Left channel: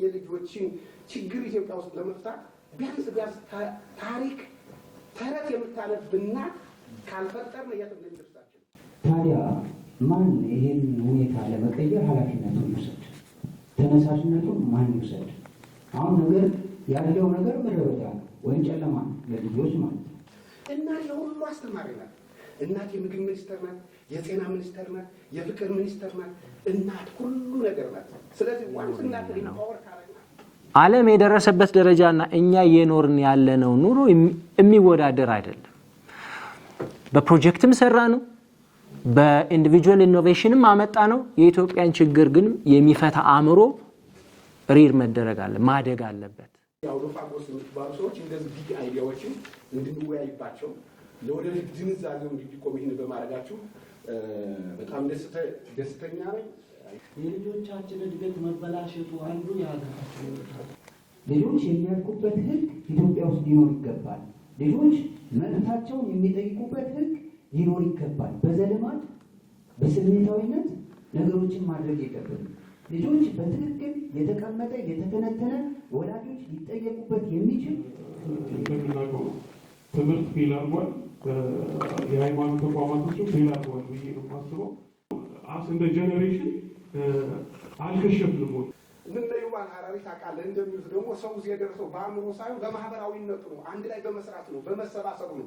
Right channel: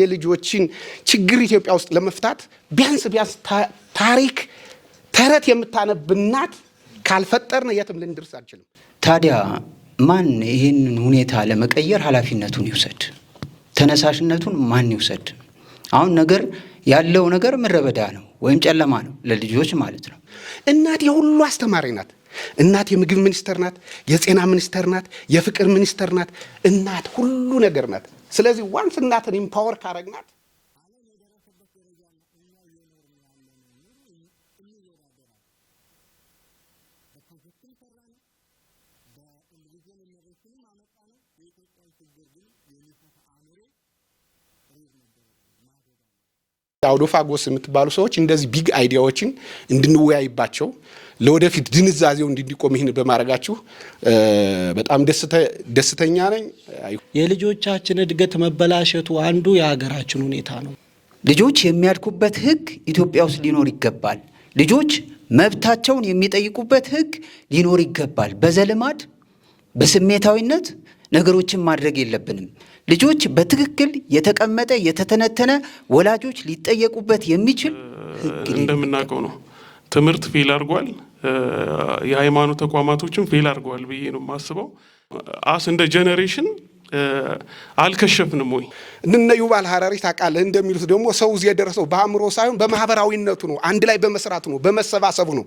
የልጆችን ችግር ኢትዮጵያ ውስጥ ለመፍታት ቢያንስ ታሪክ ተረት የምታነብናት ካልፈጠርን የትም ልንደርስ አንችልም። ታዲያ ማን ይህንን ሁኔታ ለመቀየር ኃላፊነቱን ይውሰድ? ተነሳሽነቱን ማን ይውሰድ? አሁን ነገር ያለው ነገር ምረበዳ ነው ወይም ጨለማ ነው ለልጆች ማለት ነው። እናት የሁሉ አስተማሪ ናት። እናት የምግብ ሚኒስተር ናት፣ የጤና ሚኒስተር ናት፣ የፍቅር ሚኒስተር ናት። እናት ሁሉ ነገር ናት። ስለዚህ ዋንስ እናትን ኢምፓወር ካረግናት ዓለም የደረሰበት ደረጃና እኛ የኖርን ያለነው ኑሮ የሚወዳደር አይደለም። በፕሮጀክትም ሰራ ነው፣ በኢንዲቪጁዋል ኢኖቬሽንም አመጣ ነው። የኢትዮጵያን ችግር ግን የሚፈታ አእምሮ ሪር መደረግ አለ ማደግ አለበት። አውዶፋጎስ የምትባሉ ሰዎች እንደዚህ ቢግ አይዲያዎችን እንድንወያይባቸው ለወደፊት ድንዛዜው እንዲቆም ይህን በማድረጋችሁ በጣም ደስተኛ ነኝ። የልጆቻችን እድገት መበላሸቱ አንዱ የሀገራችን ሁኔታ ነው። ልጆች የሚያድጉበት ህግ ኢትዮጵያ ውስጥ ሊኖር ይገባል። ልጆች መብታቸውን የሚጠይቁበት ህግ ሊኖር ይገባል። በዘልማድ በስሜታዊነት ነገሮችን ማድረግ የለብንም። ልጆች በትክክል የተቀመጠ የተተነተነ ወላጆች ሊጠየቁበት የሚችል ህግ እንደምናውቀው ነው። ትምህርት ፌል አድርጓል። የሃይማኖት ተቋማቶችን ፌል አድርገዋል ብዬ ነው የማስበው። እንደ ጄኔሬሽን አልከሸፍንም ወይ? እነ ዩቫል ሀራሪ ታውቃለህ እንደሚሉት ደግሞ ሰው እዚህ የደረሰው በአእምሮ ሳይሆን በማህበራዊነቱ ነው፣ አንድ ላይ በመስራቱ ነው፣ በመሰባሰቡ ነው።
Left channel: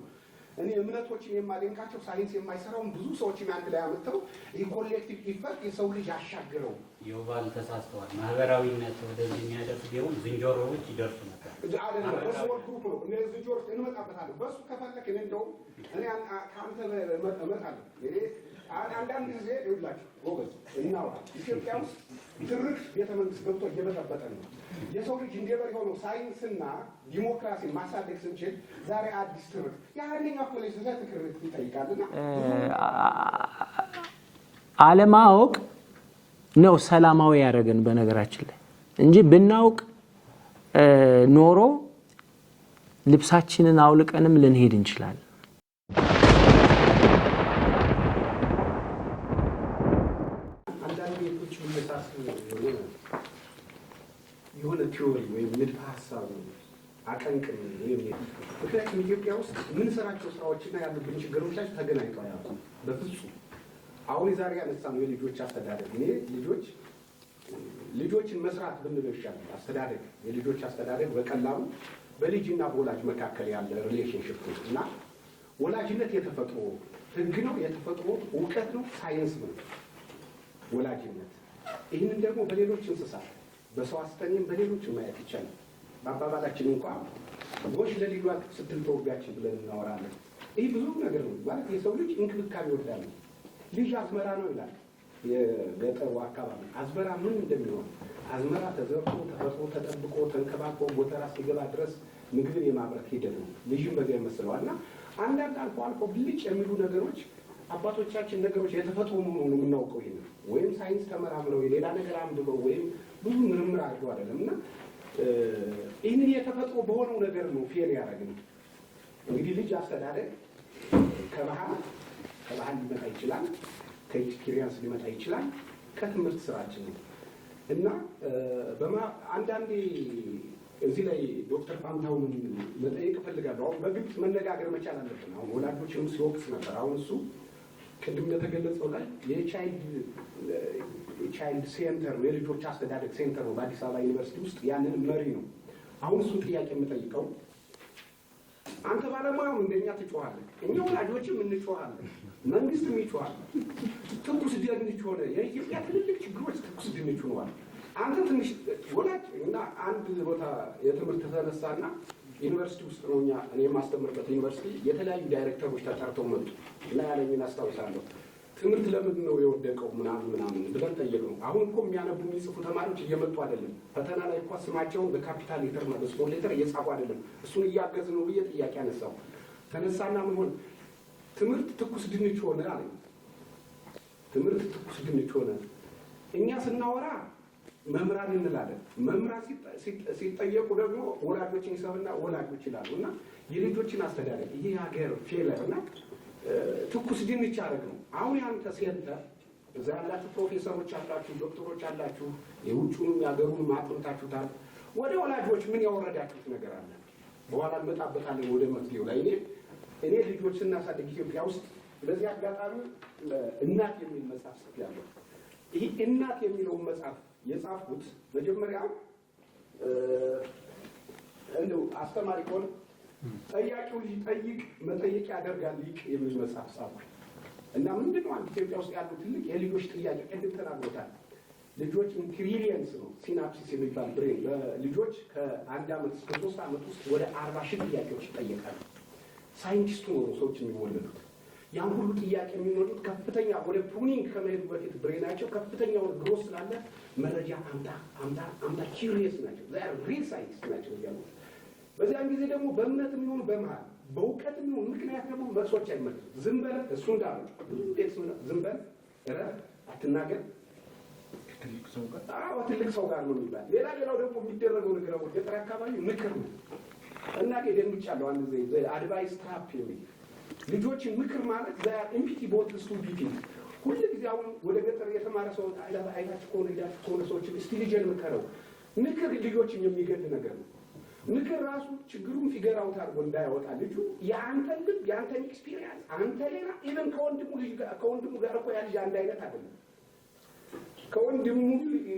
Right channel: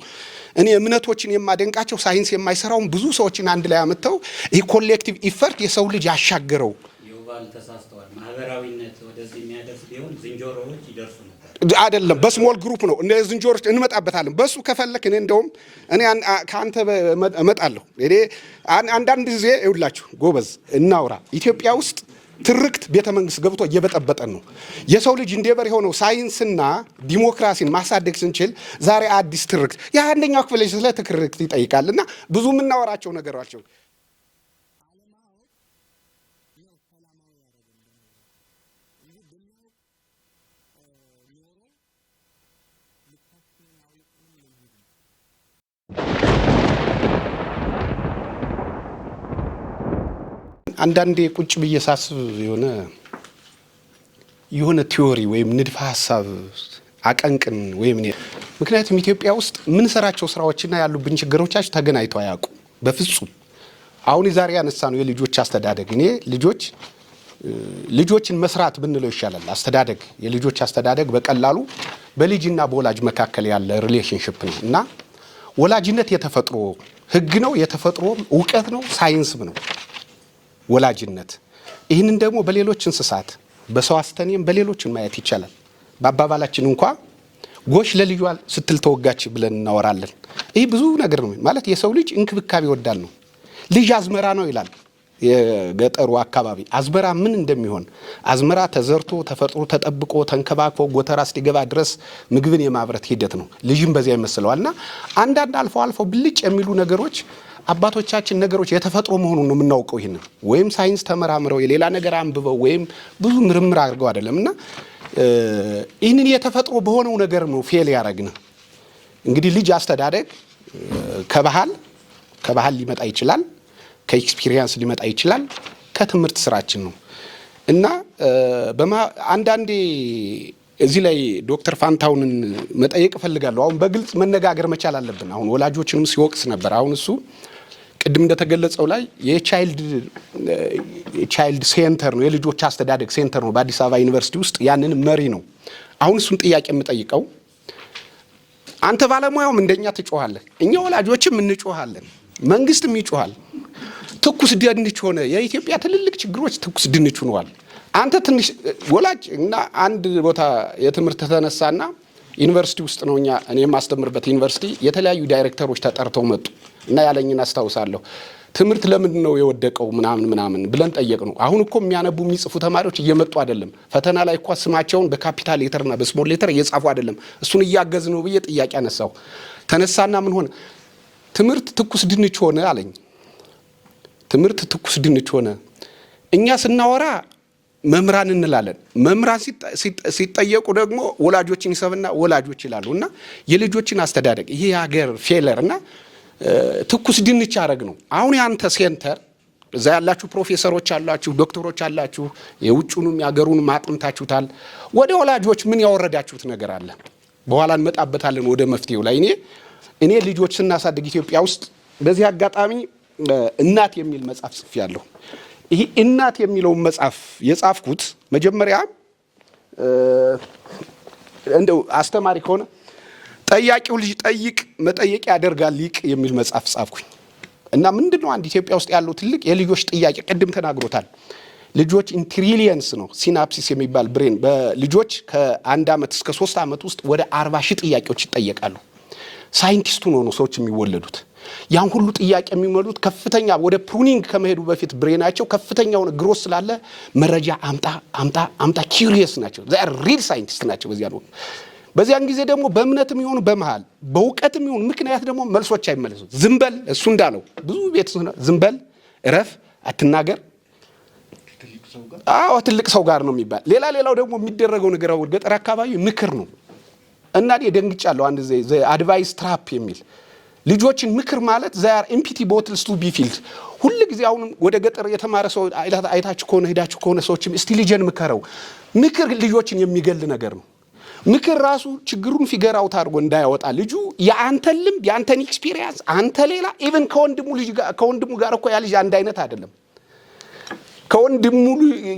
እኔ እምነቶችን የማደንቃቸው ሳይንስ የማይሰራውን ብዙ ሰዎችን አንድ ላይ አመጣው ይህ ኮሌክቲቭ ኢፈርት የሰው ልጅ ያሻገረው። ዩቫል ተሳስተዋል። ማህበራዊነት ወደዚህ የሚያደርስ ቢሆን ዝንጀሮዎች ይደርሱ ነበር። አይደለም፣ በስሞል ግሩፕ ነው። እነ ዝንጀሮች እንመጣበታለን። በሱ ከፈለክ እኔ እንደውም እኔ ካንተ እመጣለሁ። እኔ አንዳንድ ጊዜ ይውላችሁ ጎበዝ እናውራ። ኢትዮጵያ ውስጥ ትርክት ቤተ መንግስት ገብቶ እየበጠበጠን ነው። የሰው ልጅ እንደበር የሆነው ሳይንስና ዲሞክራሲን ማሳደግ ስንችል ዛሬ አዲስ ትርክት የአንደኛው ክፍል ስለ ትርክት ይጠይቃልና ብዙ የምናወራቸው ነገራቸው አለማወቅ ነው ሰላማዊ ያደረገን በነገራችን ላይ እንጂ ብናውቅ ኖሮ ልብሳችንን አውልቀንም ልንሄድ እንችላለን። አንዳንዴ ቁጭ ብዬ ሳስብ የሆነ ቲዮሪ ወይም ንድፈ ሐሳብ አቀንቅን ወይም ምክንያቱም ኢትዮጵያ ውስጥ ምን ሰራቸው ስራዎችና ያሉብን ችግሮቻችን ተገናኝተው አያውቁም በፍጹም። አሁን ዛሬ ያነሳ ነው የልጆች አስተዳደግ። እኔ ልጆችን መስራት ብንለው ይሻላል። አስተዳደግ የልጆች አስተዳደግ በቀላሉ በልጅና በወላጅ መካከል ያለ ሪሌሽንሺፕ ነው እና ወላጅነት የተፈጥሮ ህግ ነው፣ የተፈጥሮ ዕውቀት ነው፣ ሳይንስም ነው ወላጅነት። ይህንን ደግሞ በሌሎች እንስሳት በሰው አስተኔም በሌሎችን ማየት ይቻላል። በአባባላችን እንኳ ጎሽ ለልጇ ስትል ተወጋች ብለን እናወራለን። ይህ ብዙ ነገር ነው ማለት የሰው ልጅ እንክብካቤ ይወዳል ነው። ልጅ አዝመራ ነው ይላል የገጠሩ አካባቢ። አዝመራ ምን እንደሚሆን አዝመራ ተዘርቶ ተፈጥሮ ተጠብቆ ተንከባክቦ ጎተራ እስኪገባ ድረስ ምግብን የማብረት ሂደት ነው። ልጅም በዚያ ይመስለዋልና አንዳንድ አልፎ ብልጭ የሚሉ ነገሮች አባቶቻችን ነገሮች የተፈጥሮ መሆኑን ነው የምናውቀው። ይሄንን ወይም ሳይንስ ተመራምረው የሌላ ነገር አንብበው ወይም ብዙ ምርምር አድርገው አይደለምና ይህንን የተፈጥሮ በሆነው ነገር ነው ፌል ያደረግን። እንግዲህ ልጅ አስተዳደግ ከባህል ሊመጣ ይችላል፣ ከኤክስፒሪየንስ ሊመጣ ይችላል፣ ከትምህርት ስራችን ነው እና አንዳንዴ እዚህ ላይ ዶክተር ፋንታውንን መጠየቅ እፈልጋለሁ። አሁን በግልጽ መነጋገር መቻል አለብን። አሁን ወላጆችንም ሲወቅስ ነበር። አሁን እሱ ቅድም እንደተገለጸው ላይ የቻይልድ ሴንተር ነው፣ የልጆች አስተዳደግ ሴንተር ነው በአዲስ አበባ ዩኒቨርሲቲ ውስጥ ያንን መሪ ነው። አሁን እሱን ጥያቄ የምጠይቀው አንተ ባለሙያውም እንደኛ ትጮሃለህ፣ እኛ ወላጆችም እንጮሃለን፣ መንግስትም ይጮሃል። ትኩስ ድንች ሆነ። የኢትዮጵያ ትልልቅ ችግሮች ትኩስ ድንች ሆነዋል። አንተ ትንሽ ወላጅ እና አንድ ቦታ የትምህርት ተነሳና ዩኒቨርሲቲ ውስጥ ነው እኔ የማስተምርበት ዩኒቨርሲቲ የተለያዩ ዳይሬክተሮች ተጠርተው መጡ እና ያለኝን አስታውሳለሁ። ትምህርት ለምንድን ነው የወደቀው ምናምን ብለን ጠየቅ ነው። አሁን እኮ የሚያነቡ የሚጽፉ ተማሪዎች እየመጡ አይደለም። ፈተና ላይ እኮ ስማቸውን በካፒታል ሌተርና በስሞል ሌተር እየጻፉ አይደለም። እሱን እያገዝ ነው ብዬ ጥያቄ አነሳው። ተነሳና ምን ሆነ? ትምህርት ትኩስ ድንች ሆነ አለኝ። ትምህርት ትኩስ ድንች ሆነ። እኛ ስናወራ መምህራን እንላለን። መምህራን ሲጠየቁ ደግሞ ወላጆችን ይሰብና ወላጆች ይላሉ። እና የልጆችን አስተዳደግ ይሄ የሀገር ፌለር እና ትኩስ ድንች አረግ ነው። አሁን ያንተ ሴንተር እዛ ያላችሁ ፕሮፌሰሮች አላችሁ፣ ዶክተሮች አላችሁ፣ የውጭኑም ያገሩንም አጥንታችሁታል። ወደ ወላጆች ምን ያወረዳችሁት ነገር አለ? በኋላ እንመጣበታለን ወደ መፍትሄው ላይ። እኔ ልጆች ስናሳድግ ኢትዮጵያ ውስጥ በዚህ አጋጣሚ እናት የሚል መጽሐፍ ጽፌያለሁ። ይሄ እናት የሚለውን መጽሐፍ የጻፍኩት መጀመሪያ እንደው አስተማሪ ከሆነ ጠያቂው ልጅ ጠይቅ መጠየቅ ያደርጋል ሊቅ የሚል መጽሐፍ ጻፍኩኝ። እና ምንድነው አንድ ኢትዮጵያ ውስጥ ያለው ትልቅ የልጆች ጥያቄ ቅድም ተናግሮታል። ልጆች ኢንትሪሊየንስ ነው ሲናፕሲስ የሚባል ብሬን በልጆች ከ1 ዓመት እስከ 3 ዓመት ውስጥ ወደ 40 ሺህ ጥያቄዎች ይጠየቃሉ። ሳይንቲስቱ ነው ሰዎች የሚወለዱት። ያን ሁሉ ጥያቄ የሚመሉት ከፍተኛ ወደ ፕሩኒንግ ከመሄዱ በፊት ብሬናቸው ከፍተኛውን ግሮስ ስላለ መረጃ አምጣ ኪዩሪየስ ናቸው። ዛ ሪል ሳይንቲስት ናቸው በዚያን ጊዜ ደግሞ በእምነትም ይሁን በመሃል በእውቀትም ይሁን ምክንያት ደግሞ መልሶች አይመለሱ። ዝምበል እሱ እንዳለው ብዙ ቤት ዝምበል እረፍ አትናገር ትልቅ ሰው ጋር ነው የሚባል። ሌላው ደግሞ የሚደረገው ነገር ገጠር አካባቢ ምክር ነው። እና ደንግጫለሁ አንድ አድቫይስ ትራፕ የሚል ልጆችን ምክር ማለት ዛር ኤምፒቲ ቦትልስ ቱ ቢ ፊልድ ሁሉ ጊዜ አሁን ወደ ገጠር የተማረ ሰው አይታችሁ ከሆነ ሄዳችሁ ከሆነ ሰዎችም እስቲ ልጅን ምከረው። ምክር ልጆችን የሚገል ነገር ነው። ምክር ራሱ ችግሩን ፊገር አውት አድርጎ እንዳያወጣ ልጁ የአንተን ልምድ የአንተን ኤክስፒሪየንስ አንተ ሌላ ኢቭን ከወንድሙ ጋር እኮ ያ ልጅ አንድ አይነት አይደለም። ከወንድሙ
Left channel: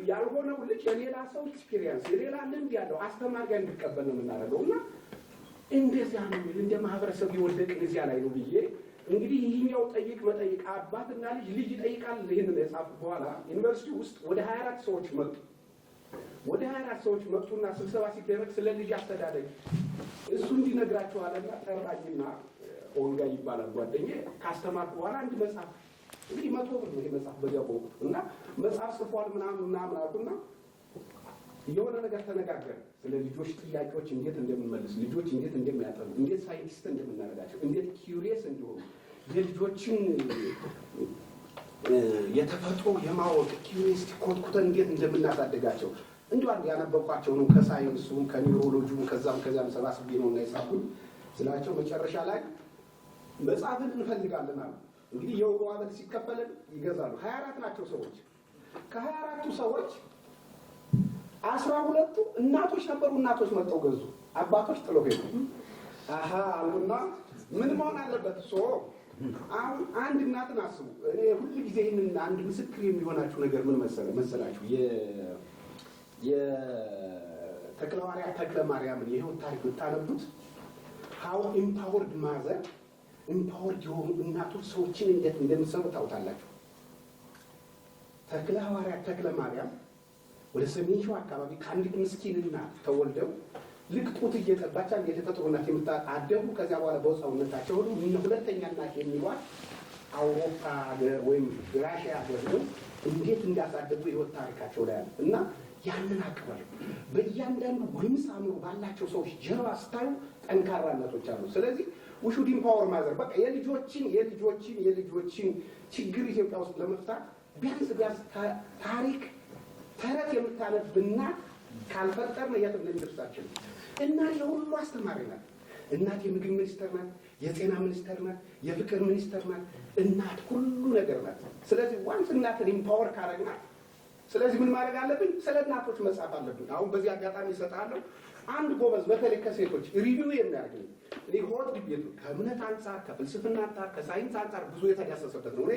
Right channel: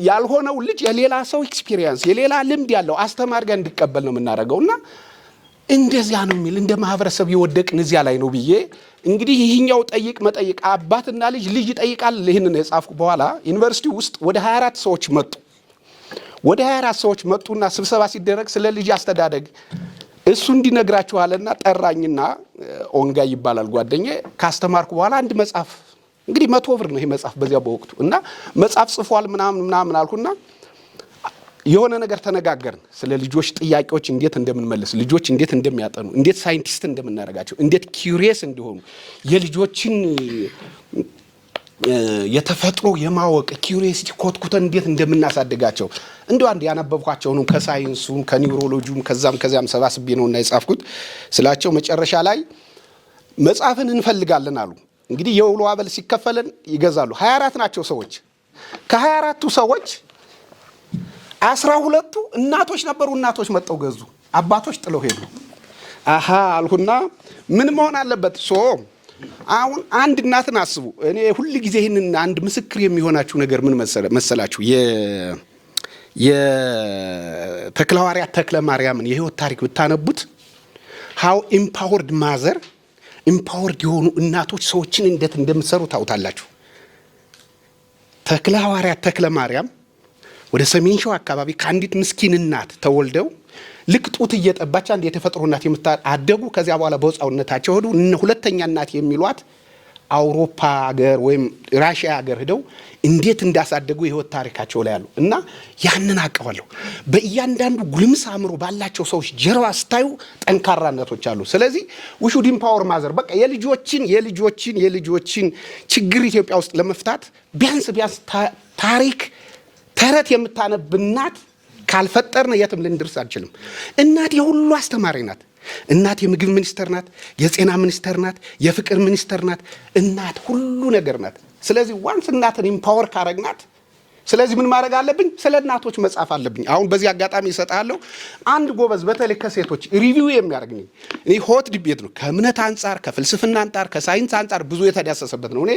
ያልሆነው ልጅ የሌላ ሰው ኤክስፒሪየንስ የሌላ ልምድ ያለው አስተማሪ ጋር እንዲቀበል ነው የምናደርገውና እንደዚያ ነው የሚል እንደ ማህበረሰብ የወደቅን እዚያ ላይ ነው ብዬ እንግዲህ ይህኛው ጠይቅ መጠይቅ አባትና ልጅ ይጠይቃል። ይህንን የጻፍኩ በኋላ ዩኒቨርሲቲ ውስጥ ወደ 24 ሰዎች መጡ። ወደ 24 ሰዎች መጡና ስብሰባ ሲደረግ ስለ ልጅ አስተዳደግ እሱ እንዲነግራችኋልና ጠራኝና ኦንጋ ይባላል ጓደኛዬ። ካስተማርኩ በኋላ አንድ መጽሐፍ እንግዲህ 100 ብር ነው ይሄ መጽሐፍ በዚያ በወቅቱ እና መጽሐፍ ጽፏል ምናምን አልኩና የሆነ ነገር ተነጋገርን። ስለ ልጆች ጥያቄዎች እንዴት እንደምንመልስ፣ ልጆች እንዴት እንደሚያጠኑ፣ እንዴት ሳይንቲስት እንደምናደርጋቸው፣ እንዴት ኪዩሪየስ እንዲሆኑ የልጆችን የተፈጥሮ የማወቅ ኪዩሪየሲቲ ኮትኩተን እንዴት እንደምናሳድጋቸው እንደው አንድ ያነበብኳቸው ነው ከሳይንሱም ከኒውሮሎጂም ከዛም ሰባስቤ ነውና የጻፍኩት ስላቸው መጨረሻ ላይ መጽሐፍን እንፈልጋለን አሉ። እንግዲህ የውሎ አበል ሲከፈለን ይገዛሉ። 24 ናቸው ሰዎች። ከ24ቱ ሰዎች 12ቱ እናቶች ነበሩ። እናቶች መጠው ገዙ፣ አባቶች ጥለው ሄዱ። አሃ አልሁና ምን መሆን አለበት? አሁን አንድ እናትን አስቡ። እኔ ሁሉ ጊዜ ይህንን አንድ ምስክር የሚሆናችሁ ነገር ምን መሰላችሁ? የተክለሐዋርያት ተክለ ማርያምን የህይወት ታሪክ ብታነቡት ሃው ኢምፓወርድ ማዘር ኢምፓወርድ የሆኑ እናቶች ሰዎችን እንዴት እንደምትሰሩ ታውታላችሁ። ተክለሐዋርያት ተክለ ማርያም ወደ ሰሜን ሸዋ አካባቢ ከአንዲት ምስኪን እናት ተወልደው ልክ ጡት እየጠባች አንድ የተፈጥሮ እናት አደጉ። ከዚያ በኋላ በህፃንነታቸው ሄዱ። ሁለተኛ እናት የሚሏት አውሮፓ ሀገር ወይም ራሽያ ሀገር ሄደው እንዴት እንዳሳደጉ የህይወት ታሪካቸው ላይ አሉ እና ያንን አቀዋለሁ። በእያንዳንዱ ጉልምስ አእምሮ ባላቸው ሰዎች ጀርባ ስታዩ ጠንካራነቶች አሉ። ስለዚህ ሹድ ኢምፓወር ማዘር በቃ የልጆችን ችግር ኢትዮጵያ ውስጥ ለመፍታት ቢያንስ ታሪክ ተረት የምታነብ እናት ካልፈጠርን የትም ልንደርስ አንችልም። እናት የሁሉ አስተማሪ ናት። እናት የምግብ ሚኒስተር ናት፣ የጤና ሚኒስተር ናት፣ የፍቅር ሚኒስተር ናት። እናት ሁሉ ነገር ናት። ስለዚህ ዋንስ እናትን ኢምፓወር ካረግናት ስለዚህ ምን ማድረግ አለብኝ? ስለ እናቶች መጻፍ አለብኝ። አሁን በዚህ አጋጣሚ እሰጣለሁ። አንድ ጎበዝ በተለይ ከሴቶች ሪቪው የሚያደርግኝ እኔ ሆት ዲቤት ነው። ከእምነት አንጻር፣ ከፍልስፍና አንጻር፣ ከሳይንስ አንጻር ብዙ የተዳሰሰበት ነው። እኔ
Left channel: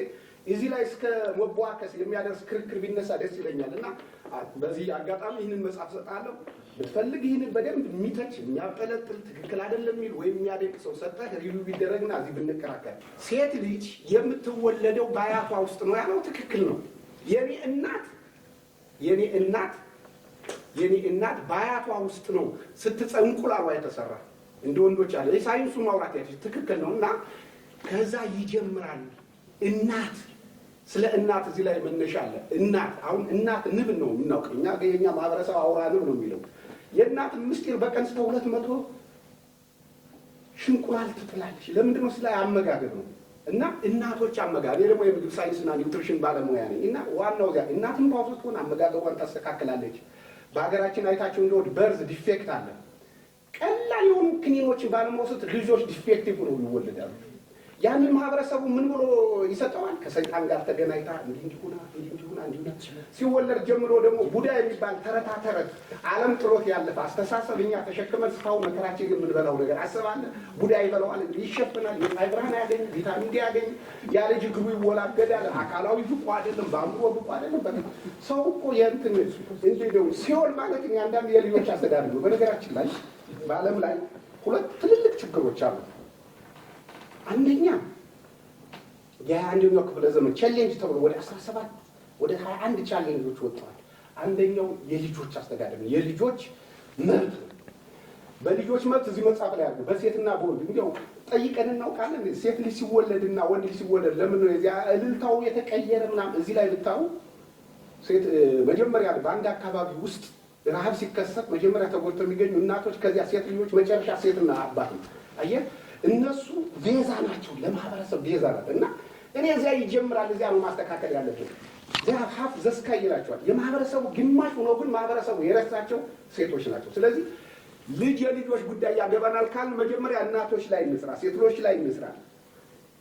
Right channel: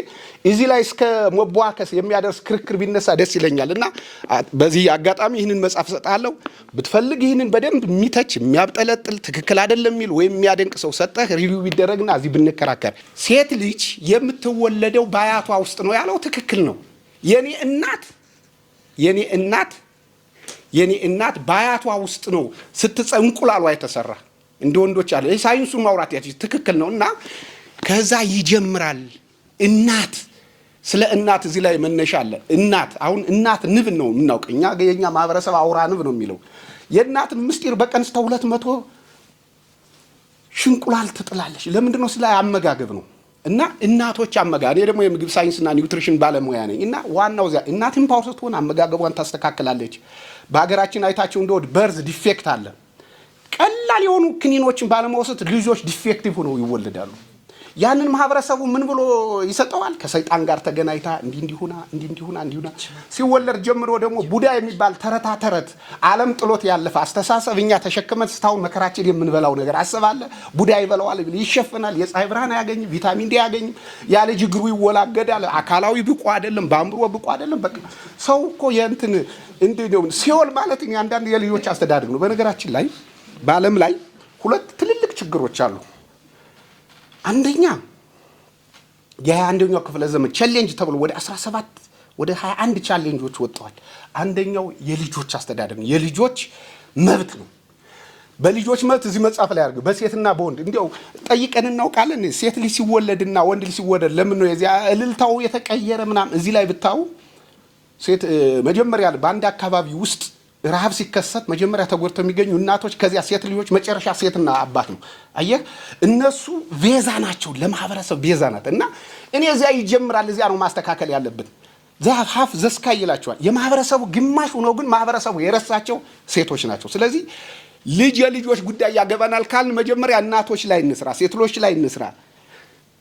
እዚህ ላይ እስከ መቧከስ የሚያደርስ ክርክር ቢነሳ ደስ ይለኛል እና በዚህ አጋጣሚ ይህንን መጽሐፍ እሰጣለሁ። ብትፈልግ ይህንን በደንብ የሚተች የሚያብጠለጥል ትክክል አይደለም የሚል ወይም የሚያደንቅ ሰው ሰጠህ ሪቪው ቢደረግና እዚህ ብንከራከር። ሴት ልጅ የምትወለደው በአያቷ ውስጥ ነው ያለው ትክክል ነው። የኔ እናት በአያቷ ውስጥ ነው እንቁላሏ የተሰራ እንደ ወንዶች አለ። ሳይንሱን ማውራት ትክክል ነው እና ከዛ ይጀምራል። እናት ስለ እናት እዚህ ላይ መነሻ አለ። አሁን እናት ንብ ነው የምናውቅ እኛ የኛ ማህበረሰብ አውራ ንብ ነው የሚለው። የእናትን ምስጢር በቀን እስከ 200 ሽንቁላል ትጥላለች። ለምንድን ነው? ስለ አመጋገብ ነው። እና እናቶች እኔ ደግሞ የምግብ ሳይንስና ኒውትሪሽን ባለሙያ ነኝ እና ዋናው እዚያ እናት ኢምፓወር ስትሆን አመጋገቧን ታስተካክላለች። በሀገራችን አይታችሁ እንደወድ በርዝ ዲፌክት አለ። ቀላል የሆኑ ክኒኖችን ባለመውሰድ ልጆች ዲፌክቲቭ ሆነው ይወለዳሉ። ያንን ማህበረሰቡ ምን ብሎ ይሰጠዋል? ከሰይጣን ጋር ተገናኝታ እንዲሁና ሲወለድ ጀምሮ ደግሞ ቡዳ የሚባል ተረት ዓለም ጥሎት ያለፈ አስተሳሰብ እኛ ተሸክመን ስታው መከራችን የምንበላው ነገር አስባለ ቡዳ ይበላዋል፣ ይሸፍናል፣ የፀሐይ ብርሃን አያገኝም፣ ቪታሚን ዲ አያገኝም፣ ያለ ጅግሩ ይወላገዳል፣ አካላዊ ብቁ አይደለም፣ በአእምሮ ብቁ አይደለም። በቃ ሰው እኮ የእንትን እንደው ሲኦል ማለት አንዳንድ የልጆች አስተዳደግ ነው። በነገራችን ላይ በዓለም ላይ ሁለት ትልልቅ ችግሮች አሉ። አንደኛ የ21ኛው ክፍለ ዘመን ቻሌንጅ ተብሎ ወደ 17 ወደ 21 ቻሌንጆች ወጥተዋል። አንደኛው የልጆች አስተዳደግ ነው፣ የልጆች መብት ነው። በልጆች መብት እዚህ መጽሐፍ ላይ አድርገው በሴትና በወንድ እንዲያው ጠይቀን እናውቃለን። ሴት ልጅ ሲወለድና ወንድ ልጅ ሲወለድ ለምን ነው የዚያ እልልታው የተቀየረ ምናምን? እዚህ ላይ ብታው ሴት መጀመሪያ በአንድ አካባቢ ውስጥ ረሃብ ሲከሰት መጀመሪያ ተጎድተው የሚገኙ እናቶች፣ ከዚያ ሴት ልጆች፣ መጨረሻ ሴትና አባት ነው። አየህ፣ እነሱ ቤዛ ናቸው፣ ለማህበረሰብ ቤዛ ናት። እና እኔ እዚያ ይጀምራል፣ እዚያ ነው ማስተካከል ያለብን። ዛፍ ዘስካይ ይላቸዋል። የማህበረሰቡ ግማሽ ሆነው ግን ማህበረሰቡ የረሳቸው ሴቶች ናቸው። ስለዚህ የልጆች ጉዳይ ያገባናል ካልን መጀመሪያ እናቶች ላይ እንስራ፣ ሴቶች ላይ እንስራ።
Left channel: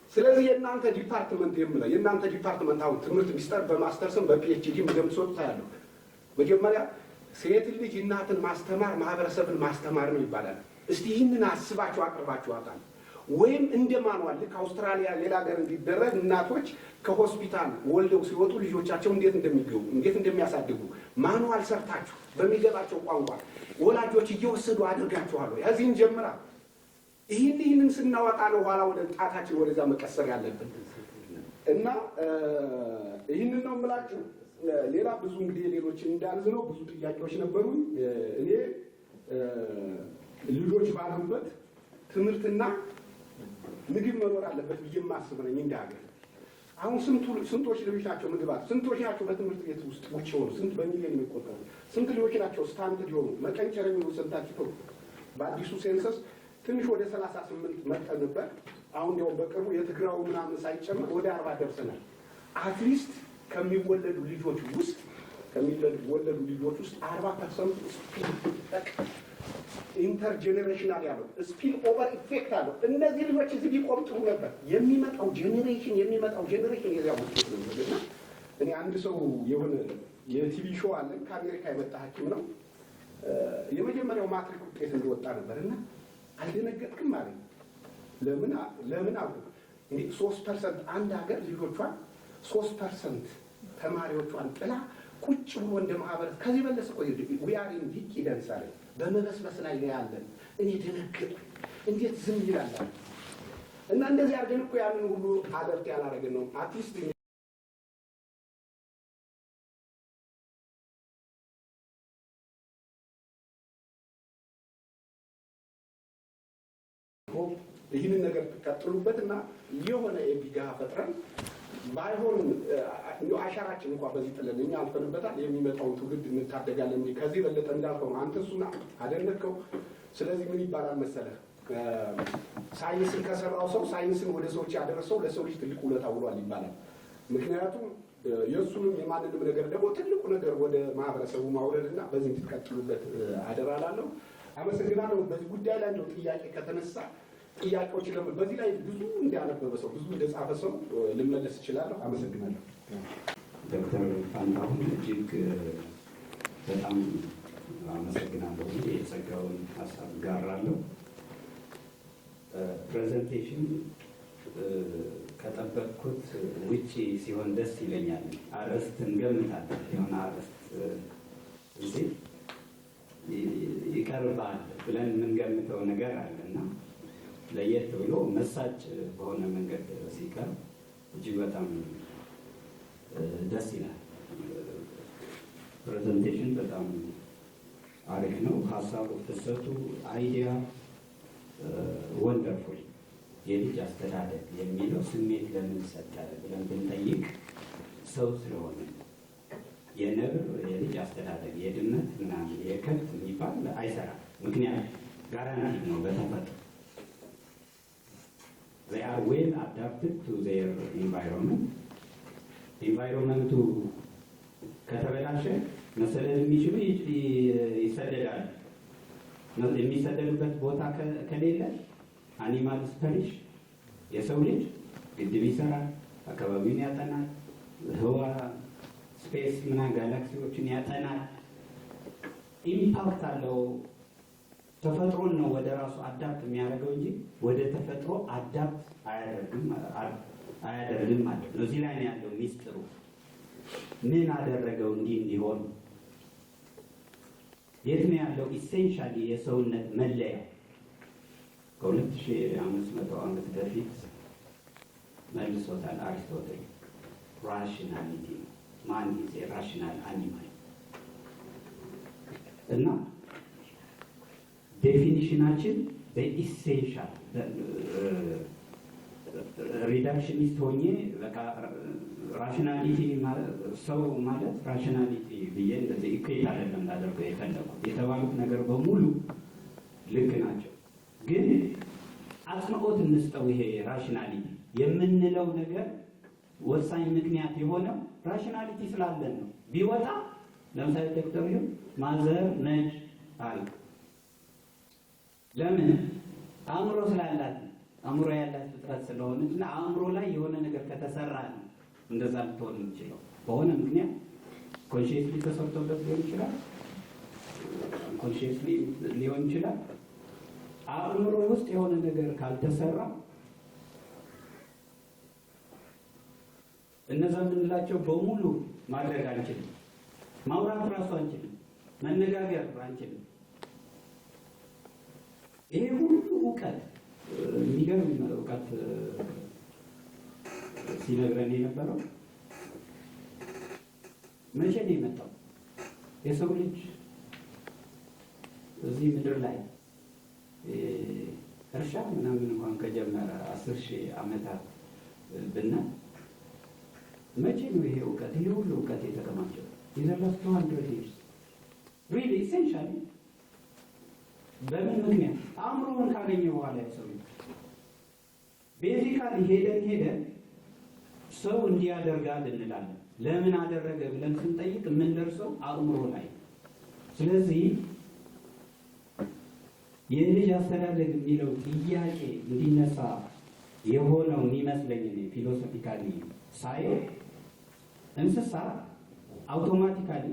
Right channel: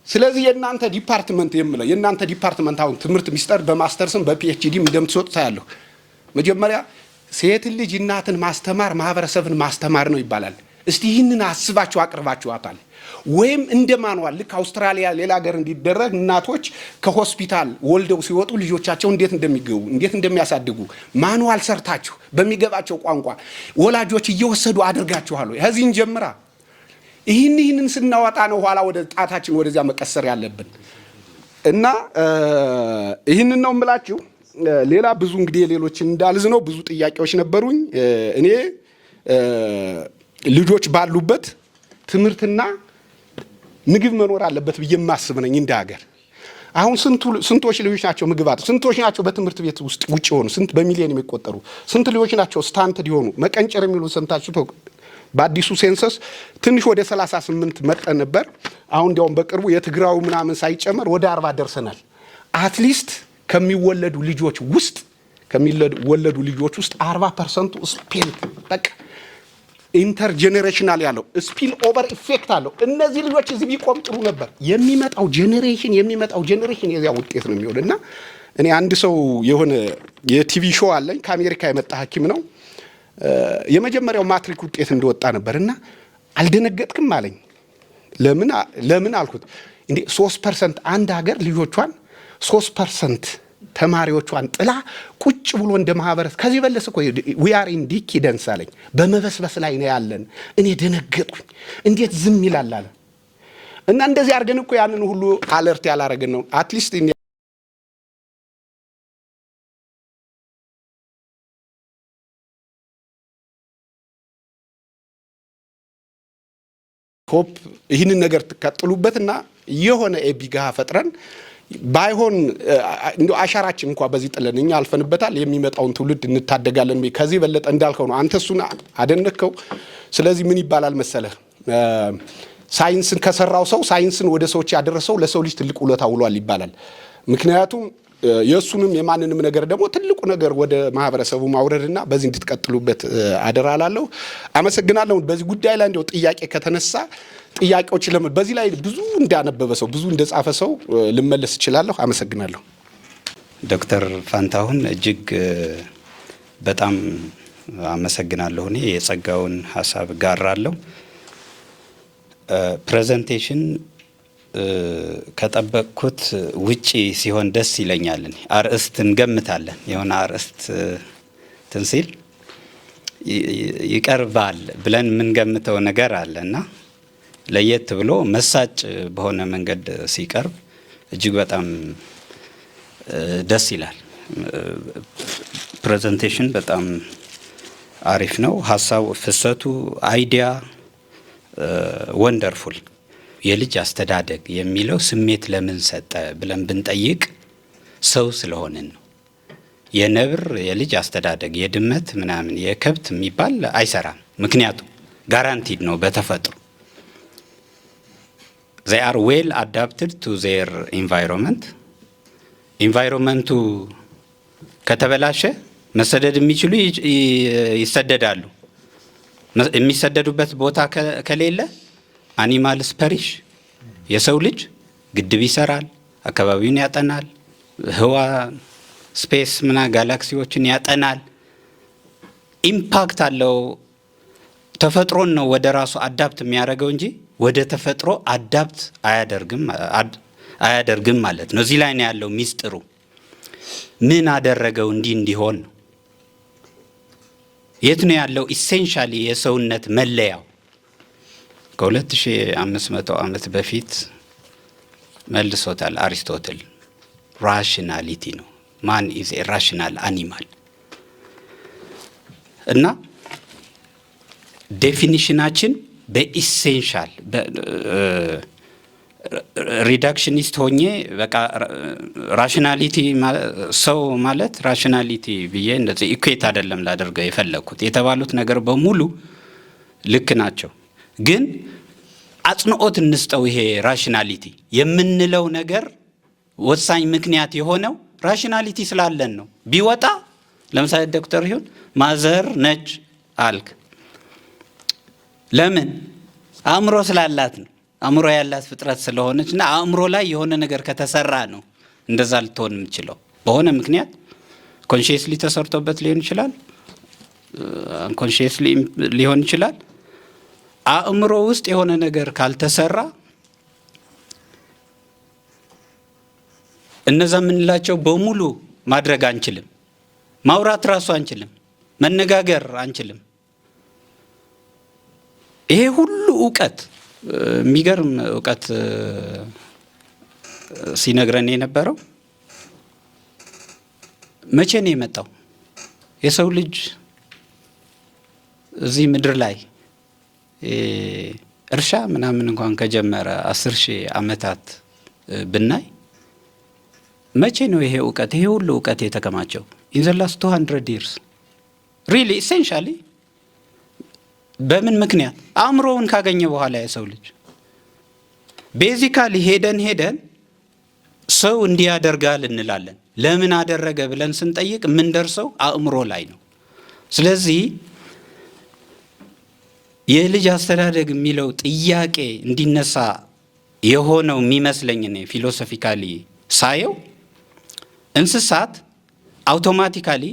ስለዚህ የእናንተ ዲፓርትመንት የምለው የእናንተ ዲፓርትመንት አሁን ትምህርት ሚኒስቴር በማስተርስም በፒኤችዲም እንደምትሰጡ ታያለሁ። መጀመሪያ ሴት ልጅ እናትን ማስተማር ማህበረሰብን ማስተማር ነው ይባላል። እስቲ ይህንን አስባችሁ አቅርባችኋታል? ወይም እንደ ማንዋል ልክ አውስትራሊያ ሌላ ሀገር እንዲደረግ እናቶች ከሆስፒታል ወልደው ሲወጡ ልጆቻቸው እንዴት እንደሚገቡ እንዴት እንደሚያሳድጉ ማንዋል ሰርታችሁ በሚገባቸው ቋንቋ ወላጆች እየወሰዱ አድርጋችኋል? ከዚህን ጀምራ ይህንን ስናወጣ ነው ኋላ ወደ ጣታችን ወደዚያ መቀሰር ያለብን። እና ይህንን ነው የምላችሁ። ሌላ ብዙ እንግዲህ ሌሎችን እንዳልዝ ነው ብዙ ጥያቄዎች ነበሩኝ። እኔ ልጆች ባሉበት ትምህርትና ምግብ መኖር አለበት ብዬ የማስብ ነኝ እንደ ሀገር። አሁን ስንቶች ልጆች ናቸው ምግብ አጥተው? ስንቶች ናቸው በትምህርት ቤት ውስጥ ውጭ የሆኑ? ስንት በሚሊዮን የሚቆጠሩ ስንት ልጆች ናቸው ስታንትድ የሆኑ መቀንጨር የሚሉ ሰምታችሁ? በአዲሱ ሴንሰስ ትንሽ ወደ 38 መጠን ነበር። አሁን እንዲያውም በቅርቡ የትግራው ምናምን ሳይጨመር ወደ 40 ደርሰናል። አትሊስት ከሚወለዱ ልጆች ውስጥ 40% ስፔል በቃ ኢንተርጄኔሬሽናል ያለው ስፒል ኦቨር ኢፌክት አለው። እነዚህ ልጆች እዚህ ቢቆም ጥሩ ነበር። የሚመጣው ጄኔሬሽን የዚያ ውጤት ነው የሚሆን። እና እኔ አንድ ሰው የሆነ የቲቪ ሾው አለኝ ከአሜሪካ የመጣ ሐኪም ነው። የመጀመሪያው ማትሪክ ውጤት እንደወጣ ነበር እና አልደነገጥክም አለኝ። ለምን አልኩት። እንዴ 3% አንድ ሀገር ልጆቿን 3% ተማሪዎቿን ጥላ ቁጭ ብሎ እንደ ማህበረሰብ ከዚህ በለስ እኮ we are in decadence አለኝ። በመበስበስ ላይ ነው ያለን። እኔ ደነገጥኩኝ። እንዴት ዝም ይላል? እና እንደዚህ አድርገን እኮ ያንን ሁሉ አለርት ያላረገን ነው። አትሊስት ሆፕ ይህንን ነገር ትቀጥሉበትና የሆነ ኤቢጋ ፈጥረን ባይሆን እንደው አሻራችን እንኳን በዚህ ጥለን እኛ አልፈንበታል፣ የሚመጣውን ትውልድ እንታደጋለን። ከዚህ በለጠ እንዳልከው ነው። አንተ እሱን አደነከው። ስለዚህ ምን ይባላል መሰለህ፣ ሳይንስን ከሰራው ሰው ሳይንስን ወደ ሰዎች ያደረሰው ለሰው ልጅ ትልቅ ውለታ ውሏል ይባላል። ምክንያቱም የእሱንም የማንንም ነገር ደግሞ ትልቁ ነገር ወደ ማህበረሰቡ ማውረድና በዚህ እንድትቀጥሉበት አደራላለሁ። አመሰግናለሁ። በዚህ ጉዳይ ላይ እንደው ጥያቄ ከተነሳ ጥያቄዎች በዚህ ላይ ብዙ እንዳነበበ ሰው ብዙ እንደጻፈ ሰው ልመለስ እችላለሁ። አመሰግናለሁ። ዶክተር ፋንታሁን እጅግ በጣም አመሰግናለሁ። እኔ የጸጋውን ሀሳብ ጋራለሁ። ፕሬዘንቴሽን ከጠበቅኩት ውጪ ሲሆን ደስ ይለኛል። አርእስት እንገምታለን። የሆነ አርእስት ትንሲል ይቀርባል ብለን የምንገምተው ነገር አለና ለየት ብሎ መሳጭ በሆነ መንገድ ሲቀርብ እጅግ በጣም ደስ ይላል። ፕሬዘንቴሽን በጣም አሪፍ ነው። ሀሳቡ፣ ፍሰቱ፣ አይዲያ ወንደርፉል። የልጅ አስተዳደግ የሚለው ስሜት ለምን ሰጠ ብለን ብንጠይቅ ሰው ስለሆንን ነው። የነብር የልጅ አስተዳደግ፣ የድመት ምናምን፣ የከብት የሚባል አይሰራም። ምክንያቱም ጋራንቲድ ነው በተፈጥሮ they are well adapted to their environment። ኢንቫይሮንመንቱ ከተበላሸ መሰደድ የሚችሉ ይሰደዳሉ። የሚሰደዱበት ቦታ ከሌለ አኒማልስ ፐሪሽ የሰው ልጅ ግድብ ይሰራል፣ አካባቢውን ያጠናል፣ ህዋ ስፔስ ጋላክሲዎችን ያጠናል፣ ኢምፓክት አለው። ተፈጥሮን ነው ወደ ራሱ አዳፕት የሚያደርገው እንጂ ወደ ተፈጥሮ አዳፕት አያደርግም ማለት ነው። እዚህ ላይ ነው ያለው ሚስጥሩ። ምን አደረገው እንዲህ እንዲሆን ነው? የት ነው ያለው ኢሴንሻሊ የሰውነት መለያው? ከ2500 ዓመት በፊት መልሶታል አሪስቶትል። ራሽናሊቲ ነው። ማን ኢዝ ኤ ራሽናል አኒማል። እና ዴፊኒሽናችን በኢሴንሻል ሪዳክሽኒስት ሆኜ በቃ ራሽናሊቲ ሰው ማለት ራሽናሊቲ ብዬ እንደዚህ ኢኩዌት አይደለም ላደርገው የፈለግኩት። የተባሉት ነገር በሙሉ ልክ ናቸው፣ ግን አጽንኦት እንስጠው። ይሄ ራሽናሊቲ የምንለው ነገር ወሳኝ ምክንያት የሆነው ራሽናሊቲ ስላለን ነው። ቢወጣ ለምሳሌ ዶክተር ይሁን ማዘር ነጭ አልክ፣ ለምን? አእምሮ ስላላት ነው። አእምሮ ያላት ፍጥረት ስለሆነች እና አእምሮ ላይ የሆነ ነገር ከተሰራ ነው እንደዛ ልትሆን የምችለው። በሆነ ምክንያት ኮንሺየስሊ ተሰርቶበት ሊሆን ይችላል፣ አንኮንሺየስሊ ሊሆን ይችላል። አእምሮ ውስጥ የሆነ ነገር ካልተሰራ እነዛ የምንላቸው በሙሉ ማድረግ አንችልም። ማውራት ራሱ አንችልም፣ መነጋገር አንችልም። ይሄ ሁሉ እውቀት የሚገርም እውቀት ሲነግረን የነበረው መቼ ነው የመጣው? የሰው ልጅ እዚህ ምድር ላይ እርሻ ምናምን እንኳን ከጀመረ 10,000 ዓመታት ብናይ መቼ ነው ይሄ እውቀት ይሄ ሁሉ እውቀት የተከማቸው? in the last 200 years really essentially በምን ምክንያት? አእምሮውን ካገኘ በኋላ የሰው ልጅ ቤዚካሊ ሄደን ሰው እንዲህ ያደርጋል እንላለን። ለምን አደረገ ብለን ስንጠይቅ የምንደርሰው አእምሮ ላይ ነው። ስለዚህ የልጅ አስተዳደግ የሚለው ጥያቄ እንዲነሳ የሆነው የሚመስለኝ ነው ፊሎሶፊካሊ ሳየው እንስሳት አውቶማቲካሊ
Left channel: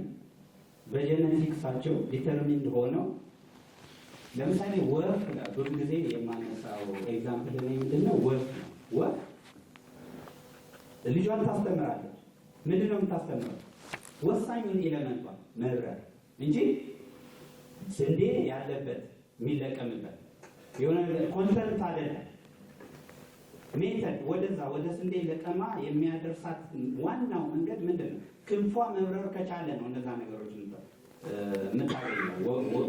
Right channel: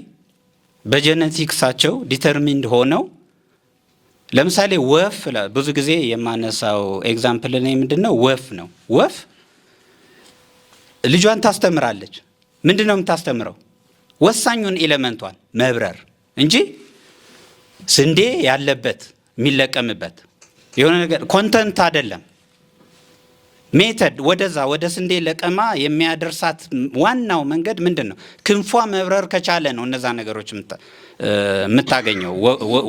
በጄኔቲክሳቸው ዲተርሚንድ ሆነው ለምሳሌ ወፍ ብዙ ጊዜ የማነሳው ኤግዛምፕል ላይ ምንድነው ወፍ ነው። ወፍ ልጇን ታስተምራለች። ምንድነው የምታስተምረው? ወሳኙን ኤሌመንቷን መብረር እንጂ ስንዴ ያለበት የሚለቀምበት የሆነ ነገር ኮንተንት አይደለም። ሜተድ ወደዛ ወደ ስንዴ ለቀማ የሚያደርሳት ዋናው መንገድ ምንድነው? ክንፏ መብረር ከቻለ ነው እነዛ ነገሮች የምታገኘው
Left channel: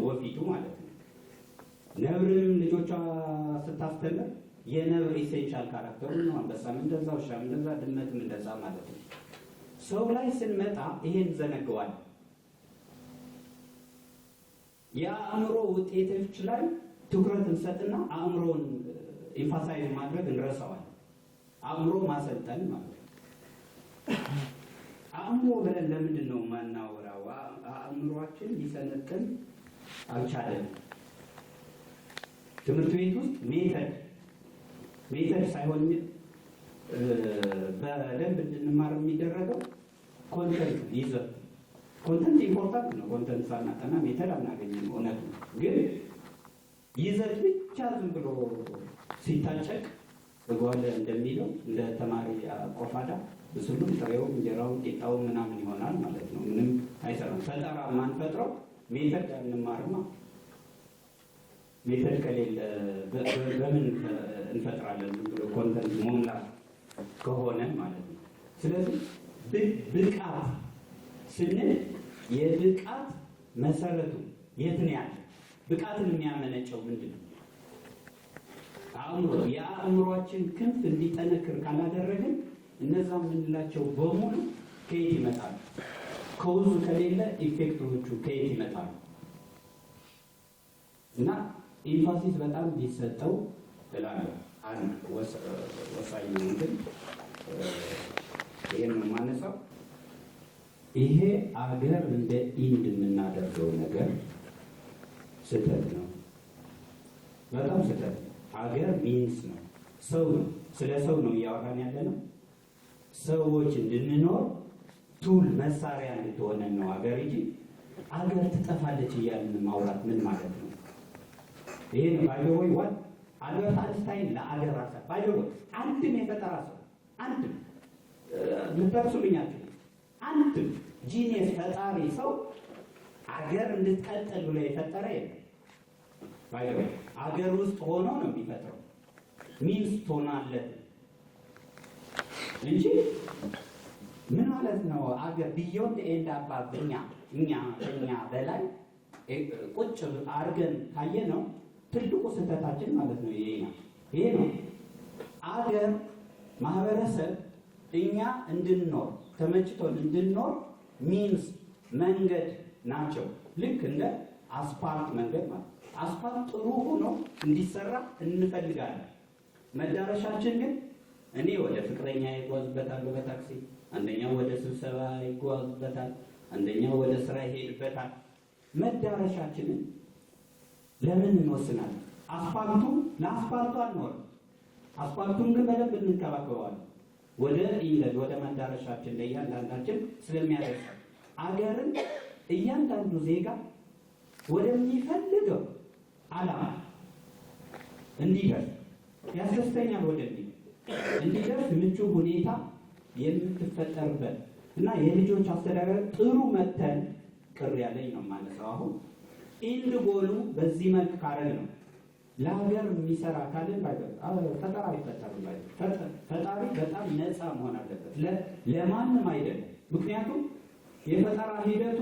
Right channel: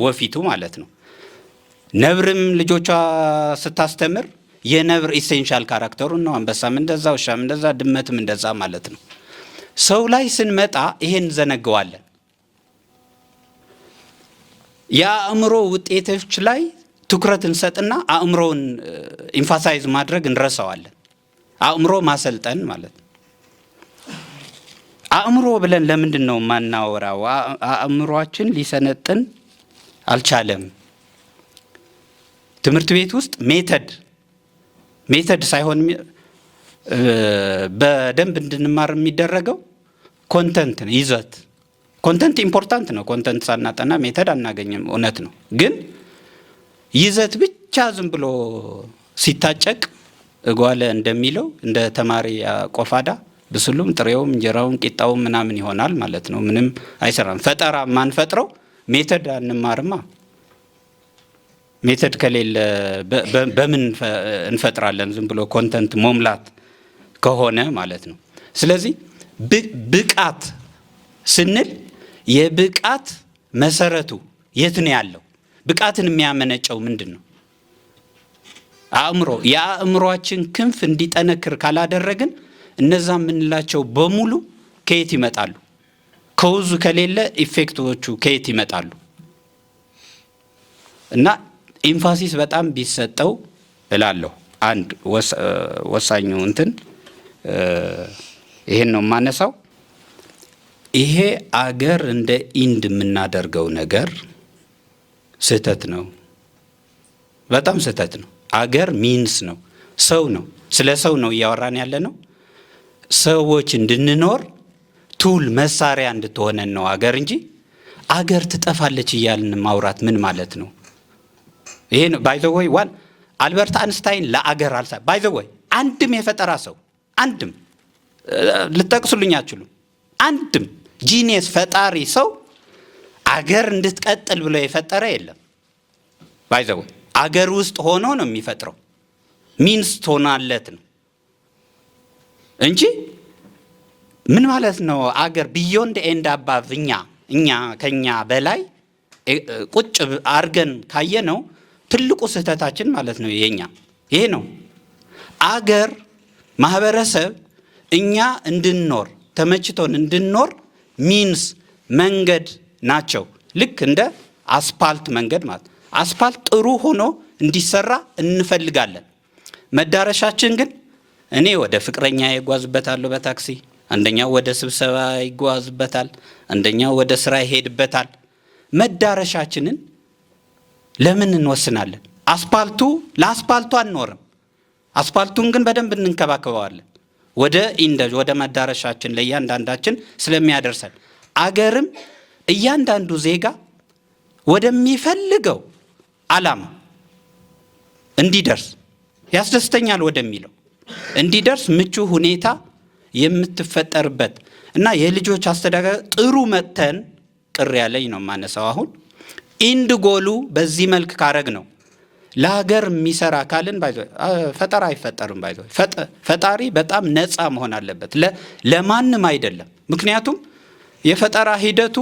ወፊቱ ማለት ነው። ነብርም ልጆቿ ስታስተምር የነብር ኢሴንሻል ካራክተሩን ነው። አንበሳም እንደዛ፣ ውሻም እንደዛ፣ ድመትም እንደዛ ማለት ነው። ሰው ላይ ስንመጣ ይሄን ዘነገዋለን። የአእምሮ ውጤቶች ላይ ትኩረት እንሰጥና አእምሮን ኢንፋሳይዝ ማድረግ እንረሳዋለን። አእምሮ ማሰልጠን ማለት ነው። አእምሮ ብለን ለምንድን ነው ማናወራው? አእምሮአችን ሊሰነጥን አልቻለም። ትምህርት ቤት ውስጥ ሜተድ ሳይሆን በደንብ እንድንማር የሚደረገው ኮንተንት ነው፣ ይዘት። ኮንተንት ኢምፖርታንት ነው። ኮንተንት ሳናጠና ሜተድ አናገኝም፣ እውነት ነው። ግን ይዘት ብቻ ዝም ብሎ ሲታጨቅ እጓለ እንደሚለው እንደ ተማሪ ቆፋዳ ብስሉም ጥሬውም እንጀራውም ቂጣውም ምናምን ይሆናል ማለት ነው። ምንም አይሰራም። ፈጠራ ማንፈጥረው ሜተድ አንማርማ። ሜተድ ከሌለ በምን እንፈጥራለን? ዝም ብሎ ኮንተንት መሙላት ከሆነ ማለት ነው። ስለዚህ ብቃት ስንል የብቃት መሰረቱ የት ነው ያለው? ብቃትን የሚያመነጨው ምንድን ነው? አእምሮ። የአእምሮአችን ክንፍ እንዲጠነክር ካላደረግን እነዛ የምንላቸው በሙሉ ከየት ይመጣሉ? ከውዙ ከሌለ ኢፌክቶቹ ከየት ይመጣሉ? እና ኢንፋሲስ በጣም ቢሰጠው እላለሁ። አንድ ወሳኙ እንትን ይሄን ነው የማነሳው። ይሄ አገር እንደ ኢንድ የምናደርገው ነገር ስህተት ነው፣ በጣም ስህተት ነው። አገር ሚንስ ነው። ሰው ነው። ስለ ሰው ነው እያወራን ያለ ነው። ሰዎች እንድንኖር ቱል መሳሪያ እንድትሆነን ነው አገር እንጂ አገር ትጠፋለች እያልን ማውራት ምን ማለት ነው? ይሄ ነው ባይ ዘ ወይ አልበርት አንስታይን ለአገር ባይ ዘ ወይ አንድም የፈጠራ ሰው አንድም ልጠቅሱልኝ አትችሉም። አንድም ጂኒየስ ፈጣሪ ሰው አገር እንድትቀጥል ብሎ የፈጠረ የለም። ባይ ዘ ወይ አገር ውስጥ ሆኖ ነው የሚፈጥረው፣ ሚንስ ትሆናለት ነው እንጂ ምን ማለት ነው? አገር ቢዮንድ ኤንድ አባቭ እኛ ከኛ በላይ ቁጭ አርገን ካየ ነው ትልቁ ስህተታችን ማለት ነው የኛ ይሄ ነው። አገር ማህበረሰብ እኛ እንድንኖር ተመችቶን እንድንኖር ሚንስ መንገድ ናቸው። ልክ እንደ አስፓልት መንገድ ማለት አስፓልት ጥሩ ሆኖ እንዲሰራ እንፈልጋለን። መዳረሻችን ግን እኔ ወደ ፍቅረኛ ይጓዝበታለሁ በታክሲ፣ አንደኛው ወደ ስብሰባ ይጓዝበታል፣ አንደኛው ወደ ስራ ይሄድበታል። መዳረሻችንን ለምን እንወስናለን? ለአስፓልቱ አንኖርም። አስፓልቱን ግን በደንብ እንንከባከበዋለን። ወደ መዳረሻችን ለእያንዳንዳችን ስለሚያደርሰን አገርም እያንዳንዱ ዜጋ ወደሚፈልገው ዓላማ እንዲደርስ ያስደስተኛል ወደሚለው እንዲደርስ ምቹ ሁኔታ የምትፈጠርበት እና የልጆች አስተዳደር ጥሩ መተን ቅር ያለኝ ነው ማነሳው። አሁን ኢንድ ጎሉ በዚህ መልክ ካረግ ነው ለሀገር የሚሰራ ካልን ፈጠራ አይፈጠርም። ፈጣሪ በጣም ነፃ መሆን አለበት፣ ለማንም አይደለም። ምክንያቱም የፈጠራ ሂደቱ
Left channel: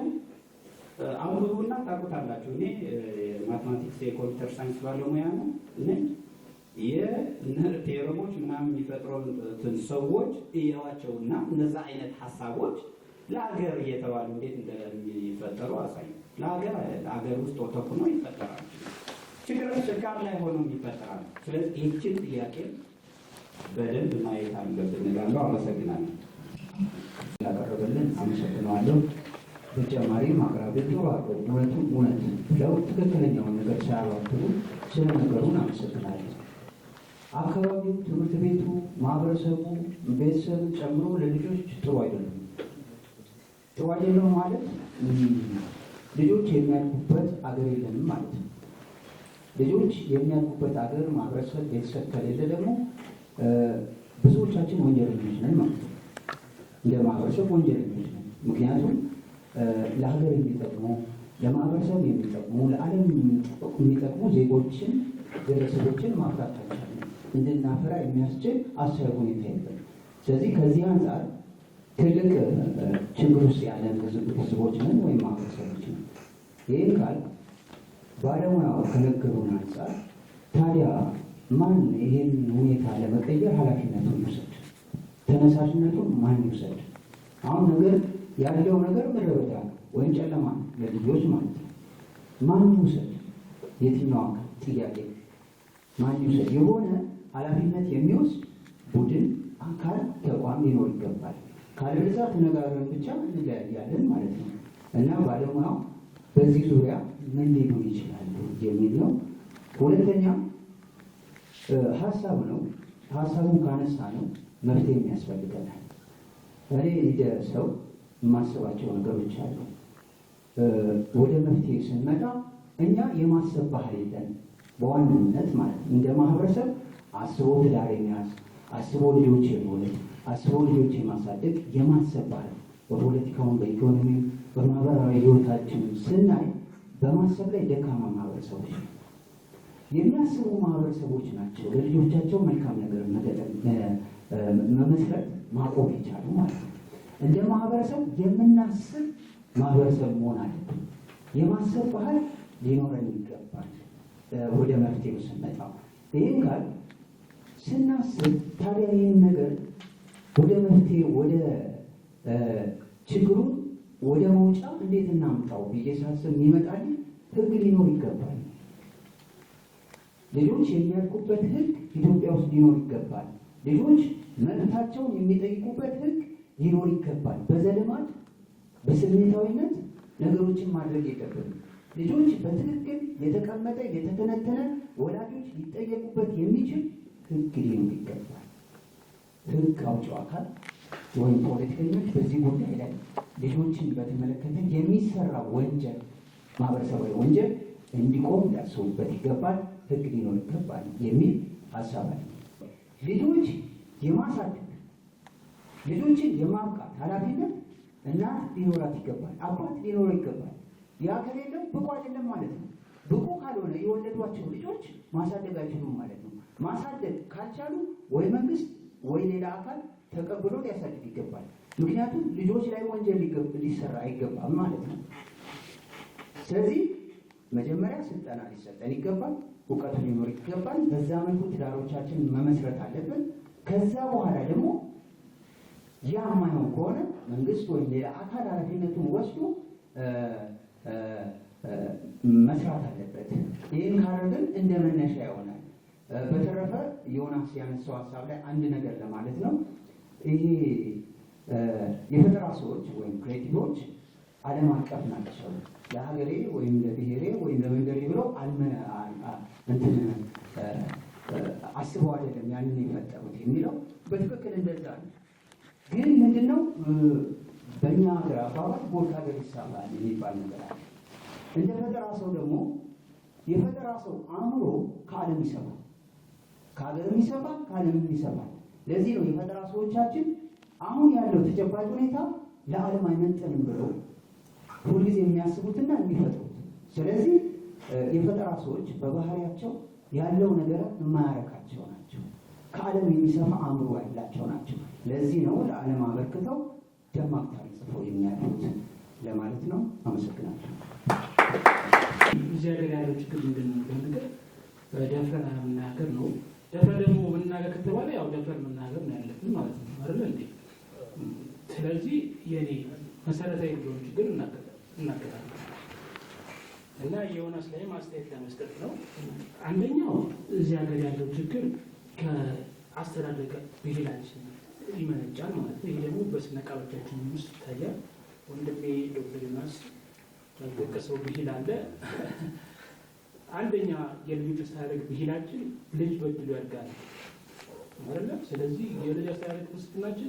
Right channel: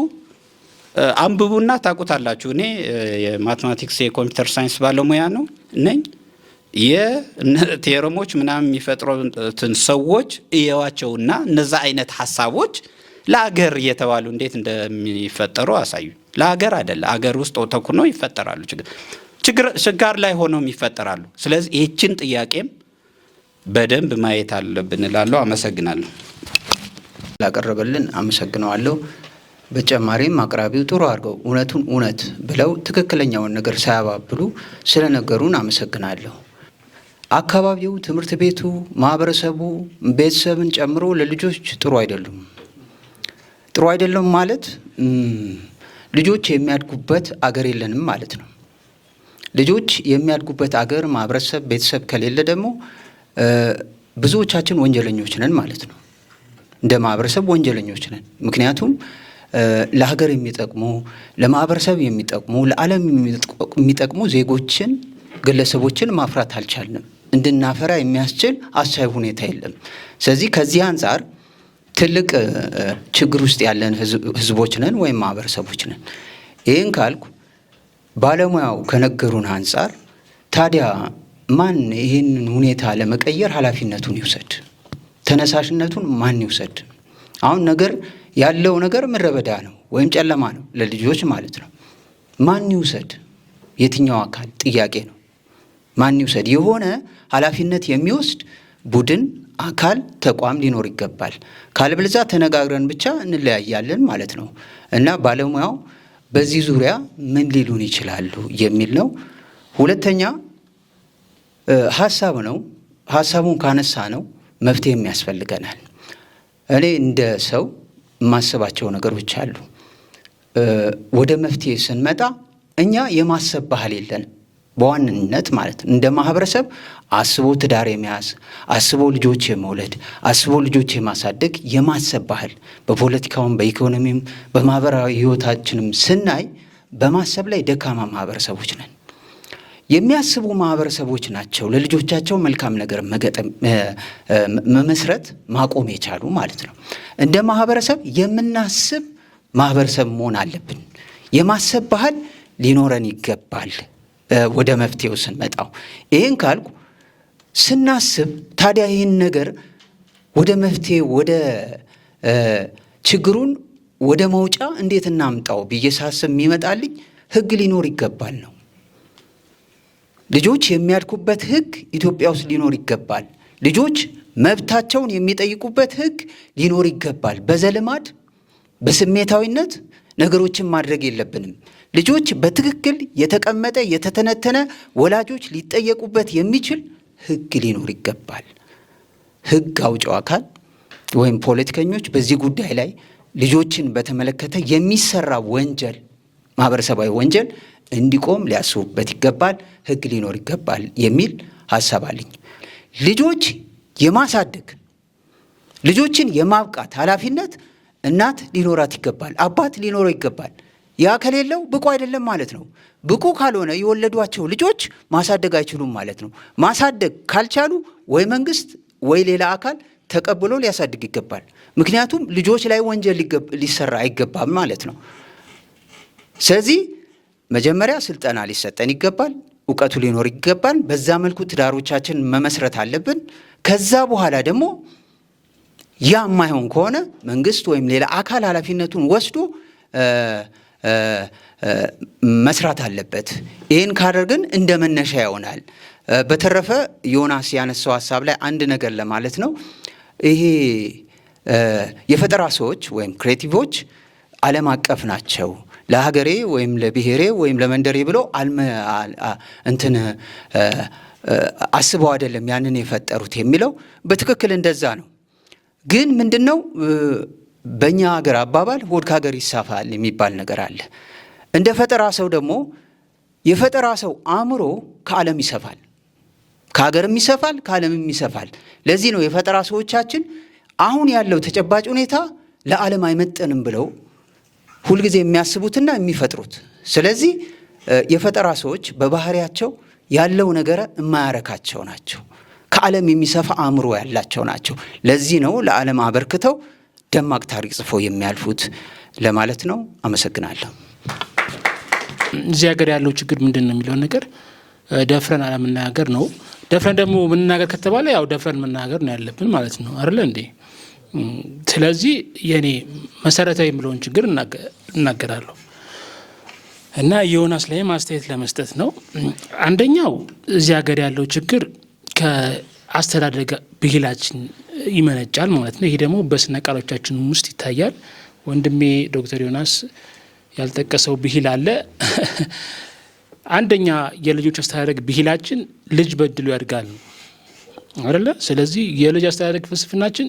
አንብቡና ታውቁታላችሁ። እኔ የማትማቲክስ የኮምፒውተር ሳይንስ ባለሙያ ነው ነኝ። የቴዎረሞች ምናምን የሚፈጥሩትን ሰዎች እየዋቸውና እነዛ አይነት ሐሳቦች ለአገር እየተባሉ እንዴት እንደሚፈጠሩ አሳዩ። ለአገር አይደለ፣ አገር ውስጥ ተኩኖ ይፈጠራሉ። ችጋር ላይ ሆነው ይፈጠራሉ። ስለዚህ ይህችን ጥያቄም በደንብ ማየት አለብን እላለሁ። አመሰግናለሁ። ላቀረበልን አመሰግነዋለሁ። በተጨማሪም አቅራቢው ጥሩ አድርገው እውነቱን እውነት ብለው ትክክለኛውን ነገር ሳያባብሉ ስለነገሩን አመሰግናለሁ። አካባቢው፣ ትምህርት ቤቱ፣ ማህበረሰቡ፣ ቤተሰብን ጨምሮ ለልጆች ጥሩ አይደሉም። ጥሩ አይደለም ማለት ልጆች የሚያድጉበት አገር የለንም ማለት ነው። ልጆች የሚያድጉበት አገር፣ ማህበረሰብ፣ ቤተሰብ ከሌለ ደግሞ ብዙዎቻችን ወንጀለኞች ነን ማለት ነው። እንደ ማህበረሰብ ወንጀለኞች ነን። ምክንያቱም ለሀገር የሚጠቅሙ ለማህበረሰብ የሚጠቅሙ ለዓለም የሚጠቅሙ ዜጎችን፣ ግለሰቦችን ማፍራት አልቻልንም። እንድናፈራ የሚያስችል አሳይ ሁኔታ የለም። ስለዚህ ከዚህ አንጻር ትልቅ ችግር ውስጥ ያለን ህዝቦች ነን ወይም ማህበረሰቦች ነን። ይህን ካልኩ ባለሙያው ከነገሩን አንጻር ታዲያ ማን ይህንን ሁኔታ ለመቀየር ኃላፊነቱን ይውሰድ? ተነሳሽነቱን ማን ይውሰድ? አሁን ያለው ነገር ምድረ በዳ ነው ወይም ጨለማ ነው ለልጆች ማለት ነው። ማን ይውሰድ? የትኛው አካል ጥያቄ ነው። ማን ይውሰድ? የሆነ ኃላፊነት የሚወስድ ቡድን፣ አካል፣ ተቋም ሊኖር ይገባል። ካልበለዚያ ተነጋግረን ብቻ እንለያያለን ማለት ነው እና ባለሙያው በዚህ ዙሪያ ምን ሊሉን ይችላሉ የሚል ነው። ሁለተኛ ሀሳብ ነው። ሀሳቡን ካነሳ ነው መፍትሄም ያስፈልገናል። እኔ እንደ ሰው የማስባቸው ነገሮች አሉ። ወደ መፍትሄ ስንመጣ እኛ የማሰብ ባህል የለንም በዋንነት ማለት ነው። እንደ ማህበረሰብ አስቦ ትዳር የመያዝ፣ አስቦ ልጆች የመውለድ፣ አስቦ ልጆች የማሳደግ የማሰብ ባህል በፖለቲካውም በኢኮኖሚም በማህበራዊ ህይወታችንም ስናይ በማሰብ ላይ ደካማ ማህበረሰቦች ነን። የሚያስቡ ማህበረሰቦች ናቸው ለልጆቻቸው መልካም ነገር መመስረት ማቆም የቻሉ ማለት ነው። እንደ ማህበረሰብ የምናስብ ማህበረሰብ መሆን አለብን። የማሰብ ባህል ሊኖረን ይገባል። ወደ መፍትሄው ስንመጣው ይህን ካልኩ ስናስብ ታዲያ ይህን ነገር ወደ መፍትሄ ወደ ችግሩን ወደ መውጫ እንዴት እናምጣው ብዬ ሳስብ የሚመጣልኝ ህግ ሊኖር ይገባል ነው። ልጆች የሚያድጉበት ህግ ኢትዮጵያ ውስጥ ሊኖር ይገባል። ልጆች መብታቸውን የሚጠይቁበት ህግ ሊኖር ይገባል። በዘልማድ በስሜታዊነት ነገሮችን ማድረግ የለብንም። ልጆች በትክክል የተቀመጠ የተተነተነ ወላጆች ሊጠየቁበት የሚችል ህግ ሊኖር ይገባል። ህግ አውጪው አካል ወይም ፖለቲከኞች በዚህ ጉዳይ ላይ ልጆችን በተመለከተ የሚሰራ ወንጀል፣ ማህበረሰባዊ ወንጀል እንዲቆም ሊያስቡበት ይገባል። ህግ ሊኖር ይገባል የሚል ሀሳብ አለኝ። ልጆች የማሳደግ ልጆችን የማብቃት ኃላፊነት እናት ሊኖራት ይገባል፣ አባት ሊኖረው ይገባል። ያ ከሌለው ብቁ አይደለም ማለት ነው። ብቁ ካልሆነ የወለዷቸው ልጆች ማሳደግ አይችሉም ማለት ነው። ማሳደግ ካልቻሉ ወይ መንግስት ወይ ሌላ አካል ተቀብሎ ሊያሳድግ ይገባል። ምክንያቱም ልጆች ላይ ወንጀል ሊሰራ አይገባም ማለት ነው። ስለዚህ መጀመሪያ ስልጠና ሊሰጠን ይገባል፣ እውቀቱ ሊኖር ይገባል። በዛ መልኩ ትዳሮቻችን መመስረት አለብን። ከዛ በኋላ ደግሞ ያ የማይሆን ከሆነ መንግስት ወይም ሌላ አካል ኃላፊነቱን ወስዶ መስራት አለበት። ይህን ካደረግን እንደ መነሻ ይሆናል። በተረፈ ዮናስ ያነሳው ሀሳብ ላይ አንድ ነገር ለማለት ነው። ይሄ የፈጠራ ሰዎች ወይም ክሬቲቮች ዓለም አቀፍ ናቸው። ለሀገሬ ወይም ለብሔሬ ወይም ለመንደሬ ብለው እንትን አስበው አይደለም ያንን የፈጠሩት የሚለው በትክክል እንደዛ ነው። ግን ምንድነው በእኛ ሀገር አባባል ሆድ ከሀገር ይሳፋል የሚባል ነገር አለ። እንደ ፈጠራ ሰው ደግሞ የፈጠራ ሰው አእምሮ ከዓለም ይሰፋል፣ ከሀገርም ይሰፋል፣ ከዓለምም ይሰፋል። ለዚህ ነው የፈጠራ ሰዎቻችን አሁን ያለው ተጨባጭ ሁኔታ ለዓለም አይመጠንም ብለው ሁልጊዜ የሚያስቡትና የሚፈጥሩት። ስለዚህ የፈጠራ ሰዎች በባህሪያቸው ያለው ነገር የማያረካቸው ናቸው። ከዓለም የሚሰፋ አእምሮ ያላቸው ናቸው። ለዚህ ነው ለዓለም አበርክተው ደማቅ ታሪክ ጽፎ የሚያልፉት ለማለት ነው። አመሰግናለሁ። እዚህ ሀገር ያለው ችግር ምንድን ነው የሚለውን ነገር ደፍረን አለመናገር ነው። ደፍረን ደግሞ መናገር ከተባለ ያው ደፍረን መናገር ነው ያለብን ማለት ነው አይደለ እንዴ? ስለዚህ የኔ መሰረታዊ የምለውን ችግር እናገራለሁ እና ዮናስ ላይ ማስተያየት ለመስጠት ነው። አንደኛው እዚህ ሀገር ያለው ችግር ከአስተዳደግ ብሂላችን ይመነጫል ማለት ነው። ይሄ ደግሞ በስነ ቃሎቻችን ውስጥ ይታያል። ወንድሜ ዶክተር ዮናስ ያልጠቀሰው ብሂል አለ። አንደኛ የልጆች አስተዳደግ ብሂላችን ልጅ በድሉ ያድጋል አይደለ? ስለዚህ የልጅ አስተዳደግ ፍልስፍናችን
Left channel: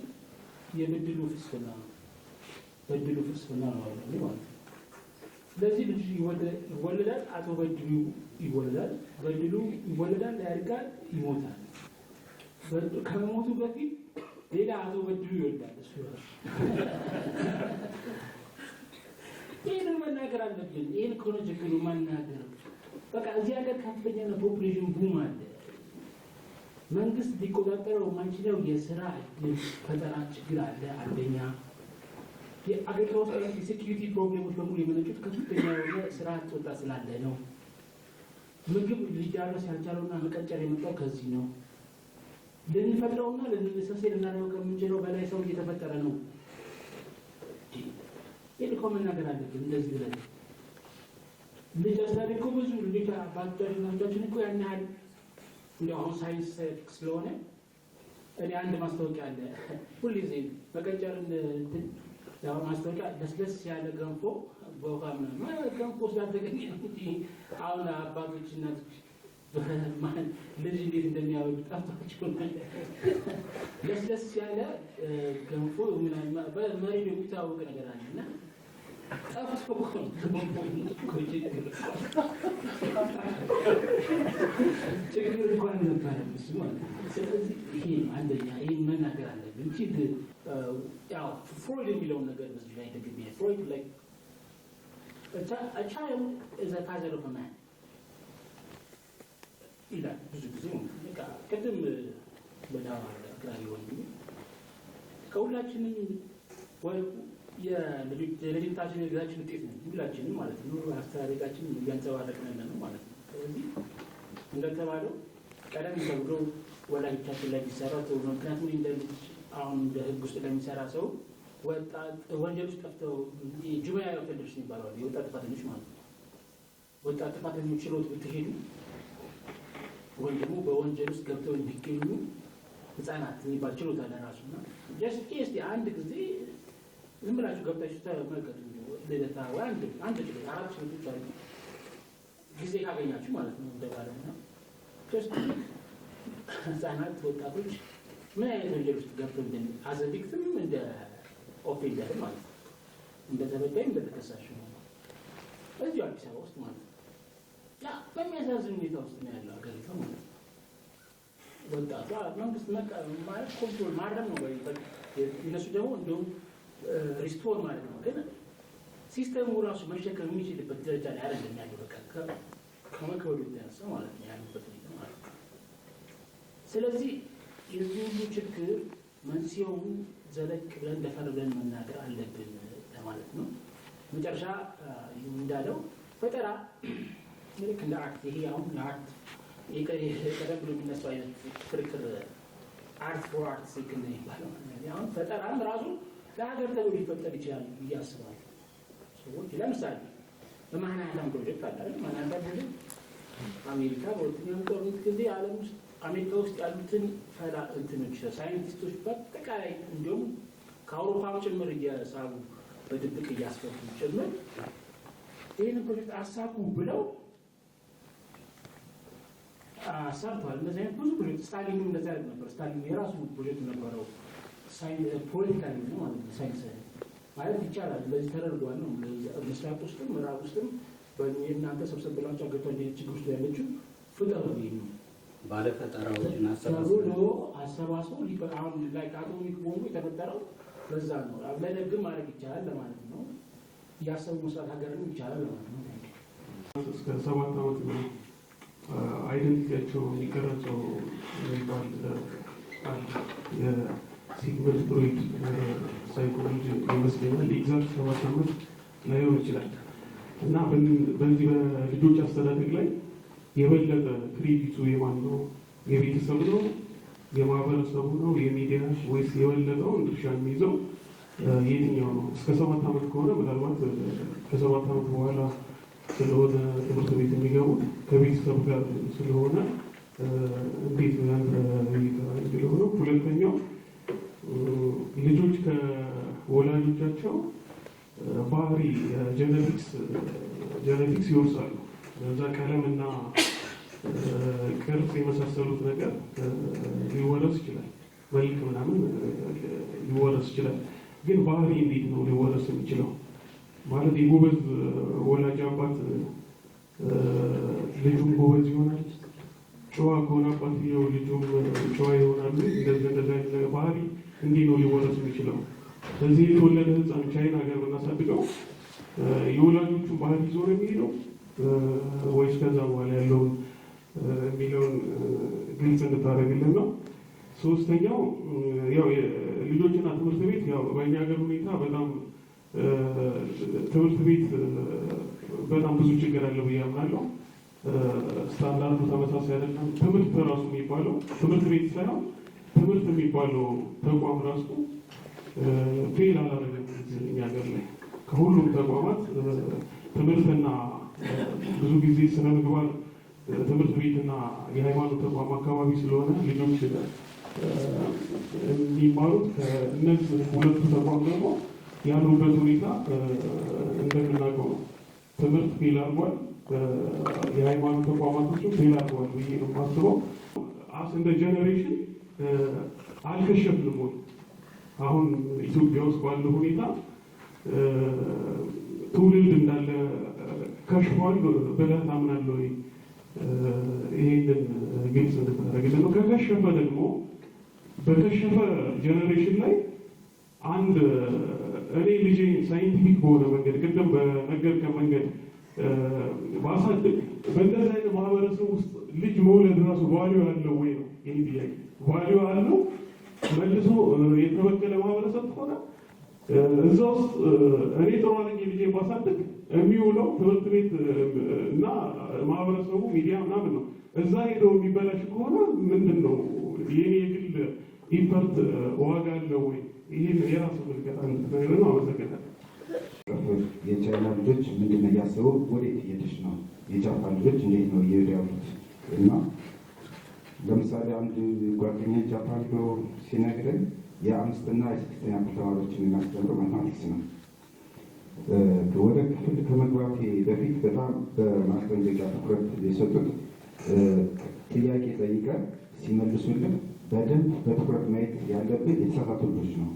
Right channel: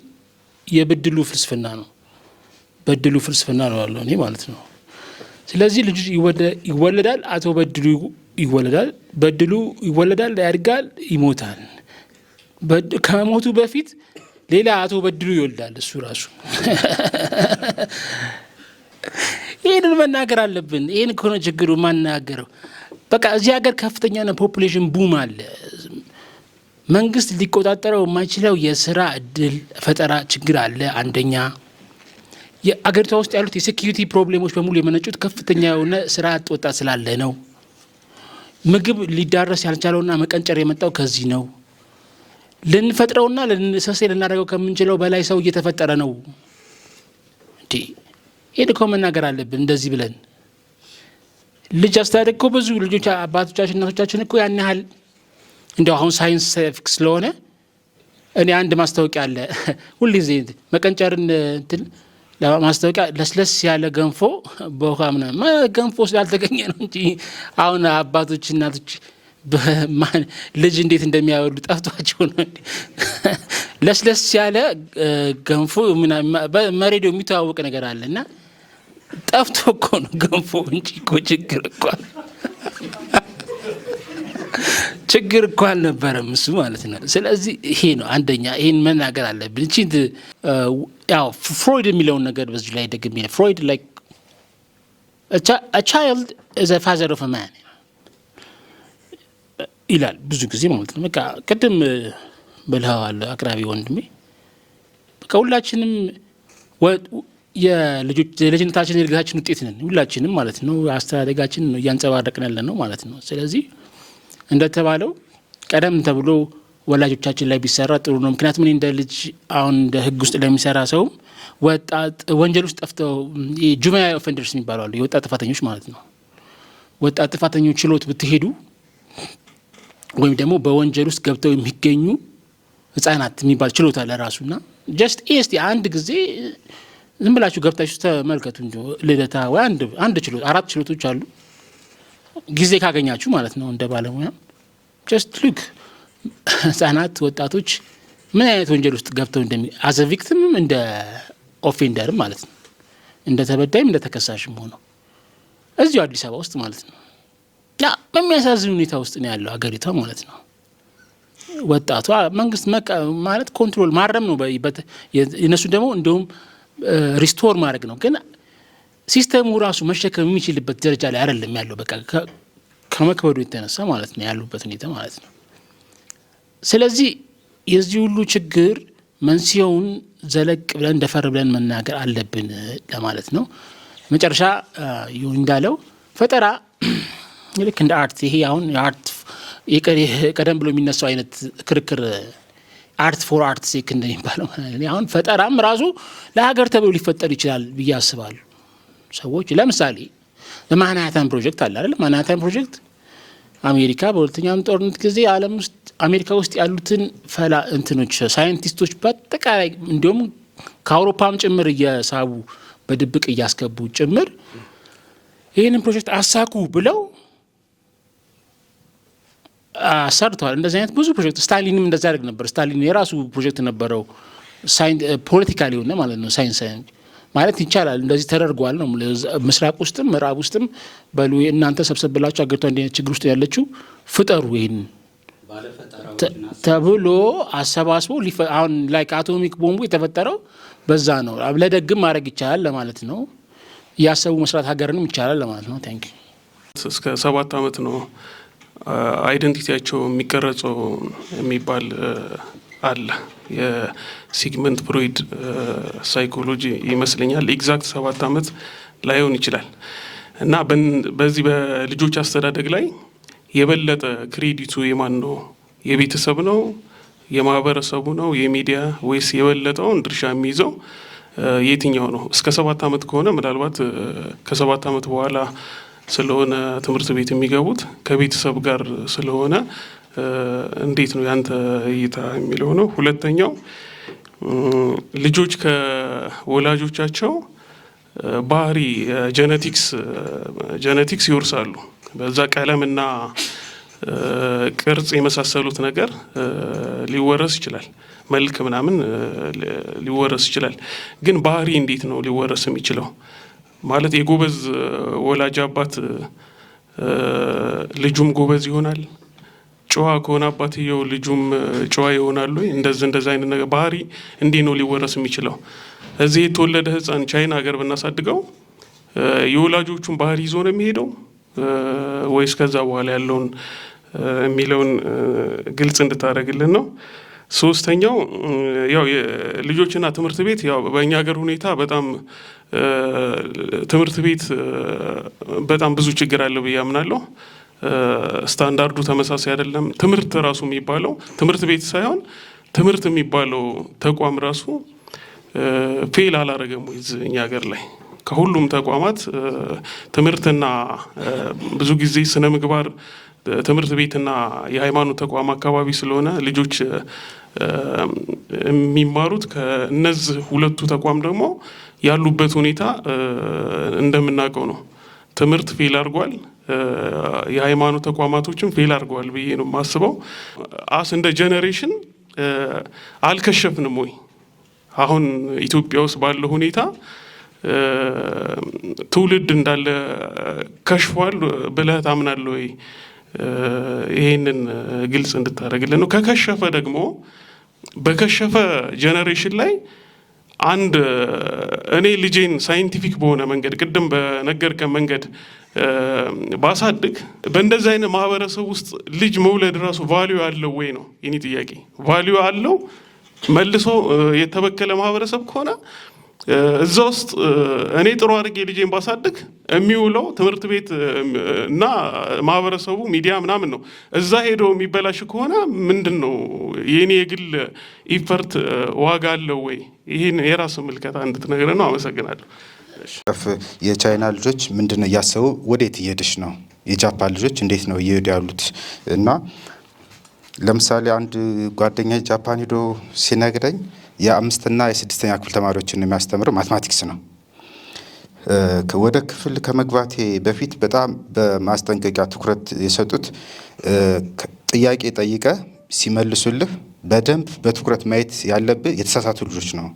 የበድሉ ፍልስፍና ነው። በድሉ ፍልስፍና ነው ያለው እኔ ማለት ነው። ስለዚህ ልጅ ይወለዳል፣ አቶ በድሉ ይወለዳል፣ በድሉ ይወለዳል፣ ያድጋል፣ ይሞታል። ከሞቱ በፊት ሌላ አቶ በድሉ ይወልዳል እሱ ራሱ። ይህንን መናገር አለብን። ይህን ከሆነ ችግሩ ማናገረው በቃ እዚህ ሀገር ከፍተኛ ፖፑሌሽን ቡም አለ። መንግስት ሊቆጣጠረው የማይችለው የስራ እድል ፈጠራ ችግር አለ። አንደኛ የአገሪቷ ውስጥ ያሉት የሴኪሪቲ ፕሮብሌሞች በሙሉ የመነጩት ከፍተኛ የሆነ ስራ አጥ ወጣት ስላለ ነው። ምግብ ሊዳረስ ያልቻለውና መቀንጨር የመጣው ከዚህ ነው። ልንፈጥረውና ልንሰሴ ልናደርገው ከምንችለው በላይ ሰው እየተፈጠረ ነው። እንዴ ይሄን እኮ መናገር አለብን። እንደዚህ ብለን ልጅ አስተዳደግ እኮ ብዙ ልጆች አባቶቻችን እናቶቻችን እኮ ያን ያህል እንደው አሁን ሳይንስ ስለሆነ እኔ አንድ ማስታወቂያ አለ ሁልጊዜ መቀንጨርን እንትን ለማስታወቂያ ለስለስ ያለ ገንፎ በውሃ ምናምን ገንፎ ስላልተገኘ ነው እንጂ አሁን አባቶች እናቶች ልጅ እንዴት እንደሚያወሉ ጠፍቷቸው ነው። ለስለስ ያለ ገንፎ በሬዲዮ የሚተዋወቅ ነገር አለ እና ጠፍቶ እኮ ነው ገንፎ እንጂ እኮ ችግር እኮ አልነበረም እሱ ማለት ነው። ስለዚህ ይሄ ነው አንደኛ፣ ይሄን መናገር አለብን። እቺ ያው ፍሮይድ የሚለውን ነገር በዚህ ላይ ደግሜ ፍሮይድ like a child is a father of a man ይላል ብዙ ጊዜ ማለት ነው። በቃ ቅድም ብለዋል አቅራቢ ወንድሜ። በቃ ሁላችንም የልጅነታችን የእድገታችን ውጤት ነን ሁላችንም ማለት ነው። አስተዳደጋችን ነው እያንጸባረቅን ያለ ነው ማለት ነው። ስለዚህ እንደተባለው ቀደም ተብሎ ወላጆቻችን ላይ ቢሰራ ጥሩ ነው። ምክንያቱም እኔ እንደ ልጅ አሁን እንደ ህግ ውስጥ ለሚሰራ ሰው ወጣት ወንጀል ውስጥ ጠፍተው ጁቬናይል ኦፌንደርስ የሚባሉ አሉ፣ የወጣት ጥፋተኞች ማለት ነው። ወጣት ጥፋተኞች ችሎት ብትሄዱ ወይም ደግሞ በወንጀል ውስጥ ገብተው የሚገኙ ህጻናት የሚባል ችሎት አለ ራሱና ጀስት እስቲ አንድ ጊዜ ዝም ብላችሁ ገብታችሁ ተመልከቱ እንጂ ልደታ ወይ አንድ ችሎት 4 ችሎቶች አሉ ጊዜ ካገኛችሁ ማለት ነው። እንደ ባለሙያ ጀስት ሉክ ህጻናት፣ ወጣቶች ምን አይነት ወንጀል ውስጥ ገብተው አዘ ቪክቲምም እንደ ኦፌንደርም ማለት ነው እንደ ተበዳይም እንደ ተከሳሽም ሆነው እዚሁ አዲስ አበባ ውስጥ ማለት ነው። ያ በሚያሳዝን ሁኔታ ውስጥ ነው ያለው ሀገሪቷ ማለት ነው። ወጣቷ መንግስት ማለት ኮንትሮል ማረም ነው የነሱ ደግሞ እንደውም ሪስቶር ማድረግ ነው። ግን ሲስተሙ ራሱ መሸከም የሚችልበት ደረጃ ላይ አይደለም ያለው። በቃ ከመክበዱ የተነሳ ማለት ነው ያሉበት ሁኔታ ማለት ነው። ስለዚህ የዚህ ሁሉ ችግር መንስኤውን ዘለቅ ብለን እንደፈር ብለን መናገር አለብን ለማለት ነው። መጨረሻ እንዳለው ፈጠራ ልክ እንደ አርት ይሄ አሁን የአርት ቀደም ብሎ የሚነሳው አይነት ክርክር አርት ፎር አርት ሴክ እንደሚባለው አሁን ፈጠራም ራሱ ለሀገር ተብሎ ሊፈጠር ይችላል ብዬ አስባለሁ። ሰዎች ለምሳሌ ማንሃተን ፕሮጀክት አለ አይደል? ማንሃተን ፕሮጀክት አሜሪካ በሁለተኛው ጦርነት ጊዜ ዓለም ውስጥ አሜሪካ ውስጥ ያሉትን እንትኖች ሳይንቲስቶች በአጠቃላይ እንዲሁም ከአውሮፓም ጭምር እየሳቡ በድብቅ እያስገቡ ጭምር ይህንን ፕሮጀክት አሳኩ ብለው ሰርተዋል። እንደዚህ አይነት ብዙ ፕሮጀክት ስታሊንም እንደዛ ያደርግ ነበር። ስታሊን የራሱ ፕሮጀክት ነበረው ፖለቲካሊ የሆነ ማለት ነው። ሳይንስ ማለት ይቻላል እንደዚህ ተደርጓል ነው። ምስራቅ ውስጥም ምዕራብ ውስጥም በሉ እናንተ ሰብሰብ ብላችሁ አገሪቷ እንዲህ አይነት ችግር ውስጥ ያለችው ፍጠሩ ይህን ተብሎ አሰባስቦ አሁን ላይ አቶሚክ ቦምቡ የተፈጠረው በዛ ነው። ለደግም ማድረግ ይቻላል ለማለት ነው። እያሰቡ መስራት ሀገርንም ይቻላል ለማለት ነው። ታንክ ዩ። እስከ 7 ዓመት ነው አይደንቲቲያቸው የሚቀረጸው የሚባል አለ። የሲግመንድ ፍሮይድ ሳይኮሎጂ ይመስለኛል። ኤግዛክት 7 ዓመት ላይሆን ይችላል እና በዚህ በልጆች አስተዳደግ ላይ የበለጠ ክሬዲቱ የማን ነው? የቤተሰብ ነው? የማህበረሰቡ ነው? የሚዲያ ወይስ የበለጠውን ድርሻ የሚይዘው የትኛው ነው? እስከ 7 ዓመት ከሆነ ምናልባት ከ7 ዓመት በኋላ ስለሆነ ትምህርት ቤት የሚገቡት ከቤተሰብ ጋር ስለሆነ እንዴት ነው ያንተ እይታ የሚለው ነው። ሁለተኛው ልጆች ከወላጆቻቸው ባህሪ ጀነቲክስ ይወርሳሉ። በዛ ቀለምና ቅርጽ የመሳሰሉት ነገር ሊወረስ ይችላል። መልክ ምናምን ሊወረስ ይችላል። ግን ባህሪ እንዴት ነው ሊወረስ የሚችለው? ማለት የጎበዝ ወላጅ አባት ልጁም ጎበዝ ይሆናል? ጨዋ ከሆነ አባትየው ልጁም ጨዋ ይሆናሉ? እንደዛ አይነት ነገር ባህሪ እንዴት ነው ሊወረስ የሚችለው? እዚህ የተወለደ ሕፃን ቻይና ሀገር ብናሳድገው የወላጆቹን ባህሪ ይዞ ነው የሚሄደው ወይስ ከዛ በኋላ ያለውን የሚለውን ግልጽ እንድታደርግልን ነው። ሶስተኛው ያው ልጆችና ትምህርት ቤት ያው በእኛ ሀገር ሁኔታ በጣም ትምህርት ቤት በጣም ብዙ ችግር አለው ብዬ አምናለሁ። ስታንዳርዱ ተመሳሳይ አይደለም። ትምህርት ራሱ የሚባለው ትምህርት ቤት ሳይሆን ትምህርት የሚባለው ተቋም ራሱ ፌል አላረገም ወይ እኛ ሀገር ላይ? ከሁሉም ተቋማት ትምህርትና ብዙ ጊዜ ስነ ምግባር ትምህርት ቤትና የሃይማኖት ተቋም አካባቢ ስለሆነ ልጆች የሚማሩት ከእነዚህ ሁለቱ ተቋም ደግሞ ያሉበት ሁኔታ እንደምናውቀው ነው። ትምህርት ፌል አድርጓል፣ የሃይማኖት ተቋማቶችም ፌል አድርገዋል ብዬ ነው የማስበው። እንደ ጄኔሬሽን አልከሸፍንም ወይ? አሁን ኢትዮጵያ ውስጥ ባለው ሁኔታ ትውልድ እንዳለ ከሽፏል ብለህ ታምናለህ ወይ? ይሄንን ግልጽ እንድታደርግልን ነው። ከከሸፈ ደግሞ በከሸፈ ጄኔሬሽን ላይ አንድ እኔ ልጄን ሳይንቲፊክ በሆነ መንገድ ቅድም በነገርከን መንገድ ባሳድግ በእንደዚህ አይነት ማህበረሰብ ውስጥ ልጅ መውለድ ራሱ ቫልዩ አለው ወይ ነው የኔ ጥያቄ። ቫልዩ አለው? መልሶ የተበከለ ማህበረሰብ ከሆነ እዛ ውስጥ እኔ ጥሩ አድርጌ ልጄን ባሳድግ የሚውለው ትምህርት ቤት እና ማህበረሰቡ ሚዲያ ምናምን ነው። እዛ ሄዶ የሚበላሽ ከሆነ ምንድን ነው የኔ የግል ኢፈርት ዋጋ አለው ወይ? ይህን የራስ ምልከታ እንድትነግረን ነው። አመሰግናለሁ። የቻይና ልጆች ምንድን ነው እያሰቡ ወዴት እየሄድሽ ነው? የጃፓን ልጆች እንዴት ነው እየሄዱ ያሉት? እና ለምሳሌ አንድ ጓደኛ ጃፓን ሄዶ ሲነግረኝ የ5ኛ የ6ኛ ክፍል ተማሪዎችን የሚያስተምረው ማትማቲክስ ነው። ወደ ክፍል ከመግባቴ በፊት በጣም በማስጠንቀቂያ ትኩረት የሰጡት ጥያቄ ጠይቀ ሲመልሱልህ በደንብ በትኩረት ማየት ያለብህ የተሳሳቱ ልጆች ነው።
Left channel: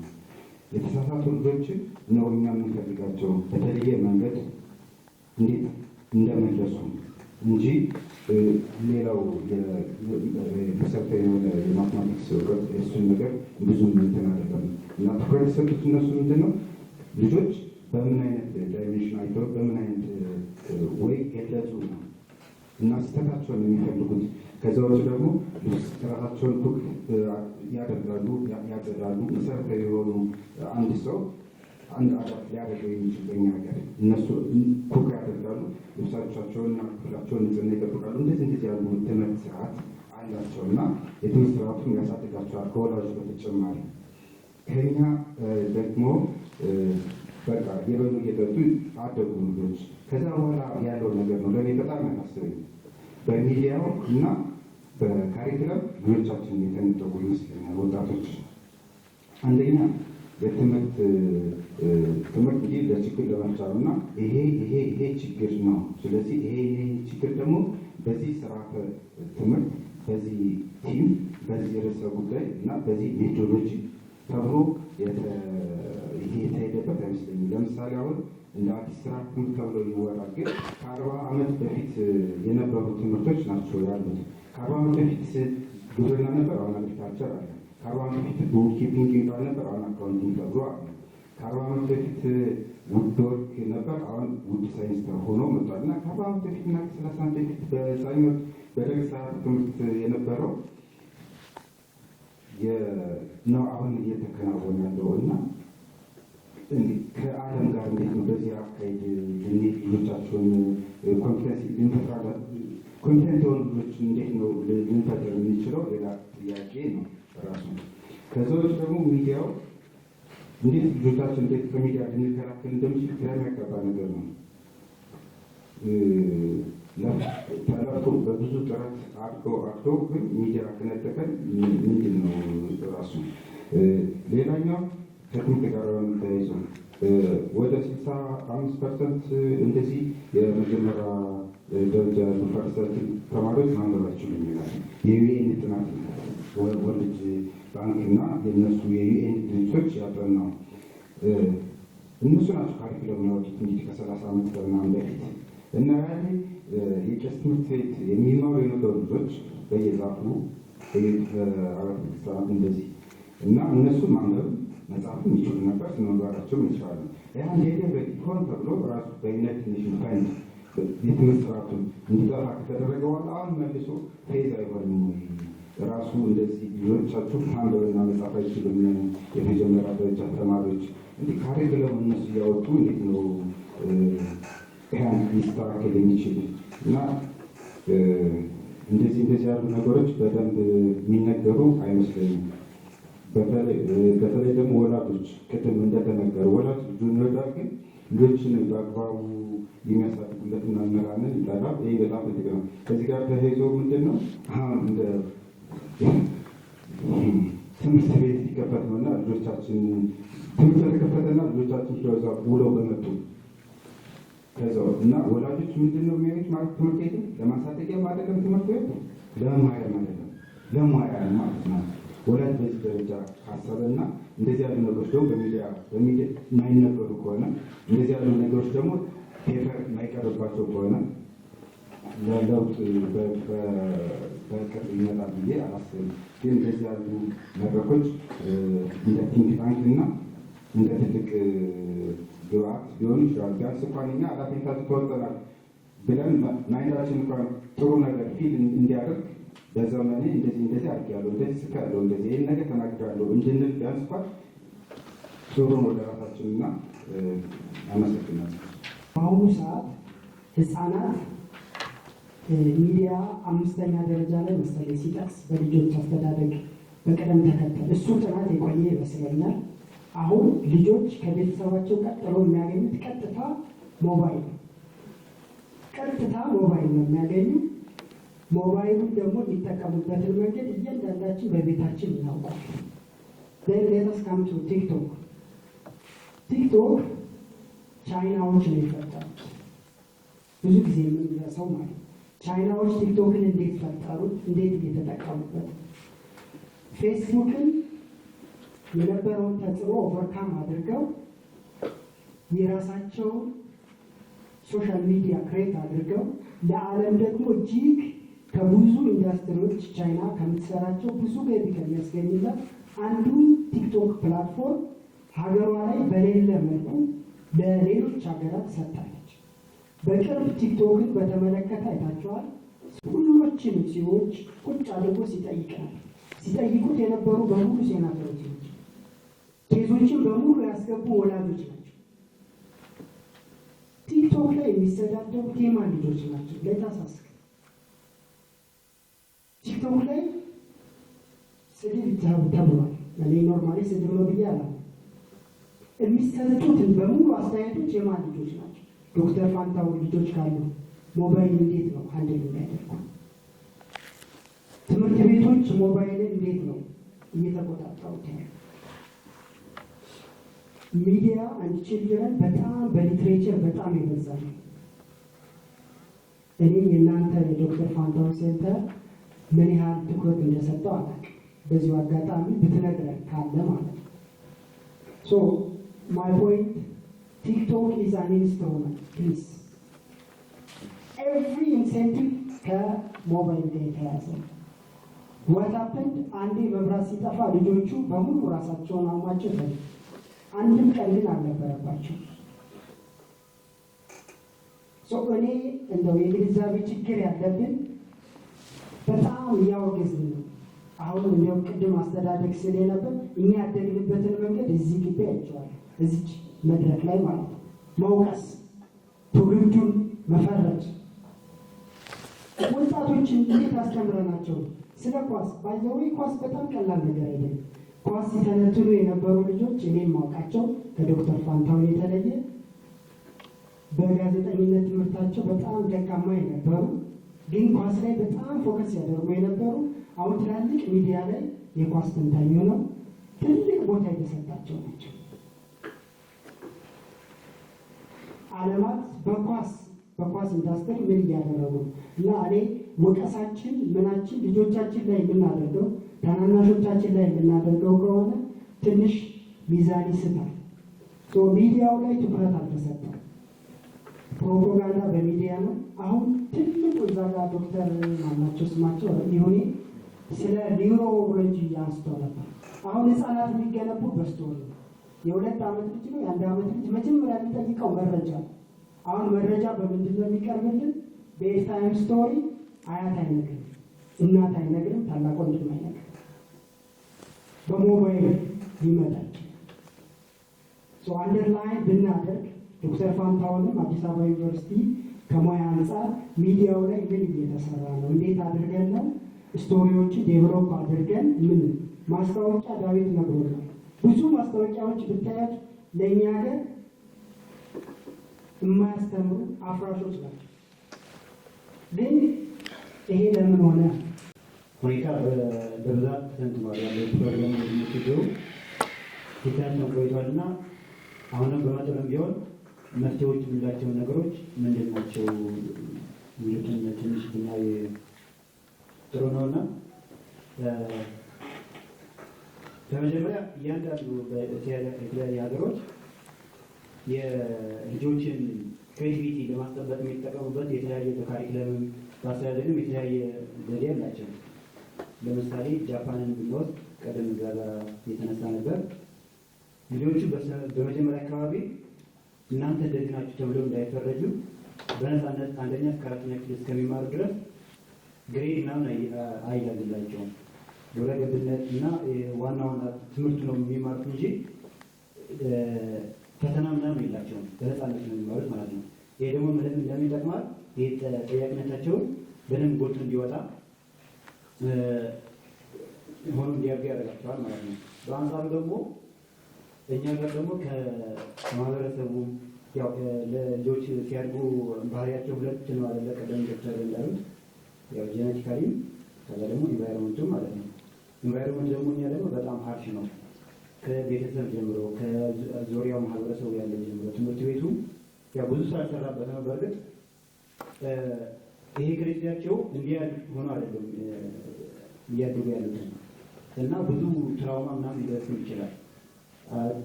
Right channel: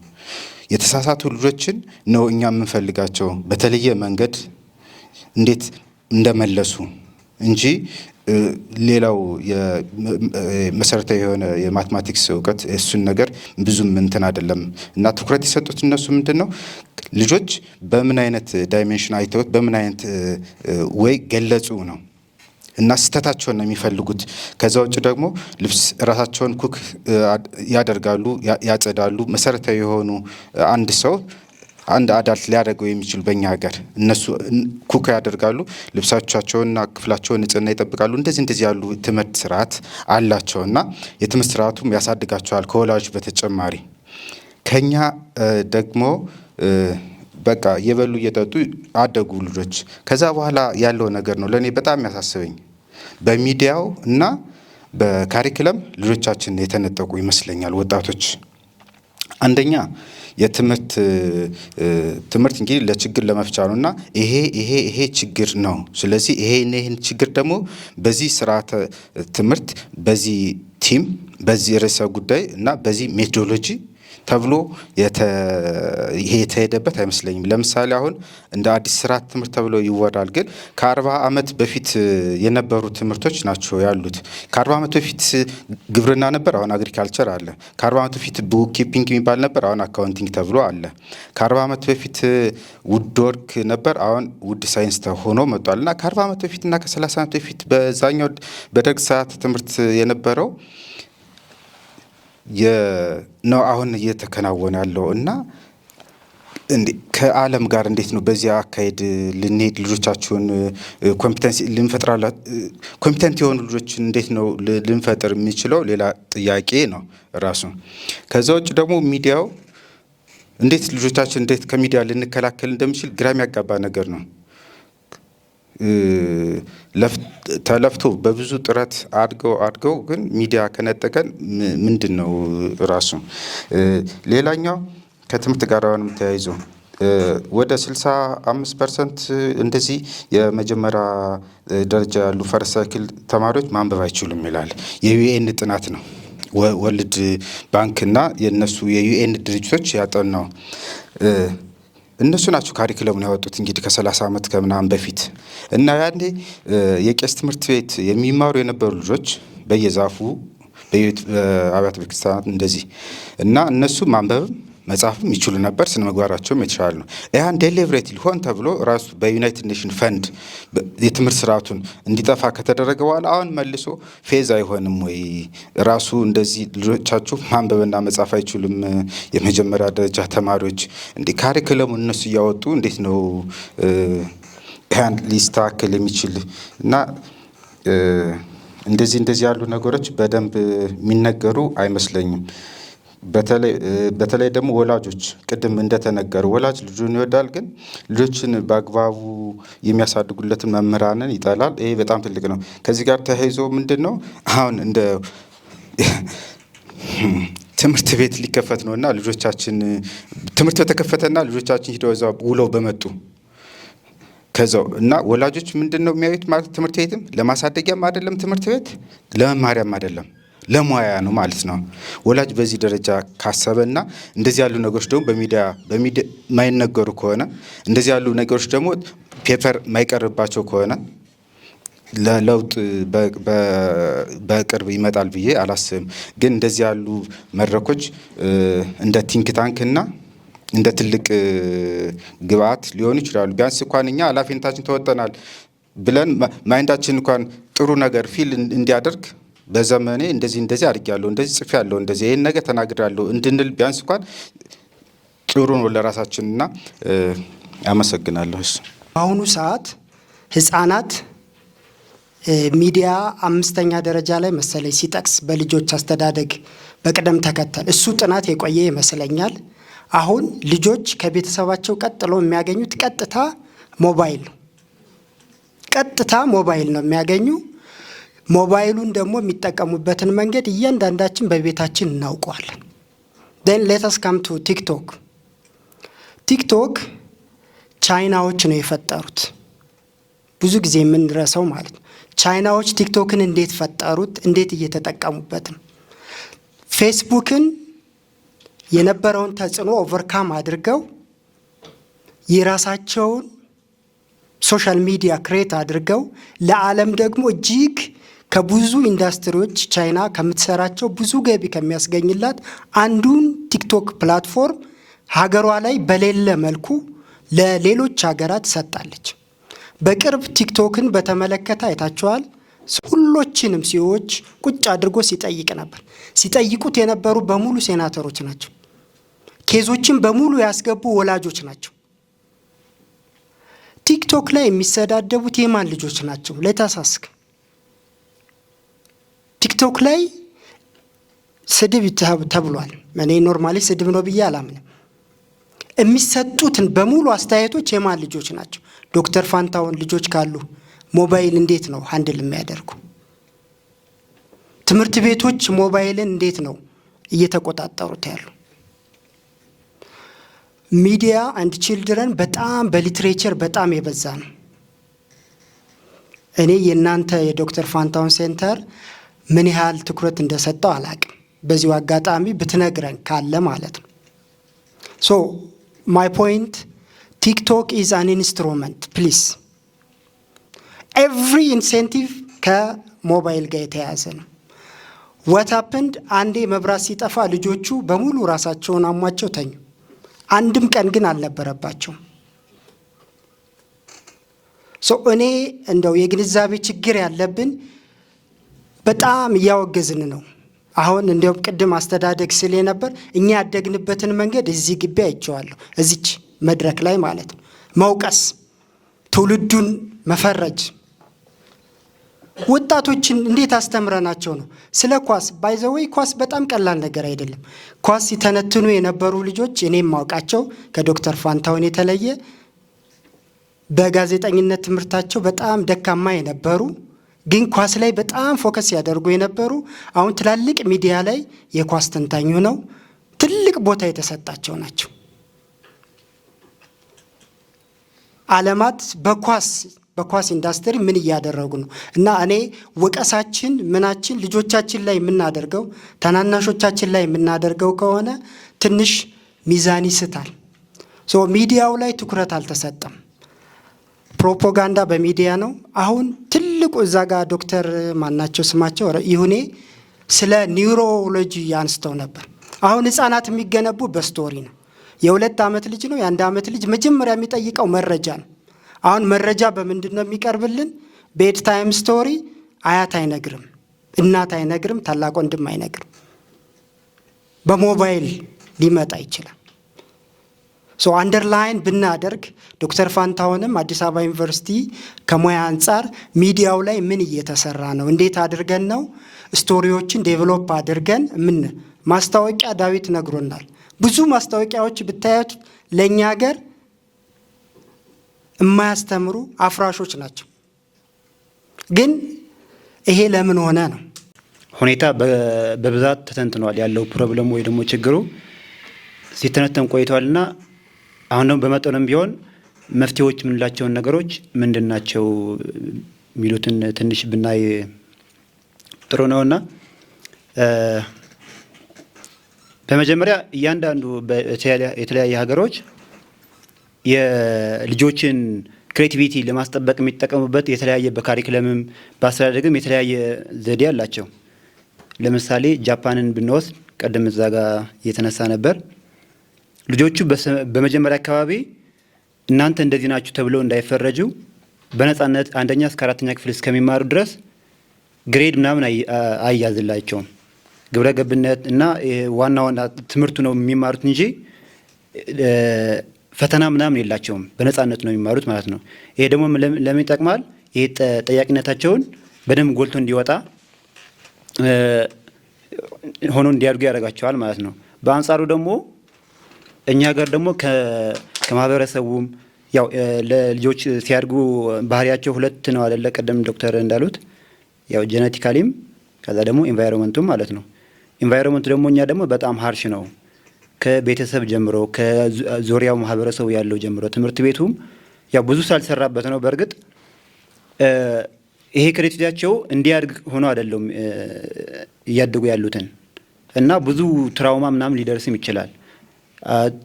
የተሳሳቱ ልጆችን ነው እኛ የምንፈልጋቸው በተለየ መንገድ እንዴት እንደመለሱ እንጂ ሌላው መሰረታዊ የሆነ የማትማቲክስ እውቀት እሱን ነገር ብዙም እንትን አይደለም እና ትኩረት የሰጡት እነሱ ምንድነው ልጆች በምን አይነት ዳይሜንሽን አይተውት በምን አይነት ወይ ገለጹ ነው እና ስተታቸውን ነው የሚፈልጉት። ከዛ ውጭ ደግሞ ልብስ ራሳቸውን ኩክ ያደርጋሉ፣ ያጸዳሉ። መሰረታዊ የሆኑ አንድ ሰው አንድ አዳልት ሊያደርገው የሚችል በእኛ ሀገር እነሱ ኩክ ያደርጋሉ፣ ልብሳቸውንና ክፍላቸውን ንጽህና ይጠብቃሉ። እንደዚህ ያሉ ትምህርት ስርዓት አላቸው እና የትምህርት ስርዓቱም ያሳድጋቸዋል ከወላጆች በተጨማሪ። ከኛ ደግሞ በቃ እየበሉ እየጠጡ አደጉ ልጆች። ከዛ በኋላ ያለው ነገር ነው ለእኔ በጣም ያሳስበኝ። በሚዲያው እና በካሪክለም ልጆቻችን የተነጠቁ ይመስለኛል ወጣቶች። አንደኛ የትምህርት እንግዲህ ለችግር ለመፍቻ ነው እና ይሄ ችግር ነው። ስለዚህ ይሄን ችግር ደግሞ በዚህ ስርዓተ ትምህርት በዚህ ቲም በዚህ ርዕሰ ጉዳይ እና በዚህ ሜቶዶሎጂ ተብሎ ይሄ የተሄደበት አይመስለኝም። ለምሳሌ አሁን እንደ አዲስ ስርዓተ ትምህርት ተብሎ ይወራል፣ ግን ከ40 ዓመት በፊት የነበሩ ትምህርቶች ናቸው ያሉት። ከ40 ዓመት በፊት ግብርና ነበር፣ አሁን አግሪካልቸር አለ። ከ40 ዓመት በፊት ቡክ ኪፒንግ የሚባል ነበር፣ አሁን አካውንቲንግ ተብሎ አለ። ከ40 ዓመት በፊት ውድ ወርክ ነበር፣ አሁን ውድ ሳይንስ ሆኖ መጥቷል። እና ከ40 ዓመት በፊት እና ከ30 ዓመት በፊት በዛኛው በደርግ ሰዓት ትምህርት የነበረው ነው አሁን እየተከናወነ ያለው እና ከዓለም ጋር እንዴት ነው በዚህ አካሄድ ልንሄድ ልጆቻችሁን ኮምፒተንት የሆኑ ልጆችን እንዴት ነው ልንፈጥር የሚችለው? ሌላ ጥያቄ ነው ራሱ። ከዛ ውጭ ደግሞ ሚዲያው እንዴት ልጆቻችን እንዴት ከሚዲያ ልንከላከል እንደምችል ግራ የሚያጋባ ነገር ነው። ተለፍቶ በብዙ ጥረት አድገው ግን ሚዲያ ከነጠቀን ምንድን ነው ራሱ። ሌላኛው ከትምህርት ጋር አሁንም ተያይዞ ወደ 65% እንደዚህ የመጀመሪያ ደረጃ ያሉ ፈርስት ሳይክል ተማሪዎች ማንበብ አይችሉም ይላል የዩኤን ጥናት ነው። ወርልድ ባንክ እና የነሱ የዩኤን ድርጅቶች ያጠናው እነሱ ናቸው ካሪክለሙን ያወጡት እንግዲህ ከ30 ዓመት ከምናምን በፊት እና ያኔ የቄስ ትምህርት ቤት የሚማሩ የነበሩ ልጆች በየዛፉ በአብያተ ቤተክርስቲያናት እንደዚህ እና እነሱ ማንበብ መጻፍም ይችሉ ነበር፣ ስነ ምግባራቸውም የተሻለ ነው። ያን ዴሊብሬትሊ ሆን ተብሎ ራሱ በዩናይትድ ኔሽን ፈንድ የትምህርት ስርዓቱን እንዲጠፋ ከተደረገ በኋላ አሁን መልሶ ፌዝ አይሆንም ወይ? ራሱ እንደዚህ ልጆቻችሁ ማንበብና መጻፍ አይችሉም የመጀመሪያ ደረጃ ተማሪዎች እንዲህ ካሪክለሙን እነሱ እያወጡ እንዴት ነው ያን ሊስተካከል የሚችል? እና እንደዚህ ያሉ ነገሮች በደንብ የሚነገሩ አይመስለኝም። በተለይ ደግሞ ወላጆች ቅድም እንደተነገሩ ወላጅ ልጁን ይወዳል፣ ግን ልጆችን በአግባቡ የሚያሳድጉለትን መምህራንን ይጠላል። ይሄ በጣም ትልቅ ነው። ከዚህ ጋር ተያይዞ ምንድን ነው አሁን እንደ ትምህርት ቤት ሊከፈት ነው እና ልጆቻችን ትምህርት በተከፈተና ልጆቻችን ሂደው እዛ ውለው በመጡ ከዛው እና ወላጆች ምንድን ነው የሚያዩት ማለት ትምህርት ቤትም ለማሳደጊያም አይደለም፣ ትምህርት ቤት ለመማሪያም አይደለም፣ ለሙያ ነው ማለት ነው። ወላጅ በዚህ ደረጃ ካሰበና እንደዚህ ያሉ ነገሮች ደግሞ በሚዲያ ማይነገሩ ከሆነ እንደዚህ ያሉ ነገሮች ደግሞ ፔፐር ማይቀርባቸው ከሆነ ለለውጥ በቅርብ ይመጣል ብዬ አላስብም። ግን እንደዚህ ያሉ መድረኮች እንደ ቲንክ ታንክ እና እንደ ትልቅ ግብአት ሊሆኑ ይችላሉ። ቢያንስ እንኳን እኛ ኃላፊነታችን ተወጠናል ብለን ማይንዳችን እንኳን ጥሩ ነገር ፊል እንዲያደርግ በዘመኔ እንደዚህ አድርጌያለሁ፣ እንደዚህ ጽፌያለሁ፣ እንደዚህ ይሄን ነገር ተናግሬያለሁ እንድንል ቢያንስ እንኳን ጥሩ ነው ለራሳችንና አመሰግናለሁ። በአሁኑ ሰዓት ህፃናት ሚዲያ 5ኛ ደረጃ ላይ መሰለኝ ሲጠቅስ በልጆች አስተዳደግ በቅደም ተከተል እሱ ጥናት የቆየ ይመስለኛል። አሁን ልጆች ከቤተሰባቸው ቀጥሎ የሚያገኙት ቀጥታ ሞባይል ነው የሚያገኙ። ሞባይሉን ደግሞ የሚጠቀሙበትን መንገድ እያንዳንዳችን በቤታችን እናውቀዋለን። then let us come to ቲክቶክ ቻይናዎች ነው የፈጠሩት። ብዙ ጊዜ የምንረሳው ማለት ነው። ቻይናዎች ቲክቶክን እንዴት ፈጠሩት? እንዴት እየተጠቀሙበት ነው? ፌስቡክን የነበረውን ተጽዕኖ ኦቨርካም አድርገው የራሳቸውን ሶሻል ሚዲያ ክሬት አድርገው ለዓለም ደግሞ እጅግ ከብዙ ኢንዱስትሪዎች ቻይና ከምትሰራቸው ብዙ ገቢ ከሚያስገኝላት አንዱን ቲክቶክ ፕላትፎርም ሀገሯ ላይ በሌለ መልኩ ለሌሎች ሀገራት ሰጣለች። በቅርብ ቲክቶክን በተመለከተ አይታችኋል። ሁሎችንም ሲዎች ቁጭ አድርጎ ሲጠይቅ ነበር። ሲጠይቁት የነበሩ በሙሉ ሴናተሮች ናቸው። ኬዞችን በሙሉ ያስገቡ ወላጆች ናቸው። ቲክቶክ ላይ የሚሰዳደቡት የማን ልጆች ናቸው? ለታሳስክ ቲክቶክ ላይ ስድብ ተብሏል። እኔ ኖርማሊ ስድብ ነው ብዬ አላምንም። የሚሰጡትን በሙሉ አስተያየቶች የማን ልጆች ናቸው? ዶክተር ፋንታውን ልጆች ካሉ ሞባይል እንዴት ነው ሃንድል የሚያደርጉ? ትምህርት ቤቶች ሞባይልን እንዴት ነው እየተቆጣጠሩት ያሉ? ሚዲያ አንድ ቺልድረን በጣም በሊትሬቸር በጣም የበዛ ነው። እኔ የእናንተ የዶክተር ፋንታውን ሴንተር ምን ያህል ትኩረት እንደሰጠው አላቅም። በዚሁ አጋጣሚ ብትነግረን ካለ ማለት ነው። ሶ ማይ ፖይንት ቲክቶክ ኢዝ አን ኢንስትሩመንት ፕሊዝ። ኤቭሪ ኢንሴንቲቭ ከሞባይል ጋር የተያያዘ ነው። ዋት ሀፕንድ አንዴ መብራት ሲጠፋ ልጆቹ በሙሉ ራሳቸውን አሟቸው ተኙ። አንድም ቀን ግን አልነበረባቸውም። እኔ እንደው የግንዛቤ ችግር ያለብን በጣም እያወገዝን ነው። አሁን እንዲያውም ቅድም አስተዳደግ ስል ነበር እኛ ያደግንበትን መንገድ እዚህ ግቢ አይቼዋለሁ። እዚች መድረክ ላይ ማለት ነው። መውቀስ፣ ትውልዱን መፈረጅ፣ ወጣቶችን እንዴት አስተምረናቸው ነው? ስለ ኳስ ባይዘወይ ኳስ በጣም ቀላል ነገር አይደለም። ኳስ ሲተነትኑ የነበሩ ልጆች እኔም ማውቃቸው ከዶክተር ፋንታውን የተለየ በጋዜጠኝነት ትምህርታቸው በጣም ደካማ የነበሩ ግን ኳስ ላይ በጣም ፎከስ ያደርጉ የነበሩ አሁን ትላልቅ ሚዲያ ላይ የኳስ ተንታኙ ነው ትልቅ ቦታ የተሰጣቸው ናቸው። ዓለማት በኳስ ኢንዱስትሪ ምን እያደረጉ ነው? እና እኔ ወቀሳችን ምናችን ልጆቻችን ላይ የምናደርገው ታናናሾቻችን ላይ የምናደርገው ከሆነ ትንሽ ሚዛን ይስታል። ሚዲያው ላይ ትኩረት አልተሰጠም። ፕሮፓጋንዳ በሚዲያ ነው። አሁን ትልቁ እዛ ጋር ዶክተር ማናቸው ስማቸው ይሁኔ ስለ ኒውሮሎጂ አንስተው ነበር። አሁን ህፃናት የሚገነቡ በስቶሪ ነው። የ2 ዓመት ልጅ ነው የ1 ዓመት ልጅ መጀመሪያ የሚጠይቀው መረጃ ነው። አሁን መረጃ በምንድን ነው የሚቀርብልን? ቤድ ታይም ስቶሪ። አያት አይነግርም፣ እናት አይነግርም፣ ታላቅ ወንድም አይነግርም። በሞባይል ሊመጣ ይችላል። አንደርላይን ብናደርግ ዶክተር ፋንታውንም አዲስ አበባ ዩኒቨርሲቲ ከሙያ አንጻር ሚዲያው ላይ ምን እየተሰራ ነው? እንዴት አድርገን ነው ስቶሪዎችን ዴቨሎፕ አድርገን ምን ማስታወቂያ ዳዊት ነግሮናል። ብዙ ማስታወቂያዎች ብታያት ለእኛ ሀገር የማያስተምሩ አፍራሾች ናቸው። ግን ይሄ ለምን ሆነ ነው? ሁኔታ በብዛት ተተንትኗል። ያለው ፕሮብለሙ ወይ ደግሞ ችግሩ ሲተነተን ቆይቷልና አሁን ደግሞ በመጠኑም ቢሆን መፍትሄዎች የምንላቸውን ነገሮች ምንድን ናቸው የሚሉትን ትንሽ ብናይ ጥሩ ነውና በመጀመሪያ እያንዳንዱ የተለያየ ሀገሮች የልጆችን ክሬቲቪቲ ለማስጠበቅ የሚጠቀሙበት የተለያየ በካሪክለምም በአስተዳደግም የተለያየ ዘዴ አላቸው። ለምሳሌ ጃፓንን ብንወስድ ቀደም እዛ ጋር እየተነሳ ነበር። ልጆቹ በመጀመሪያ አካባቢ እናንተ እንደዚህ ናችሁ ተብለው እንዳይፈረጁ በነፃነት 1ኛ እስከ 4ኛ ክፍል እስከሚማሩ ድረስ ግሬድ ምናምን አይያዝላቸውም። ግብረ ገብነት እና ዋና ትምህርቱ ነው የሚማሩት እንጂ ፈተና ምናምን የላቸውም። በነፃነት ነው የሚማሩት ማለት ነው። ይሄ ደግሞ ለምን ይጠቅማል? ይሄ ጠያቂነታቸውን በደንብ ጎልቶ እንዲወጣ ሆኖ እንዲያድጉ ያደርጋቸዋል ማለት ነው። በአንጻሩ ደግሞ እኛ ሀገር ደግሞ ከማህበረሰቡም ያው ለልጆች ሲያድጉ ባህሪያቸው 2 ነው አይደለ? ቀደም ዶክተር እንዳሉት ያው ጄኔቲካሊም ከዛ ደግሞ ኢንቫይሮንመንቱም ማለት ነው። ኢንቫይሮንመንቱ ደግሞ እኛ ደግሞ በጣም ሃርሽ ነው። ከቤተሰብ ጀምሮ ከዙሪያው ማህበረሰቡ ያለው ጀምሮ ትምህርት ቤቱም ያው ብዙ ሳልሰራበት ነው። በእርግጥ ይሄ ክሬቲቪቲያቸው እንዲያድግ ሆኖ አይደለም እያደጉ ያሉትን እና ብዙ ትራውማ ምናምን ሊደርስም ይችላል።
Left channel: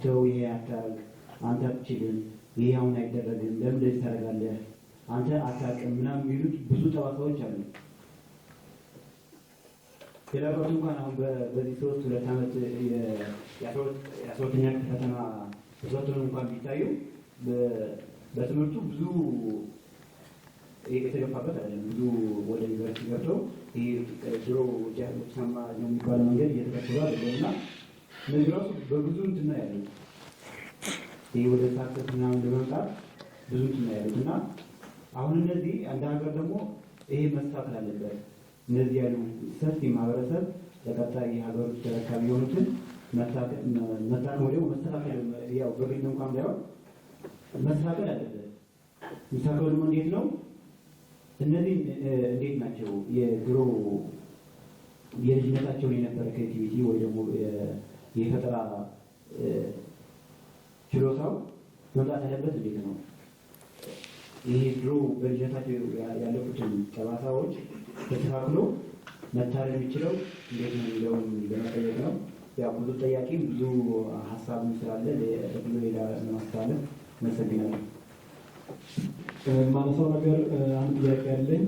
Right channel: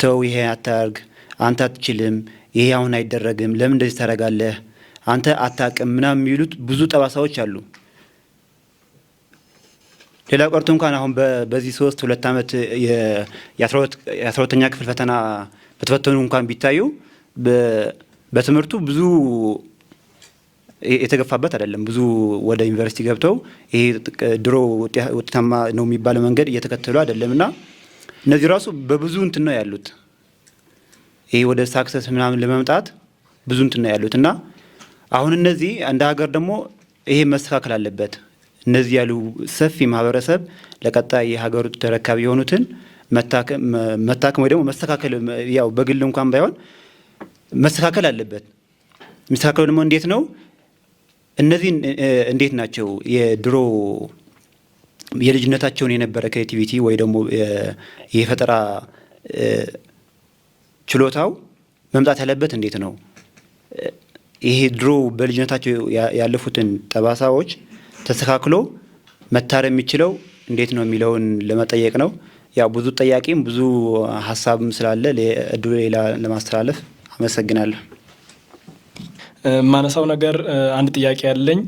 ተው ይሄ አታርግ፣ አንተ አትችልም፣ ይሄ አሁን አይደረግም፣ ለምን እንደዚህ ታደርጋለህ፣ አንተ አታውቅም ምናምን የሚሉት ብዙ ጠባሳዎች አሉ። ሌላ ቀርቶ እንኳን አሁን በዚህ 2 ዓመት የ12ኛ ክፍል ፈተና በተፈተኑ እንኳን ቢታዩ በትምህርቱ ብዙ የተገፋበት አይደለም። ብዙ ወደ ዩኒቨርሲቲ ገብተው ይሄ ድሮ ውጤታማ ነው የሚባለው መንገድ እየተከተሉ አይደለም እና እነዚህ ራሱ በብዙ እንትን ነው ያሉት። ይሄ ወደ ሳክሰስ ምናምን ለመምጣት ብዙ እንትን ነው ያሉት እና አሁን እነዚህ እንደ ሀገር ደግሞ ይሄ መስተካከል አለበት። እነዚህ ያሉ ሰፊ ማህበረሰብ ለቀጣይ የሀገሩ ተረካቢ የሆኑትን መታከም ወይ ደግሞ መስተካከል ያው በግል እንኳን ባይሆን መስተካከል አለበት። የሚስተካከለው ደግሞ እንዴት ነው? እነዚህ እንዴት ናቸው የድሮ የልጅነታቸውን የነበረ ክሬቲቪቲ ወይ ደግሞ የፈጠራ ችሎታው መምጣት ያለበት እንዴት ነው? ይሄ ድሮ በልጅነታቸው ያለፉትን ጠባሳዎች ተስተካክሎ መታረም የሚችለው እንዴት ነው የሚለውን ለመጠየቅ ነው። ያው ብዙ ጠያቂም ብዙ ሀሳብም ስላለ እድሉ ሌላ ለማስተላለፍ አመሰግናለሁ። ማነሳው ነገር አንድ ጥያቄ ያለኝ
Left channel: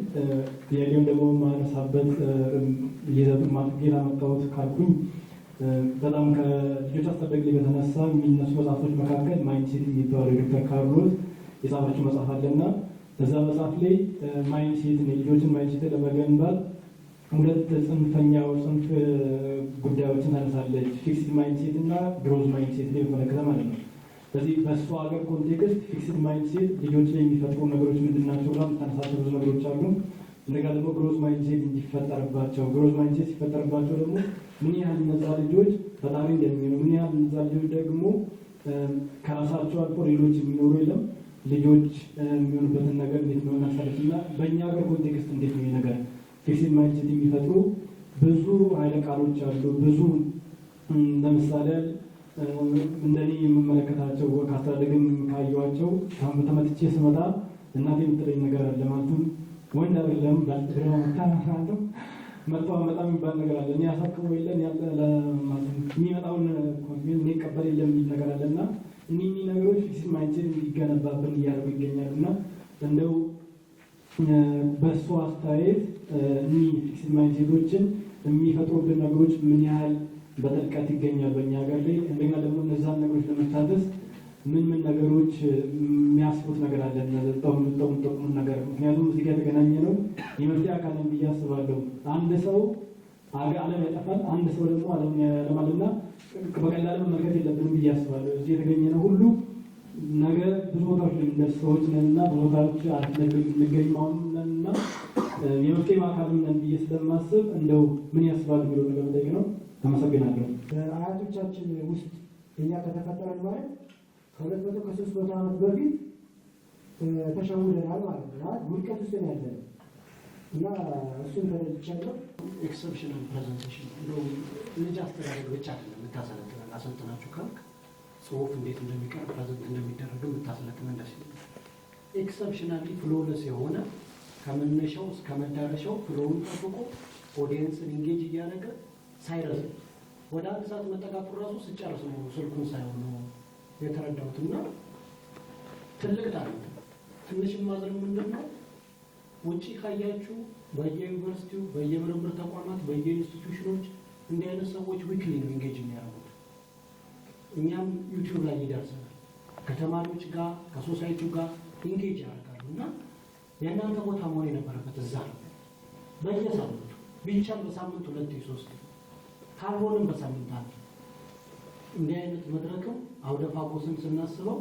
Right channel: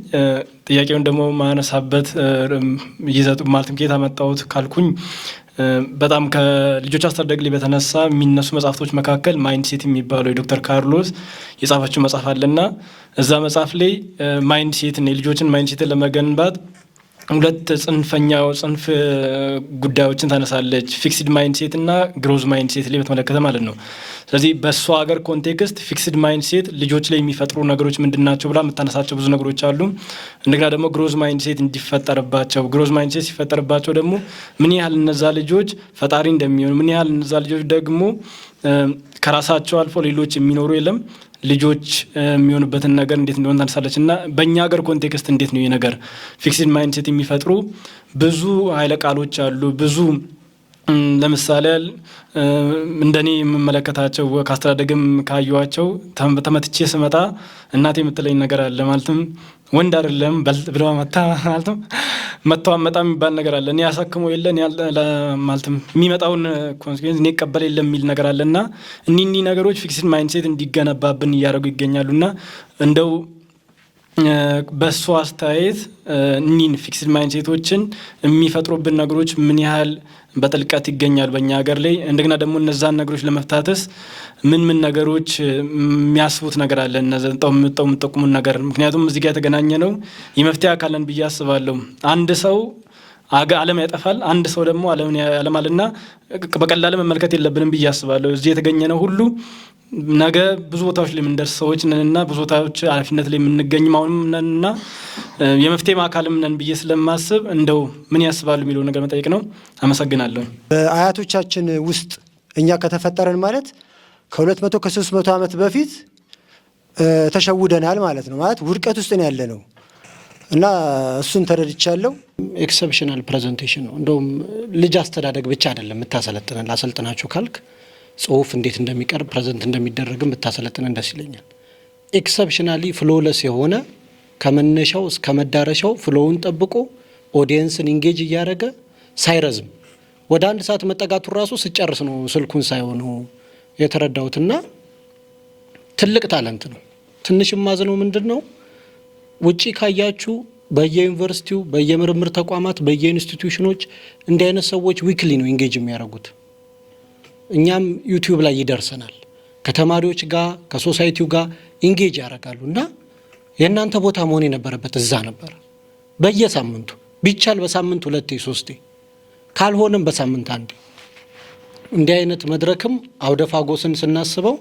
ጥያቄውን ደግሞ ማነሳበት ይዘቱ ማለትም ከየት አመጣሁት ካልኩኝ በጣም ከልጆች አስተዳደግ ላይ በተነሳ የሚነሱ መጽሐፍቶች መካከል ማይንድ ሴት የሚባለው የዶክተር ካርሎስ የጻፈችው መጽሐፍ አለና እዛ መጽሐፍ ላይ ማይንድ ሴትን የልጆችን ማይንድ ሴትን ለመገንባት 2 ጽንፍ ጉዳዮችን ታነሳለች። ፊክስድ ማይንድ ሴት እና ግሮዝ ማይንድ ሴት ላይ በተመለከተ ማለት ነው። ስለዚህ በእሷ ሀገር ኮንቴክስት ፊክስድ ማይንድ ሴት ልጆች ላይ የሚፈጥሩ ነገሮች ምንድን ናቸው ብላ የምታነሳቸው ብዙ ነገሮች አሉ። እንደገና ደግሞ ግሮዝ ማይንድ ሴት እንዲፈጠርባቸው ግሮዝ ማይንድ ሴት ሲፈጠርባቸው ደግሞ ምን ያህል እነዛ ልጆች ፈጣሪ እንደሚሆኑ ምን ያህል እነዛ ልጆች ደግሞ ከራሳቸው አልፎ ሌሎች የሚኖሩ የለም ልጆች የሚሆኑበትን ነገር እንዴት እንደሆነ ታነሳለች። እና በእኛ ሀገር ኮንቴክስት እንዴት ነው ይህ ነገር ፊክስድ ማይንድ ሴት የሚፈጥሩ ብዙ ኃይለ ቃሎች አሉ። ብዙ ለምሳሌ እንደኔ የምመለከታቸው ከአስተዳደግም ካየኋቸው ተመትቼ ስመጣ እናቴ የምትለኝ ነገር አለ። ማለትም ወንድ አይደለም ብሎ ማለትም መተው አመጣ የሚባል ነገር አለ። እኔ ያሳክመው የለን ማለትም የሚመጣውን ኮንሲኩዌንስ እኔ ቀበል የለም የሚል ነገር አለ እና እኒህ ነገሮች ፊክስድ ማይንድ ሴት እንዲገነባብን እያደረጉ ይገኛሉ። እና እንደው በእሱ አስተያየት እኒህን ፊክስድ ማይንድ ሴቶችን የሚፈጥሩብን ነገሮች ምን ያህል በጥልቀት ይገኛል በእኛ ሀገር ላይ? እንደገና ደግሞ እነዛን ነገሮች ለመፍታተስ ምን ነገሮች የሚያስቡት ነገር አለ? እነዛው የምጠቁሙን ነገር ምክንያቱም እዚህ ጋር የተገናኘ ነው የመፍትሄ አካልን ብዬ አስባለሁ። አንድ ሰው ዓለም ያጠፋል፣ አንድ ሰው ደግሞ ዓለምን ያለማልና በቀላል መመልከት የለብንም ብዬ አስባለሁ። እዚህ የተገኘ ነው ሁሉ ነገ ብዙ ቦታዎች ላይ የምንደርስ ሰዎች ነንና ብዙ ቦታዎች ኃላፊነት ላይ የምንገኝም አሁንም ነንና የመፍትሄ አካልም ነን ብዬ ስለማስብ እንደው ምን ያስባሉ የሚለው ነገር መጠየቅ ነው። አመሰግናለሁ። በአያቶቻችን ውስጥ እኛ ከተፈጠረን ማለት ከ200 ከ300 ዓመት በፊት ተሸውደናል ማለት ነው። ማለት ውድቀት ውስጥ ነው ያለ ነው እና እሱን ተረድቻለሁ። ኤክሰፕሽናል ፕሬዘንቴሽን ነው። እንደውም ልጅ አስተዳደግ ብቻ አይደለም የምታሰለጥነን። ላሰልጥናችሁ ካልክ ጽሁፍ እንዴት እንደሚቀርብ ፕሬዘንት እንደሚደረግም ብታሰለጥነን ደስ ይለኛል። ኤክሰፕሽናሊ ፍሎለስ የሆነ ከመነሻው እስከ መዳረሻው ፍሎውን ጠብቆ ኦዲየንስን ኢንጌጅ እያደረገ ሳይረዝም ወደ 1 ሰዓት መጠጋቱ ራሱ ስጨርስ ነው ስልኩን ሳይሆኑ የተረዳሁትና ትልቅ ታለንት ነው። ትንሽ ማዝነው ምንድን ነው ውጪ ካያችሁ በየዩኒቨርሲቲው በየምርምር ተቋማት በየኢንስቲትዩሽኖች እንዲህ አይነት ሰዎች ዊክሊ ነው ኢንጌጅ የሚያደርጉት። እኛም ዩቲዩብ ላይ ይደርሰናል። ከተማሪዎች ጋር ከሶሳይቲው ጋር ኢንጌጅ ያደርጋሉ እና የእናንተ ቦታ መሆን የነበረበት እዛ ነበር። በየሳምንቱ ቢቻል በሳምንት 2 3 ካልሆነም በሳምንት 1 እንዲህ አይነት መድረክም አውደፋጎስን ስናስበው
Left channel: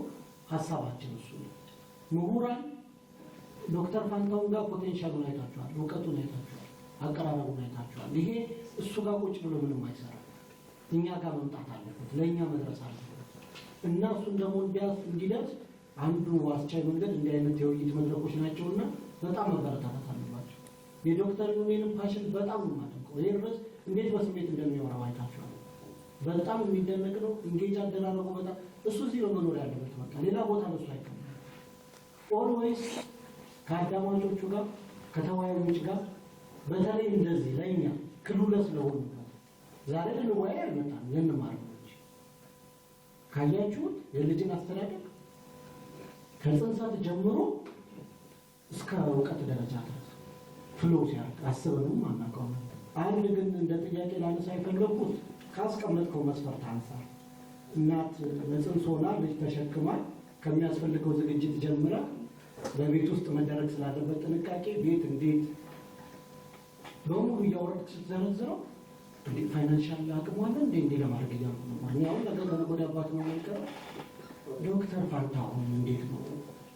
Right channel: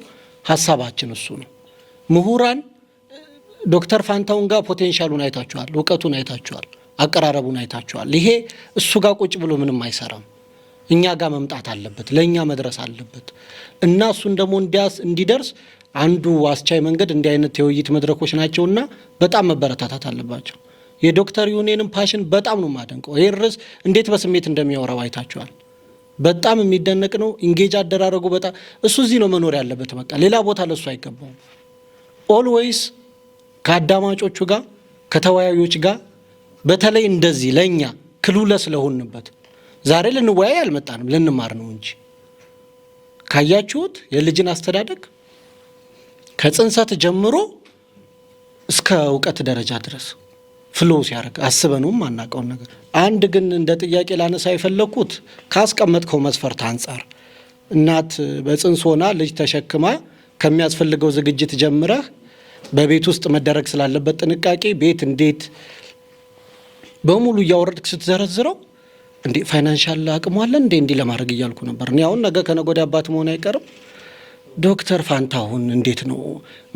ሀሳባችን እሱ ነው። ምሁራን ዶክተር ፋንታውን ጋር ፖቴንሻሉን አይታችኋል፣ እውቀቱን አይታችኋል፣ አቀራረቡን አይታችኋል። ይሄ እሱ ጋር ቁጭ ብሎ ምንም አይሰራም። እኛ ጋር መምጣት አለበት፣ ለእኛ መድረስ አለበት እና እሱን ደግሞ እንዲደርስ አንዱ አስቻይ መንገድ እንዲህ አይነት የውይይት መድረኮች ናቸውና በጣም መበረታታት አለባቸው። የዶክተር ዩኔንም ፓሽን በጣም ነው የማደንቀው። ይሄ ርዕስ እንዴት በስሜት እንደሚያወራው አይታችኋል። በጣም የሚደነቅ ነው። ኢንጌጅ አደራረጉ በጣም እሱ እዚህ ነው መኖር ያለበት። በቃ ሌላ ቦታ ለሱ አይገባውም። ኦልዌይስ ከአዳማጮቹ ጋር ከተወያዮች ጋር በተለይ እንደዚህ ለኛ ክሉለስ ስለሆንበት ዛሬ ልንወያይ አልመጣንም፣ ልንማር ነው እንጂ ካያችሁት የልጅን አስተዳደግ ከጽንሰት ጀምሮ እስከ እውቀት ደረጃ ድረስ ፍሎ ሲያደርግ አስበነውም አናውቀውን ነገር። አንድ ግን እንደ ጥያቄ ላነሳ የፈለኩት ካስቀመጥከው መስፈርት አንጻር እናት በጽንስ ሆና ልጅ ተሸክማ ከሚያስፈልገው ዝግጅት ጀምረህ በቤት ውስጥ መደረግ ስላለበት ጥንቃቄ ቤት እንዴት በሙሉ እያወረድክ ስትዘረዝረው እንዴ ፋይናንሻል አቅሙ አለ እንዴ ለማድረግ እያልኩ ነበር። እኔ አሁን ነገ ከነገ ወዲያ አባት መሆን አይቀርም። ዶክተር ፋንታሁን እንዴት ነው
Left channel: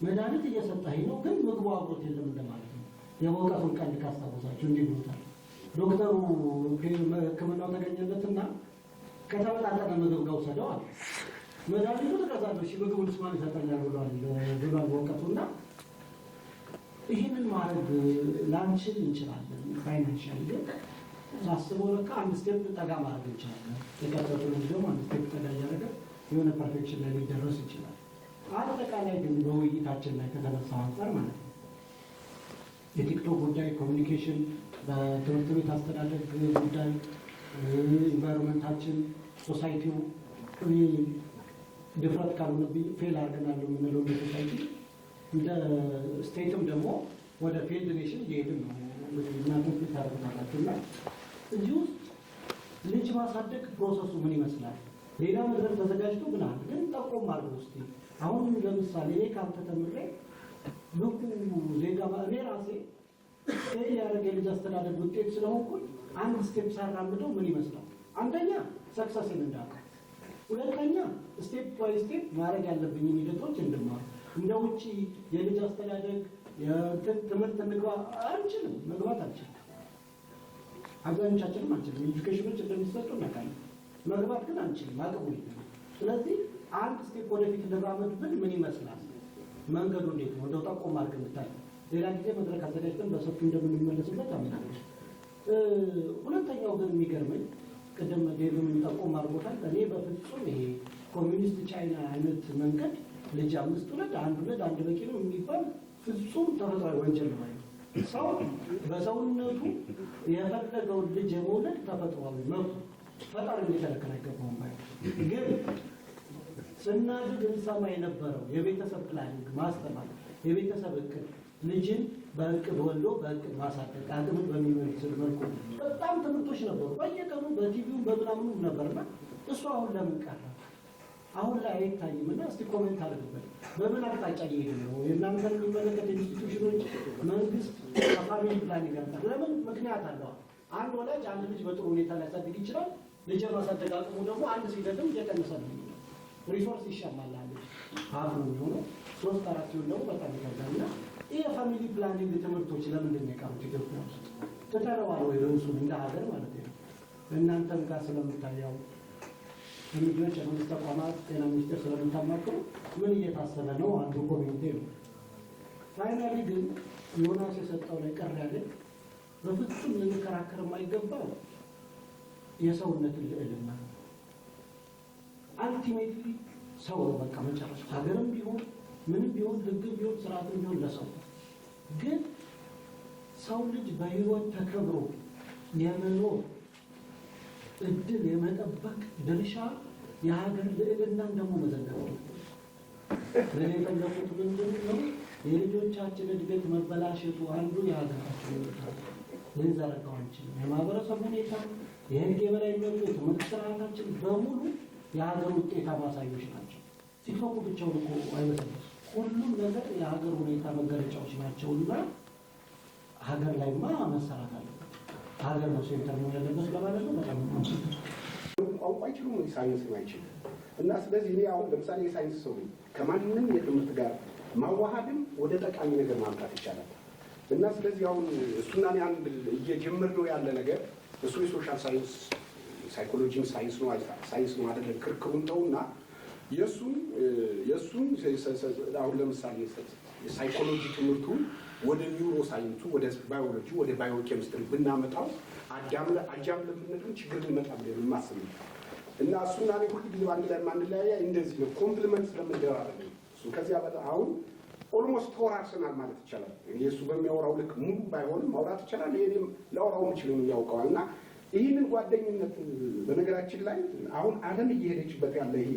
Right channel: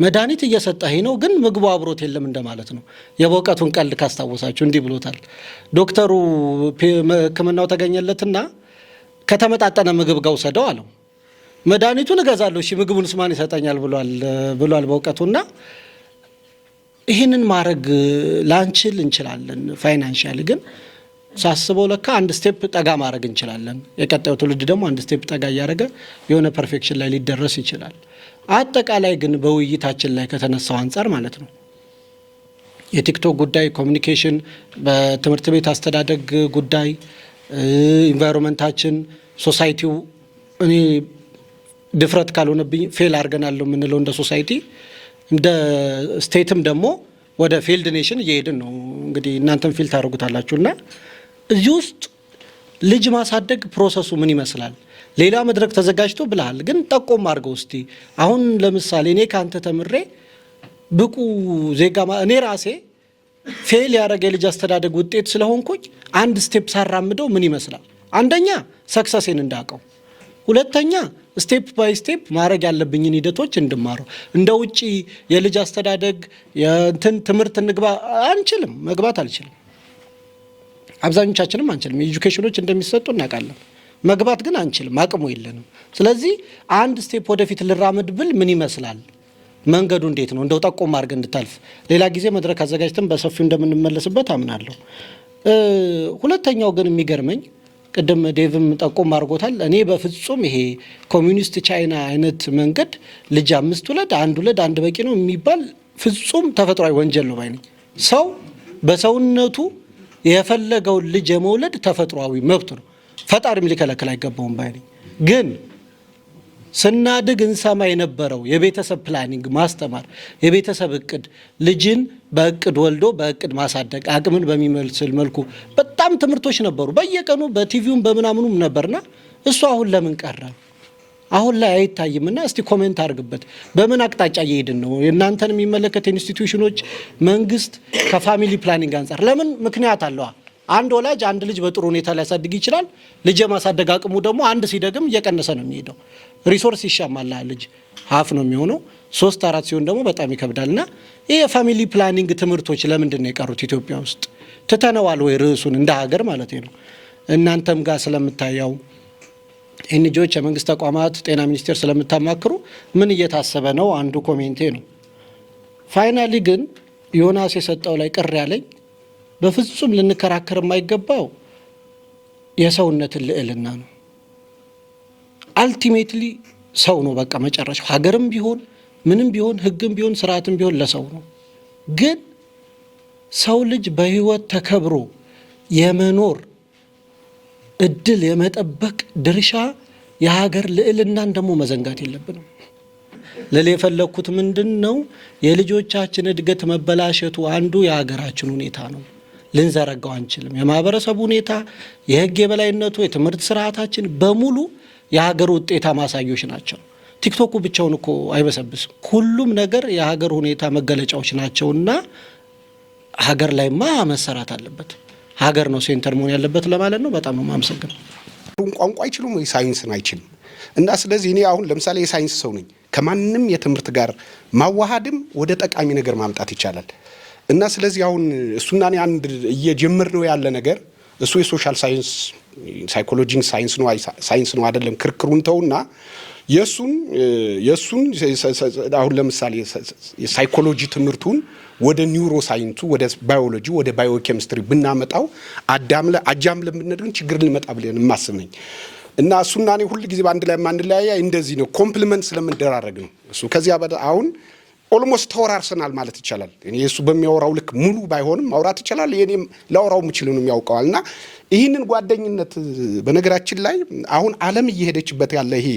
መድኃኒት እየሰጠህ ነው ግን ምግቡ አብሮት የለም እንደማለት ነው። የበውቀቱን ቀልድ ካስታወሳችሁ እንዲህ ብሎታል ዶክተሩ። ሕክምናው ተገኘለትና ከተመጣጠነ ምግብ ጋር ውሰደው አለው። መድኃኒቱን እገዛለሁ እሺ ምግቡንስ ማን ይሰጠኛል ብሏል በውቀቱና ይህንን ማድረግ ላንችል እንችላለን። ፋይናንሻሊ ግን ሳስበው ለካ አንድ ስቴፕ ጠጋ ማድረግ እንችላለን። የቀጣዩ ትውልድ ደግሞ አንድ ስቴፕ ጠጋ እያደረገ የሆነ ፐርፌክሽን ላይ ሊደረስ ይችላል። አጠቃላይ ግን በውይይታችን ላይ ከተነሳው አንጻር ማለት ነው የቲክቶክ ጉዳይ፣ ኮሚኒኬሽን፣ በትምህርት ቤት አስተዳደግ ጉዳይ፣ ኢንቫይሮንመንታችን፣ ሶሳይቲው እኔ ድፍረት ካልሆነብኝ ፌል አድርገናል የምንለው እንደ ሶሳይቲ፣ እንደ ስቴትም ደግሞ ወደ ፊልድ ኔሽን እየሄድን ነው። እንግዲህ እናንተም ፊል ታደርጉታላችሁና እዚህ ውስጥ ልጅ ማሳደግ ፕሮሰሱ ምን ይመስላል? ሌላ መድረክ ተዘጋጅቶ ብለሃል፣ ግን ጠቆም አድርገው እስቲ። አሁን ለምሳሌ እኔ ካንተ ተምሬ ብቁ ዜጋ እኔ ራሴ ፌል ያደረገ የልጅ አስተዳደግ ውጤት ስለሆንኩኝ አንድ ስቴፕ ሳራምደው ምን ይመስላል? አንደኛ ሰክሰሴን እንዳውቀው፣ ሁለተኛ ስቴፕ ባይ ስቴፕ ማድረግ ያለብኝን ሂደቶች እንድማረው። እንደ ውጪ የልጅ አስተዳደግ ትምህርት እንግባ አንችልም፣ መግባት አልችልም። አብዛኞቻችንም አንችልም። ኤጁኬሽኖች እንደሚሰጡ እናውቃለን፣ መግባት ግን አንችልም፣ አቅሙ የለንም። ስለዚህ አንድ ስቴፕ ወደፊት ልራመድ ብል ምን ይመስላል? መንገዱ እንዴት ነው? እንደው ጠቆም አድርገን እንድታልፍ ሌላ ጊዜ መድረክ አዘጋጅተን በሰፊው እንደምንመለስበት አምናለሁ። ሁለተኛው ግን የሚገርመኝ ቅድም ዴቭም ጠቆም አድርጎታል። እኔ በፍጹም ይሄ ኮሚኒስት ቻይና አይነት መንገድ ልጅ 5 ውለድ 1 ውለድ 1 በቂ ነው የሚባል ፍጹም ተፈጥሯዊ ወንጀል ነው ባይ ነኝ። ሰው በሰውነቱ የፈለገውን ልጅ የመውለድ ተፈጥሯዊ መብት ነው፣ ፈጣሪም ሊከለክል አይገባውም ባይ ነኝ። ግን ስናድግ እንሰማ የነበረው የቤተሰብ ፕላኒንግ ማስተማር፣ የቤተሰብ እቅድ፣ ልጅን በእቅድ ወልዶ በእቅድ ማሳደግ፣ አቅምን በሚመስል መልኩ በጣም ትምህርቶች ነበሩ በየቀኑ በቲቪውም በምናምኑም ነበርና እሱ አሁን ለምን ቀረ? አሁን ላይ አይታይምና እስቲ ኮሜንት አድርግበት። በምን አቅጣጫ እየሄድን ነው? የእናንተን የሚመለከት ኢንስቲትዩሽኖች፣ መንግስት ከፋሚሊ ፕላኒንግ አንጻር ለምን ምክንያት አለዋ? አንድ ወላጅ አንድ ልጅ በጥሩ ሁኔታ ሊያሳድግ ይችላል። ልጅ የማሳደግ አቅሙ ደግሞ አንድ ሲደግም እየቀነሰ ነው የሚሄደው። ሪሶርስ ይሻማል። ልጅ ሀፍ ነው የሚሆነው፣ 3-4 ሲሆን ደግሞ በጣም ይከብዳልና ይህ የፋሚሊ ፕላኒንግ ትምህርቶች ለምንድን ነው የቀሩት ኢትዮጵያ ውስጥ? ትተነዋል ወይ ርዕሱን እንደ ሀገር ማለት ነው? እናንተም ጋር ስለምታየው ኤንጂኦዎች፣ የመንግስት ተቋማት፣ ጤና ሚኒስቴር ስለምታማክሩ ምን እየታሰበ ነው? አንዱ ኮሜንቴ ነው። ፋይናሊ ግን ዮናስ የሰጠው ላይ ቅር ያለኝ በፍጹም ልንከራከር የማይገባው የሰውነትን ልዕልና ነው። አልቲሜትሊ ሰው ነው በቃ መጨረሻው። ሀገርም ቢሆን ምንም ቢሆን ህግም ቢሆን ስርዓትም ቢሆን ለሰው ነው። ግን ሰው ልጅ በህይወት ተከብሮ የመኖር እድል የመጠበቅ ድርሻ የሀገር ልዕልናን ደግሞ መዘንጋት የለብንም። ልል የፈለግኩት ምንድን ነው፣ የልጆቻችን እድገት መበላሸቱ አንዱ የሀገራችን ሁኔታ ነው። ልንዘረጋው አንችልም። የማህበረሰቡ ሁኔታ፣ የህግ የበላይነቱ፣ የትምህርት ስርዓታችን በሙሉ የሀገር ውጤታ ማሳዮች ናቸው። ቲክቶኩ ብቻውን እኮ አይበሰብስም። ሁሉም ነገር የሀገር ሁኔታ መገለጫዎች ናቸውና ሀገር ላይማ መሰራት አለበት። ሀገር ነው ሴንተር መሆን ያለበት ለማለት ነው። በጣም ነው የማመሰግነው። ቋንቋ አይችሉም ወይ ሳይንስን አይችልም። እና ስለዚህ እኔ አሁን ለምሳሌ የሳይንስ ሰው ነኝ። ከማንም የትምህርት ጋር ማዋሃድም ወደ ጠቃሚ ነገር ማምጣት ይቻላል። እና ስለዚህ አሁን እሱና እኔ አንድ እየጀመር ነው ያለ ነገር እሱ የሶሻል ሳይንስ ሳይኮሎጂን ሳይንስ ነው አይደለም፣ ክርክሩን ተውና የሱን አሁን ለምሳሌ የሳይኮሎጂ ትምህርቱን ወደ ኒውሮ ሳይንሱ፣ ወደ ባዮሎጂ፣ ወደ ባዮኬሚስትሪ ብናመጣው አጃም ለምንድን ችግር ልመጣ ብለን የማስብ ነኝ። እና እሱና እኔ ሁሉ ጊዜ በአንድ ላይ ማንለያያ እንደዚህ ነው፣ ኮምፕሊመንት ስለምንደራረግ ነው። እሱ ከዚያ አሁን ኦልሞስት ተወራርሰናል ማለት ይቻላል። እኔ እሱ በሚያወራው ልክ ሙሉ ባይሆንም ማውራት ይችላል። የኔም ላወራው የምችል ነው ያውቀዋልና ይህንን ጓደኝነት በነገራችን ላይ አሁን ዓለም እየሄደችበት ያለ ይሄ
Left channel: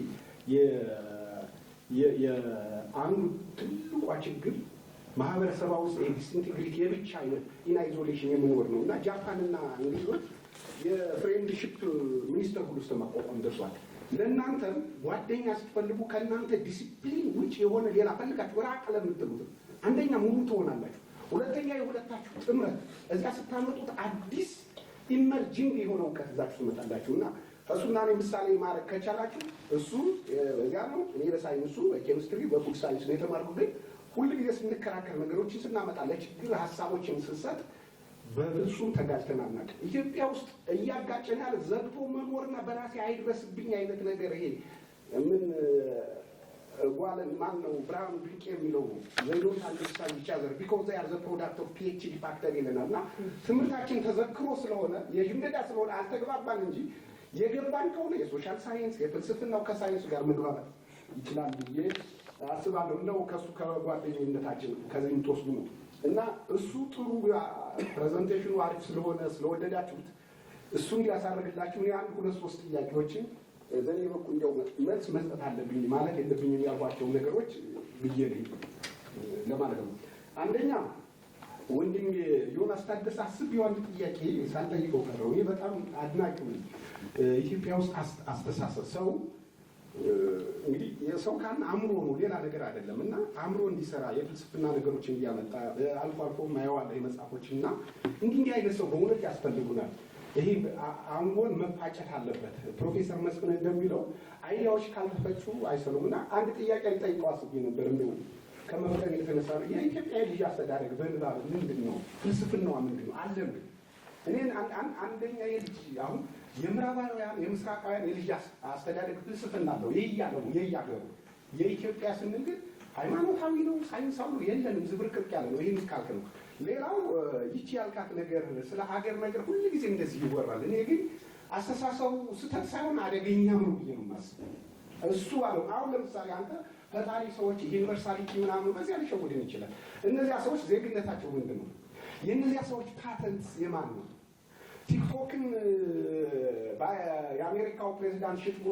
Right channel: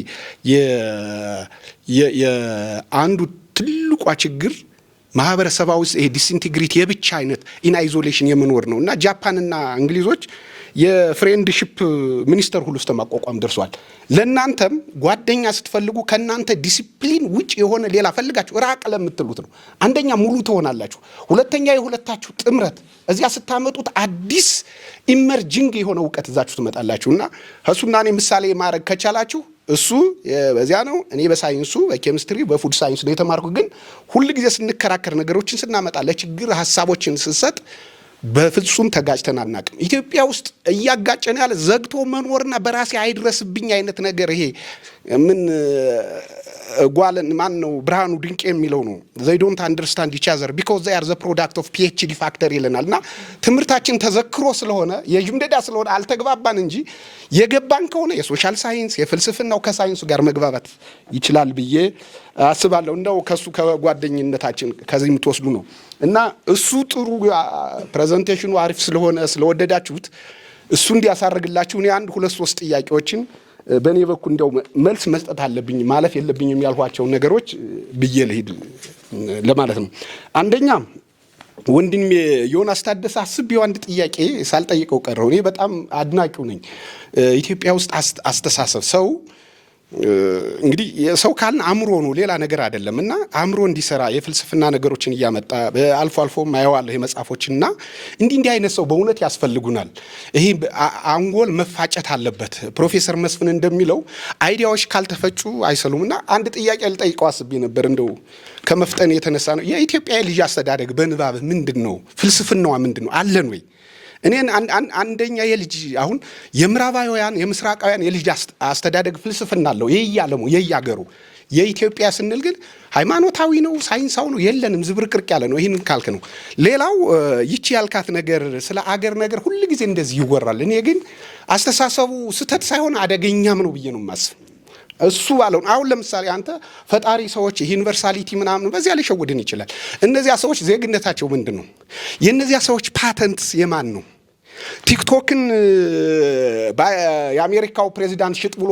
የአንዱ ትልቋ ችግር ማህበረሰባዊ ውስጥ ይሄ ዲስኢንቴግሪቲ የብቻ አይነት ኢን አይዞሌሽን የመኖር ነው እና ጃፓንና እንግሊዞች የፍሬንድሺፕ ሚኒስተር ሁሉ ውስጥ ማቋቋም ደርሷል። ለእናንተም ጓደኛ ስትፈልጉ ከእናንተ ዲሲፕሊን ውጭ የሆነ ሌላ ፈልጋችሁ ራቅ ለምትሉት ነው። አንደኛ ሙሉ ትሆናላችሁ፣ ሁለተኛ የሁለታችሁ ጥምረት እዚያ ስታመጡት አዲስ ኢመርጂንግ የሆነ እውቀት እዛችሁ ትመጣላችሁ እና እሱና እኔ ምሳሌ ማድረግ ከቻላችሁ እሱ በዚያ ነው፣ እኔ በሳይንሱ በኬሚስትሪ በፉድ ሳይንስ ነው የተማርኩት። ግን ሁል ጊዜ ስንከራከር ነገሮችን ስናመጣ ለችግር ሀሳቦችን ስንሰጥ በፍጹም ተጋጭተን አናውቅም። ኢትዮጵያ ውስጥ እያጋጨን ያለ ዘግቶ መኖርና በራሴ አይድረስብኝ አይነት ነገር ይሄ ምን ጓለን ማን ነው ብርሃኑ ድንቅ የሚለው ነው። they don't understand each other because they are the product of PhD factor ይለናል። እና ትምህርታችን ተዘክሮ ስለሆነ የጅምደዳ ስለሆነ አልተግባባን እንጂ የገባን ከሆነ የሶሻል ሳይንስ የፍልስፍናው ከሳይንሱ ጋር መግባባት ይችላል ብዬ አስባለሁ። እንደው ከሱ ከጓደኝነታችን ከዚህ የምትወስዱ ነው እና እሱ ጥሩ ፕሬዘንቴሽኑ አሪፍ ስለሆነ ስለወደዳችሁት እሱ እንዲያሳርግላችሁ እኔ 1 2 3 ጥያቄዎችን በእኔ በኩል እንደው መልስ መስጠት አለብኝ ማለፍ የለብኝም ያልኋቸውን ነገሮች ብዬ ልሂድ ለማለት ነው። አንደኛ ወንድሜ ዮናስ ታደሰ አስቤው አንድ ጥያቄ ሳልጠይቀው ቀረው። እኔ በጣም አድናቂው ነኝ። ኢትዮጵያ ውስጥ አስተሳሰብ ሰው እንግዲህ ሰው ካልን አእምሮ ነው ሌላ ነገር አይደለም እና አእምሮ እንዲሰራ የፍልስፍና ነገሮችን እያመጣ አልፎ አልፎ ማየዋለሁ የመጽሐፎችና እንዲህ አይነት ሰው በእውነት ያስፈልጉናል። ይሄ አንጎል መፋጨት አለበት። ፕሮፌሰር መስፍን እንደሚለው አይዲያዎች ካልተፈጩ አይሰሉምና አንድ ጥያቄ ልጠይቀው አስቤ ነበር። እንደው ከመፍጠን የተነሳ ነው የኢትዮጵያ ልጅ አስተዳደግ በንባብ ምንድነው? ፍልስፍናዋ ምንድነው? አለን ወይ? እኔን አንደኛ የልጅ አሁን የምዕራባውያን የምስራቃውያን የልጅ አስተዳደግ ፍልስፍና አለው የያለሙ የያገሩ የኢትዮጵያ ስንል ግን ሃይማኖታዊ ነው ሳይንሳዊ ነው የለንም ዝብርቅርቅ ያለ ነው። ይሄን ካልክ ነው። ሌላው ይቺ ያልካት ነገር ስለ አገር ነገር ሁሉ ጊዜ እንደዚህ ይወራል። እኔ ግን አስተሳሰቡ ስተት ሳይሆን አደገኛም ነው ብዬ ነው የማስብ። እሱ ባለው አሁን ለምሳሌ አንተ ፈጣሪ ሰዎች ዩኒቨርሳሊቲ ምናምን በዚያ ሊሸውድን ይችላል። እነዚያ ሰዎች ዜግነታቸው ምንድነው? የእነዚያ ሰዎች ፓተንትስ የማን ነው? ቲክቶክን የአሜሪካው ፕሬዚዳንት ሽጥ ብሎ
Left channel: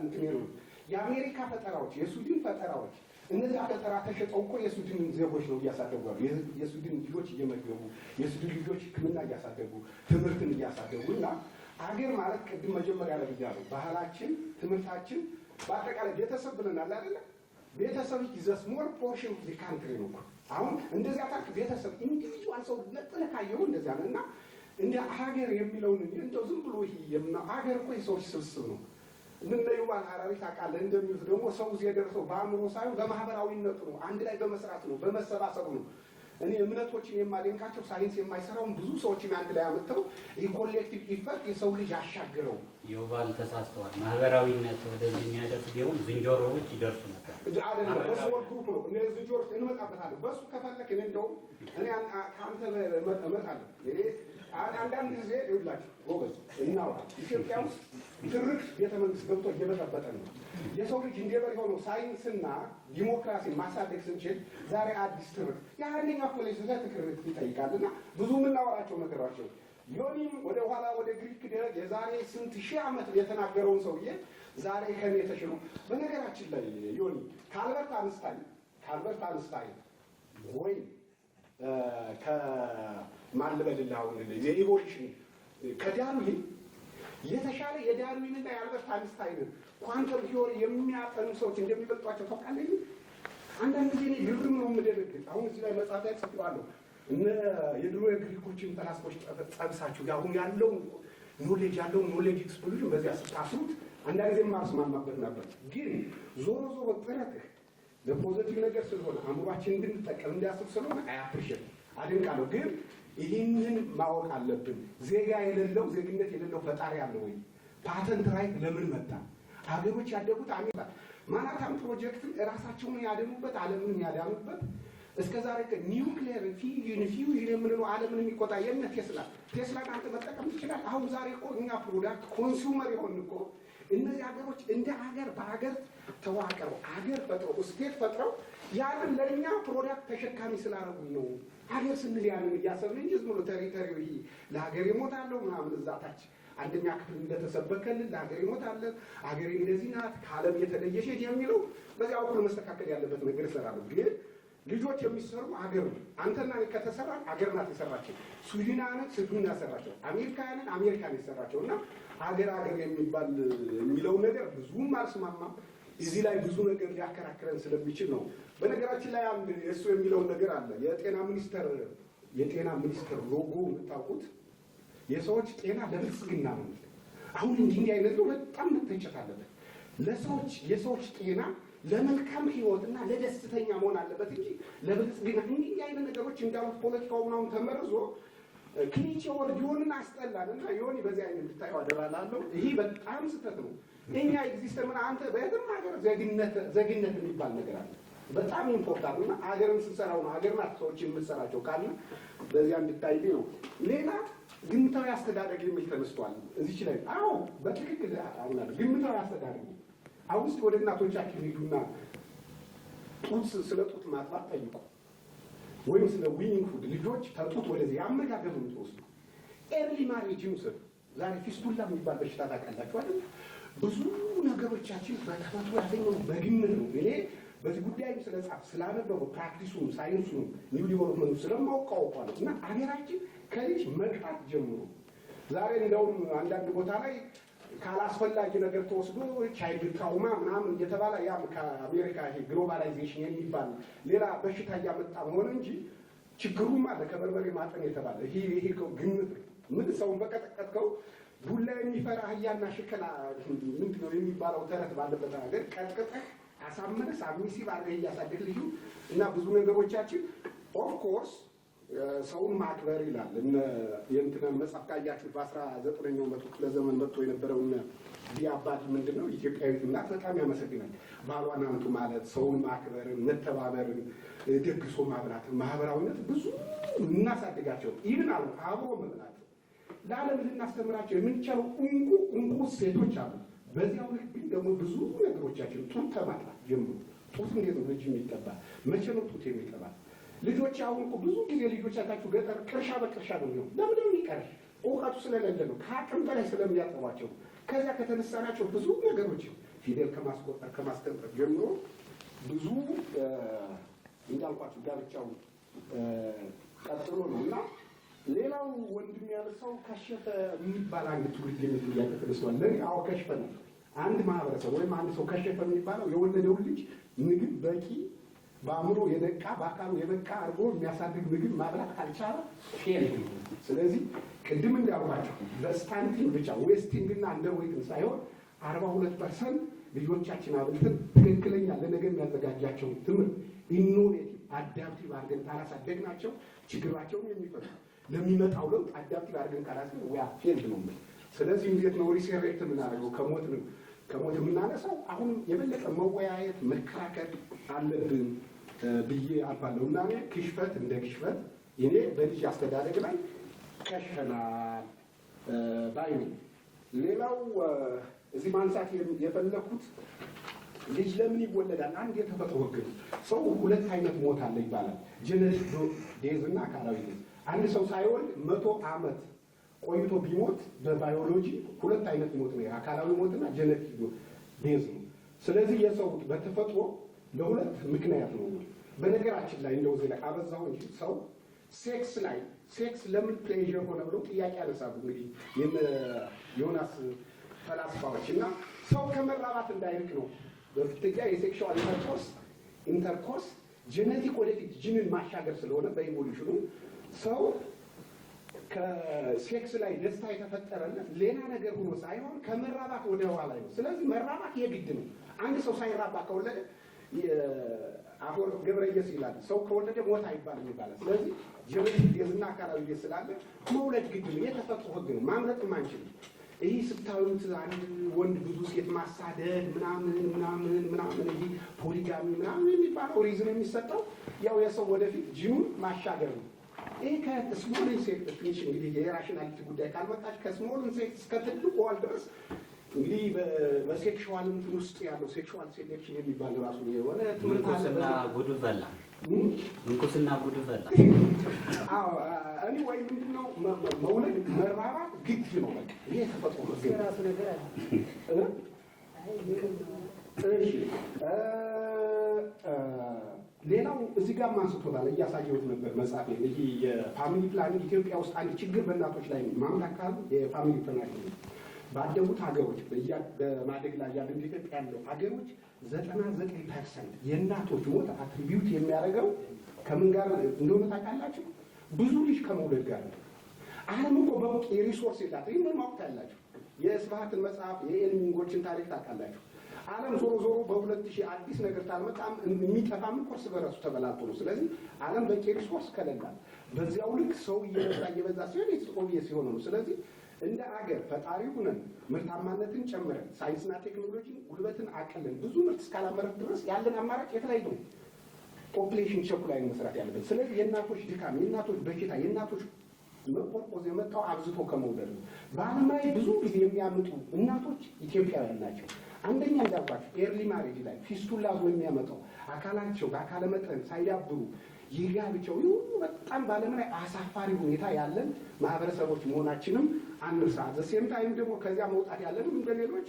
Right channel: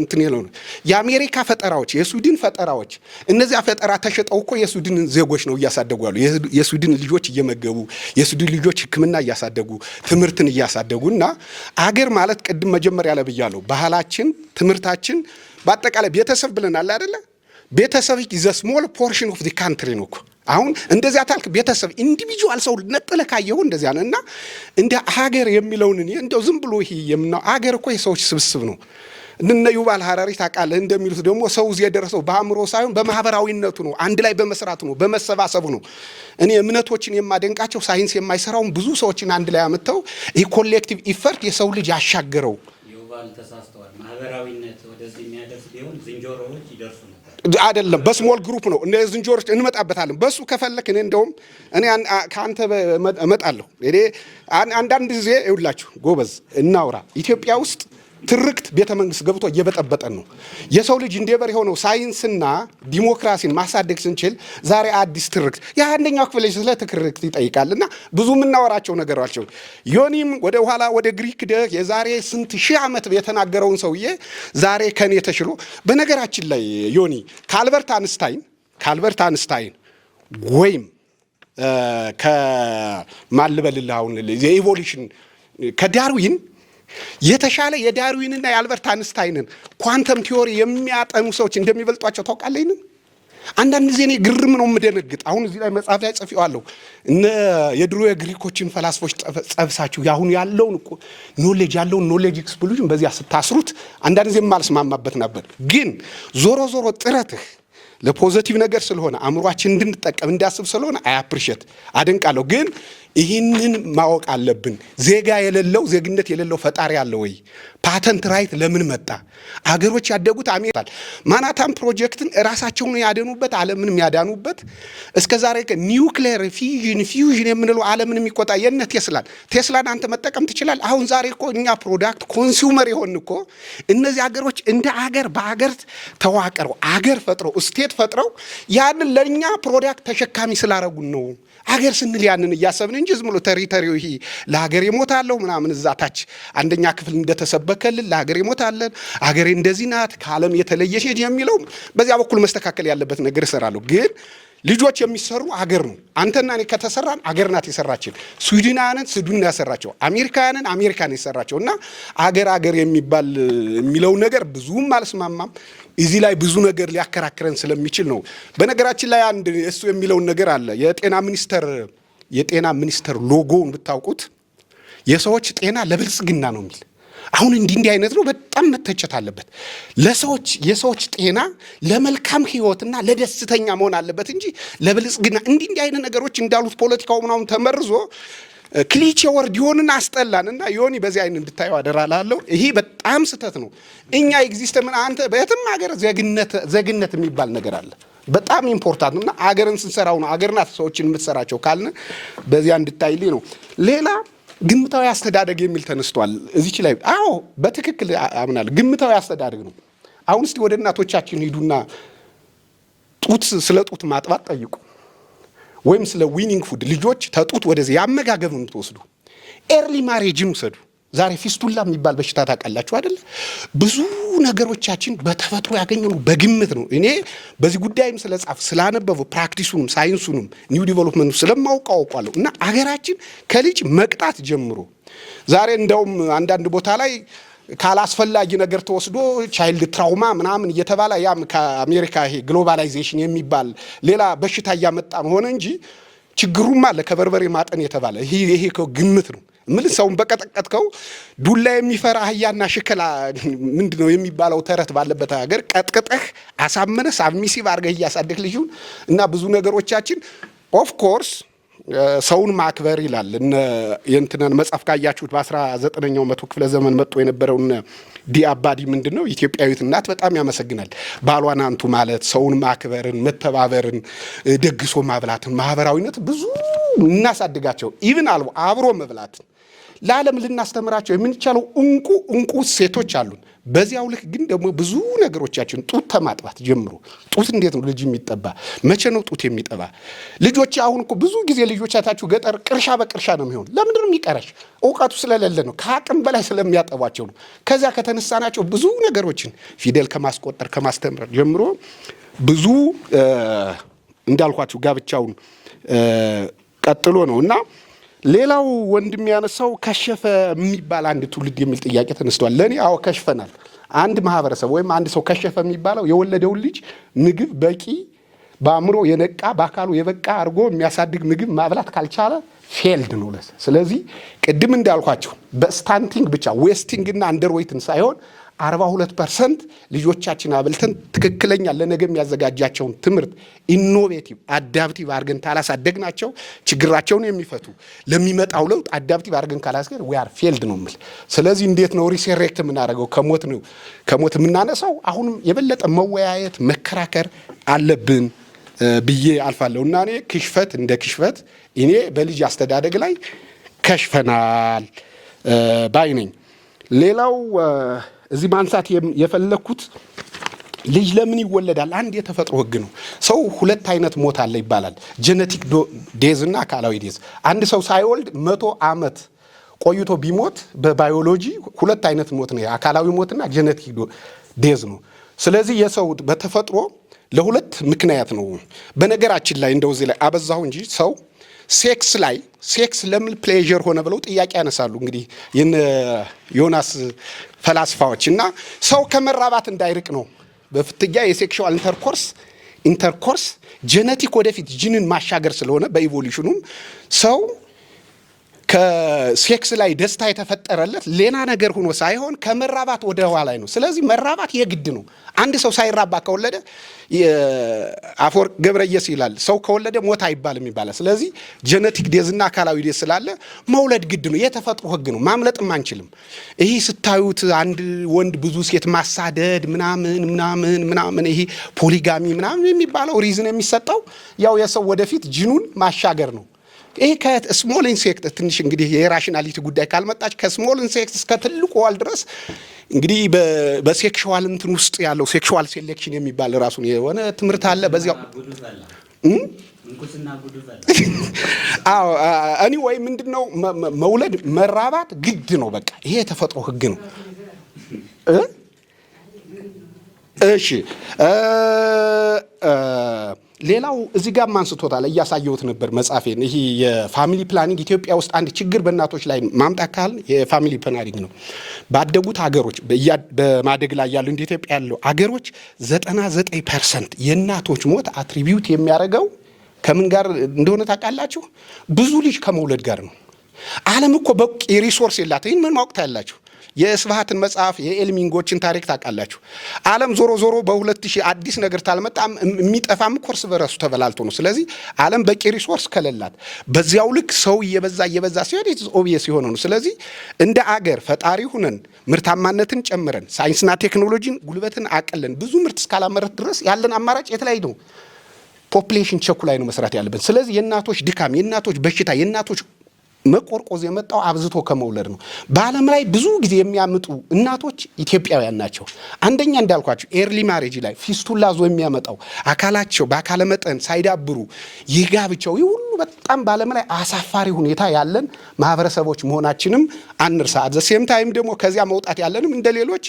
እንትን ይለው ነው የአሜሪካ ፈጠራዎች የስዊድን ፈጠራዎች እነዚያ ፈጠራ ተሸጠው እኮ የስዊድን ዜጎች ነው እያሳደጉ ያሉ የስዊድን ልጆች እየመገቡ የስዊድን ልጆች ሕክምና እያሳደጉ ትምህርትን እያሳደጉና አገር ማለት ቅድም መጀመሪያ ላይ ብያለሁ ባህላችን ትምህርታችን በአጠቃላይ ቤተሰብ ብለናል አይደለ? ቤተሰብ is a small portion of the country ነው። አሁን እንደዚያ ታልክ ቤተሰብ ኢንዲቪጁዋል ሰው ነጥለ ካየው እንደዚያ ነው እና እንደ ሀገር የሚለውን እኔ እንደው ዝም ብሎ ይሄ የምናው ሀገር እኮ የሰዎች ስብስብ ነው። እነ ዩባል ሐራሪ ታውቃለህ እንደሚሉት ደግሞ ሰው እዚህ የደረሰው በአእምሮ ሳይሆን በማህበራዊነቱ ነው፣ አንድ ላይ በመስራቱ ነው፣ በመሰባሰቡ ነው። እኔ እምነቶችን የማደንቃቸው ሳይንስ የማይሰራውን ብዙ ሰዎችን አንድ ላይ አመጣው ይሄ ኮሌክቲቭ ኢፈርት የሰው ልጅ ያሻገረው ዩባል ተሳስተዋል። ማህበራዊነት ወደዚህ የሚያደርስ ቢሆን ዝንጀሮዎች ይደርሱ ነበር አይደለም። በስሞል ግሩፕ ነው እንደ ዝንጀሮች እንመጣበታለን። በሱ ከፈለክ እኔ እንደውም እኔ ካንተ እመጣለሁ። እኔ አንዳንድ ጊዜ ይውላችሁ ጎበዝ እናውራ። ኢትዮጵያ ውስጥ ትርክት ቤተ መንግስት ገብቶ እየበጠበጠን ነው። የሰው ልጅ እንደበር የሆነው ሳይንስና ዲሞክራሲን ማሳደግ ስንችል ዛሬ አዲስ ትርክት የአንደኛው ክፍል ስለ ትርክት ይጠይቃልና ብዙ የምናወራቸው ነገራቸው። ዮኒም ወደ ኋላ ወደ ግሪክ የዛሬ ስንት ሺህ ዓመት የተናገረውን ሰውዬ ዛሬ ከኔ ተሽሎ በነገራችን ላይ ዮኒ ከአልበርት አንስታይን ወይም ከማልበልልህ አሁን የኢቮሉሽን ከዳርዊን የተሻለ የዳርዊንና የአልበርት አንስታይንን ኳንተም ቲዮሪ የሚያጠኑ ሰዎች እንደሚበልጧቸው ታውቃለህ። አንዳንድ ጊዜ እኔ ግርም ነው የምደነግጥ። አሁን እዚህ ላይ መጽሐፍ ላይ ጽፌዋለሁ። እነ የድሮ የግሪኮችን ፈላስፎች ጸብሳችሁ ያሁን ያለውን ያለውን ኖሌጅ ኤክስፕሎዥን በዚያ ስታስሩት አንዳንድ ጊዜ የማልስማማበት ነበር። ግን ዞሮ ጥረትህ ለፖዚቲቭ ነገር ስለሆነ አእምሯችን እንድንጠቀም እንዲያስብ ስለሆነ አፕሪሼት አደንቃለሁ። ግን ይህንን ማወቅ አለብን። ዜጋ የሌለው ዜግነት የሌለው ፈጣሪ አለ ወይ? ፓተንት ራይት ለምን መጣ? አገሮች ያደጉት አሜሪካ ማናታም ፕሮጀክትን ራሳቸውን ያደኑበት ዓለምንም ያዳኑበት እስከዛሬ ኒውክሌር ፊውዥን የምንለው ዓለምን የሚቆጣ የነ ቴስላን አንተ መጠቀም ትችላል። አሁን ዛሬ እኮ እኛ ፕሮዳክት ኮንሱመር የሆን እኮ እነዚህ አገሮች እንደ አገር በአገር ተዋቀረው አገር ፈጥረው ስቴት ፈጥረው ያንን ለእኛ ፕሮዳክት ተሸካሚ ስላረጉን ነው። አገር ስንል ያንን እያሰብን እንጂ ዝም ብሎ ቴሪቶሪው ይሄ ለሀገር ይሞታለሁ ምናምን እዛ ታች አንደኛ ክፍል እንደተሰበከልን ለሀገር ይሞታለን አገሬ እንደዚህ ናት ከዓለም የተለየች የሚለው በዚያ በኩል መስተካከል ያለበት ነገር እሰራለሁ። ግን ልጆች የሚሰሩ አገር ነው። አንተና እኔ ከተሰራን አገር ናት የሰራችን። ስዊድናውያንን ስዊድን ያሰራቸው፣ አሜሪካውያንን አሜሪካን የሰራቸው እና አገር የሚለው ነገር ብዙም አልስማማም። እዚህ ላይ ብዙ ነገር ሊያከራክረን ስለሚችል ነው። በነገራችን ላይ አንድ እሱ የሚለውን ነገር አለ። የጤና ሚኒስተር ሎጎውን ብታውቁት የሰዎች ጤና ለብልጽግና ነው የሚል። አሁን እንዲህ አይነት ነው በጣም መተቸት አለበት። የሰዎች ጤና ለመልካም ህይወትና ለደስተኛ መሆን አለበት እንጂ ለብልጽግና እንዲህ አይነት ነገሮች እንዳሉት ፖለቲካው ምናምን ተመርዞ ክሊቼ ወርድ ይሆንና አስጠላንና ዮኒ በዚህ አይነት እንድታየው አደራላለሁ። ይሄ በጣም ስህተት ነው። እኛ ኤግዚስት ምን አንተ በየትም ሀገር ዜግነት የሚባል ነገር አለ። በጣም ኢምፖርታንት እና አገርን ስንሰራው ነው አገር ናት ሰዎችን የምትሰራቸው ካልን በዚያ እንድታይልኝ ነው። ሌላ ግምታዊ አስተዳደግ የሚል ተነስቷል እዚች ላይ። አዎ በትክክል አምናለሁ። ግምታዊ አስተዳደግ ነው። አሁን እስቲ ወደ እናቶቻችን ሂዱና ስለ ጡት ማጥባት ጠይቁ፣ ወይም ስለ ዊኒንግ ፉድ ልጆች ተጡት ወደዚህ ያመጋገብ የምትወስዱ ኤርሊ ማሬጅን ውሰዱ። ዛሬ ፊስቱላ የሚባል በሽታ ታውቃላችሁ አይደል? ብዙ ነገሮቻችን በተፈጥሮ ያገኘነው በግምት ነው። እኔ በዚህ ጉዳይም ስላነበቡ ፕራክቲሱንም ሳይንሱንም ኒው ዲቨሎፕመንቱ ስለማውቀው አውቃለሁ። እና አገራችን ከልጅ መቅጣት ጀምሮ ዛሬ እንደውም አንዳንድ ቦታ ላይ ካላስፈላጊ ነገር ተወስዶ ቻይልድ ትራውማ ምናምን እየተባለ ያም ከአሜሪካ ይሄ ግሎባላይዜሽን የሚባል ሌላ በሽታ እያመጣ ሆነ እንጂ ችግሩም አለ። ከበርበሬ ማጠን የተባለ ይሄ ግምት ነው። ምን ሰውን በቀጠቀጥከው ዱላ የሚፈራ አህያና ሽከላ ምንድነው የሚባለው ተረት ባለበት ሀገር ቀጥቅጠህ አሳመነህ ሳብሚሲቭ አድርገህ እያሳደግህ ልጁን እና ብዙ ነገሮቻችን ኦፍ ኮርስ ሰውን ማክበር ይላል። የእንትናን መጽሐፍ ካያችሁት በ19ኛው መቶ ክፍለ ዘመን መጥቶ የነበረውን ዲአባዲ ምንድነው ኢትዮጵያዊት እናት በጣም ያመሰግናል። ባሏን አንቱ ማለት ሰውን ማክበርን፣ መተባበርን፣ ደግሶ ማብላትን፣ ማህበራዊነት ብዙ እናሳድጋቸው። ኢቭን አብሮ መብላትን ለዓለም ልናስተምራቸው የምንቻለው እንቁ ሴቶች አሉን። በዚያው ልክ ግን ደግሞ ብዙ ነገሮቻችን ጡት ተማጥባት ጀምሮ ጡት እንዴት ነው ልጅ የሚጠባ? መቼ ነው ጡት የሚጠባ? ልጆች አሁን እኮ ብዙ ጊዜ ልጆቻታችሁ ገጠር ቅርሻ በቅርሻ ነው የሚሆን። ለምንድን ነው የሚቀረሽ? እውቀቱ ስለሌለ ነው። ከአቅም በላይ ስለሚያጠቧቸው ነው። ከዚያ ከተነሳናቸው ብዙ ነገሮችን ፊደል ከማስቆጠር ከማስተምር ጀምሮ ብዙ እንዳልኳችሁ ጋብቻውን ቀጥሎ ነው እና ሌላው ወንድም ያነሳው ከሸፈ የሚባል አንድ ትውልድ የሚል ጥያቄ ተነስቷል። ለእኔ አዎ ከሽፈናል። አንድ ማህበረሰብ ወይም አንድ ሰው ከሸፈ የሚባለው የወለደውን ልጅ ምግብ በቂ በአእምሮ የነቃ በአካሉ የበቃ አድርጎ የሚያሳድግ ምግብ ማብላት ካልቻለ ፌልድ ነው። ስለዚህ ቅድም እንዳልኳቸው በስታንቲንግ ብቻ ዌስቲንግ እና አንደርዌይትን ሳይሆን 42% ልጆቻችን አብልተን ትክክለኛ ለነገ የሚያዘጋጃቸውን ትምህርት ኢኖቬቲቭ አዳፕቲቭ አድርገን ካላሳደግናቸው ችግራቸውን የሚፈቱ ለሚመጣው ለውጥ አዳፕቲቭ አድርገን ካላስገር we are failed ነው የምል። ስለዚህ እንዴት ነው ሪሴሬክት የምናደርገው? ከሞት የምናነሳው አሁንም የበለጠ መወያየት መከራከር አለብን ብዬ አልፋለሁ እና እኔ ክሽፈት እንደ ክሽፈት እኔ በልጅ አስተዳደግ ላይ ከሽፈናል ባይ ነኝ። ሌላው እዚህ ማንሳት የፈለኩት ልጅ ለምን ይወለዳል? አንድ የተፈጥሮ ህግ ነው። ሰው ሁለት አይነት ሞት አለ ይባላል። ጄኔቲክ ዴዝ እና አካላዊ ዴዝ። አንድ ሰው ሳይወልድ 100 ዓመት ቆይቶ ቢሞት በባዮሎጂ ሁለት አይነት ሞት ነው፣ አካላዊ ሞትና ጄኔቲክ ዴዝ ነው። ስለዚህ የሰው በተፈጥሮ ለሁለት ምክንያት ነው። በነገራችን ላይ እንደው እዚህ ላይ አበዛሁ እንጂ ሰው ሴክስ ለምን ፕሌዠር ሆነ ብለው ጥያቄ ያነሳሉ። እንግዲህ የነ ዮናስ ፈላስፋዎች እና ሰው ከመራባት እንዳይርቅ ነው በፍትያ የሴክሹዋል ኢንተርኮርስ ጄኔቲክ ወደፊት ጂንን ማሻገር ስለሆነ በኢቮሉሽኑም ሰው ከሴክስ ላይ ደስታ የተፈጠረለት ሌላ ነገር ሆኖ ሳይሆን ከመራባት ወደ ኋላ ነው። ስለዚህ መራባት የግድ ነው። አንድ ሰው ሳይራባ ከወለደ አፈወርቅ ገብረየስ ይላል ሰው ከወለደ ሞት አይባልም ይባላል። ስለዚህ ጄኔቲክ ዴዝና አካላዊ ዴዝ ስላለ መውለድ ግድ ነው። የተፈጥሮ ህግ ነው። ማምለጥም አንችልም። ይሄ ስታዩት አንድ ወንድ ብዙ ሴት ማሳደድ ምናምን ይሄ ፖሊጋሚ ምናምን የሚባለው ሪዝን የሚሰጠው ያው የሰው ወደፊት ጂኑን ማሻገር ነው። ይሄ ከስሞል ኢንሴክት ትንሽ እንግዲህ የራሽናሊቲ ጉዳይ ካልመጣች ከስሞል ኢንሴክት እስከ ትልቁ ዋል ድረስ እንግዲህ በሴክሹዋል እንትን ውስጥ ያለው ሴክሹዋል ሴሌክሽን የሚባል ራሱን የሆነ ትምህርት አለ። በዚያው አዎ እኔ ወይ ምንድነው መውለድ መራባት ግድ ነው። በቃ ይሄ የተፈጥሮ ህግ ነው። እሺ ሌላው እዚህ ጋር አንስቶታል፣ እያሳየሁት ነበር መጻፌን። ይሄ የፋሚሊ ፕላኒንግ ኢትዮጵያ ውስጥ አንድ ችግር በእናቶች ላይ ማምጣት ካል የፋሚሊ ፕላኒንግ ነው። ባደጉት ሀገሮች በማደግ ላይ ያሉ እንደ ኢትዮጵያ ያሉ ሀገሮች 99% የእናቶች ሞት አትሪቢዩት የሚያደርገው ከምን ጋር እንደሆነ ታውቃላችሁ? ብዙ ልጅ ከመውለድ ጋር ነው። ዓለም እኮ በቂ ሪሶርስ የላት። ይህን ምን ማወቅ ታያላችሁ? የስብሃትን መጽሐፍ የኤልሚንጎችን ታሪክ ታውቃላችሁ? ዓለም ዞሮ በ2000 አዲስ ነገር ታልመጣም የሚጠፋም ኮርስ በራሱ ተበላልቶ ነው። ስለዚህ ዓለም በቂ ሪሶርስ ከሌላት በዚያው ልክ ሰው እየበዛ ሲሄድ ኦብቪየስ የሆነ ነው። ስለዚህ እንደ አገር ፈጣሪ ሁነን ምርታማነትን ጨምረን ሳይንስና ቴክኖሎጂን ጉልበትን አቀለን ብዙ ምርት እስካላመረት ድረስ ያለን አማራጭ የተለያየ ነው። ፖፑሌሽን ቸኩ ላይ ነው መስራት ያለብን። ስለዚህ የእናቶች ድካም፣ የእናቶች በሽታ፣ የእናቶች መቆርቆዝ የመጣው አብዝቶ ከመውለድ ነው። በዓለም ላይ ብዙ ጊዜ የሚያምጡ እናቶች ኢትዮጵያውያን ናቸው። አንደኛ እንዳልኳቸው ኤርሊ ማሬጅ ላይ ፊስቱላ ዞ የሚያመጣው አካላቸው በአካለ መጠን ሳይዳብሩ ይጋብቸው ይህ ሁሉ በጣም በዓለም ላይ አሳፋሪ ሁኔታ ያለን ማህበረሰቦች መሆናችንም አንርሳ። ዘሴም ታይም ደግሞ ከዚያ መውጣት ያለንም እንደሌሎች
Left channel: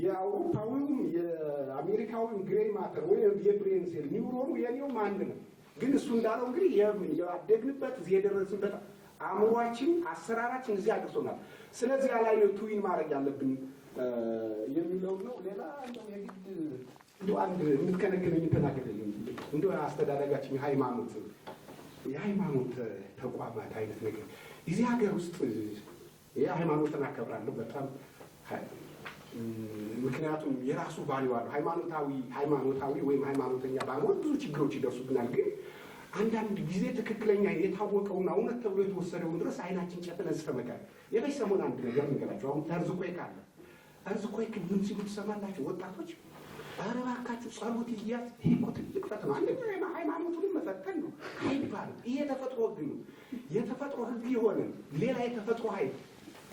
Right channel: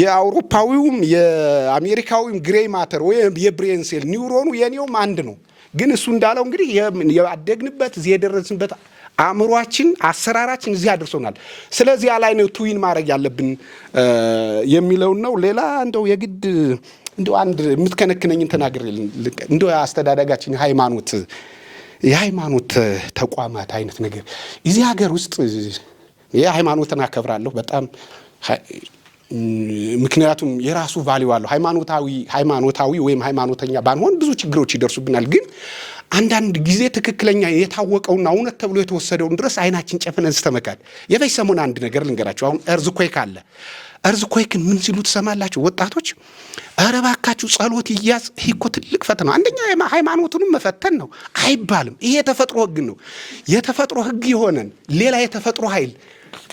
የአውሮፓዊውም የአሜሪካዊም ግሬይ ማተር ወይም የብሬን ሴል ኒውሮኑ የኔውም አንድ ነው። ግን እሱ እንዳለው እንግዲህ ያደግንበት እዚህ የደረስንበት አእምሯችን አሰራራችን እዚህ አድርሶናል። ስለዚህ ላይ ነው ትዊን ማድረግ ያለብን የሚለው ነው። ሌላ እንደው የግድ እንደው አንድ የምትከነክነኝ ተናግሬ እንደው አስተዳደጋችን የሃይማኖት ተቋማት አይነት ነገር እዚህ ሀገር ውስጥ የሃይማኖትን አከብራለሁ በጣም ምክንያቱም የራሱ ቫልዩ አለው። ሃይማኖታዊ ወይም ሃይማኖተኛ ባንሆን ብዙ ችግሮች ይደርሱብናል። ግን አንዳንድ ጊዜ ትክክለኛ የታወቀውና እውነት ተብሎ የተወሰደውን ድረስ አይናችን ጨፍነን ስተመካል። የበይ ሰሞን አንድ ነገር ልንገራችሁ። አሁን እርዝኮይክ አለ። እርዝኮይክን ምን ሲሉ ትሰማላችሁ ወጣቶች? ኧረ እባካችሁ ጸሎት ይያዝ። ይሄ እኮ ትልቅ ፈተና ነው። አንደኛ ሃይማኖቱንም መፈተን ነው አይባልም። ይሄ የተፈጥሮ ህግ ነው። የተፈጥሮ ህግ የሆነን ሌላ የተፈጥሮ ኃይል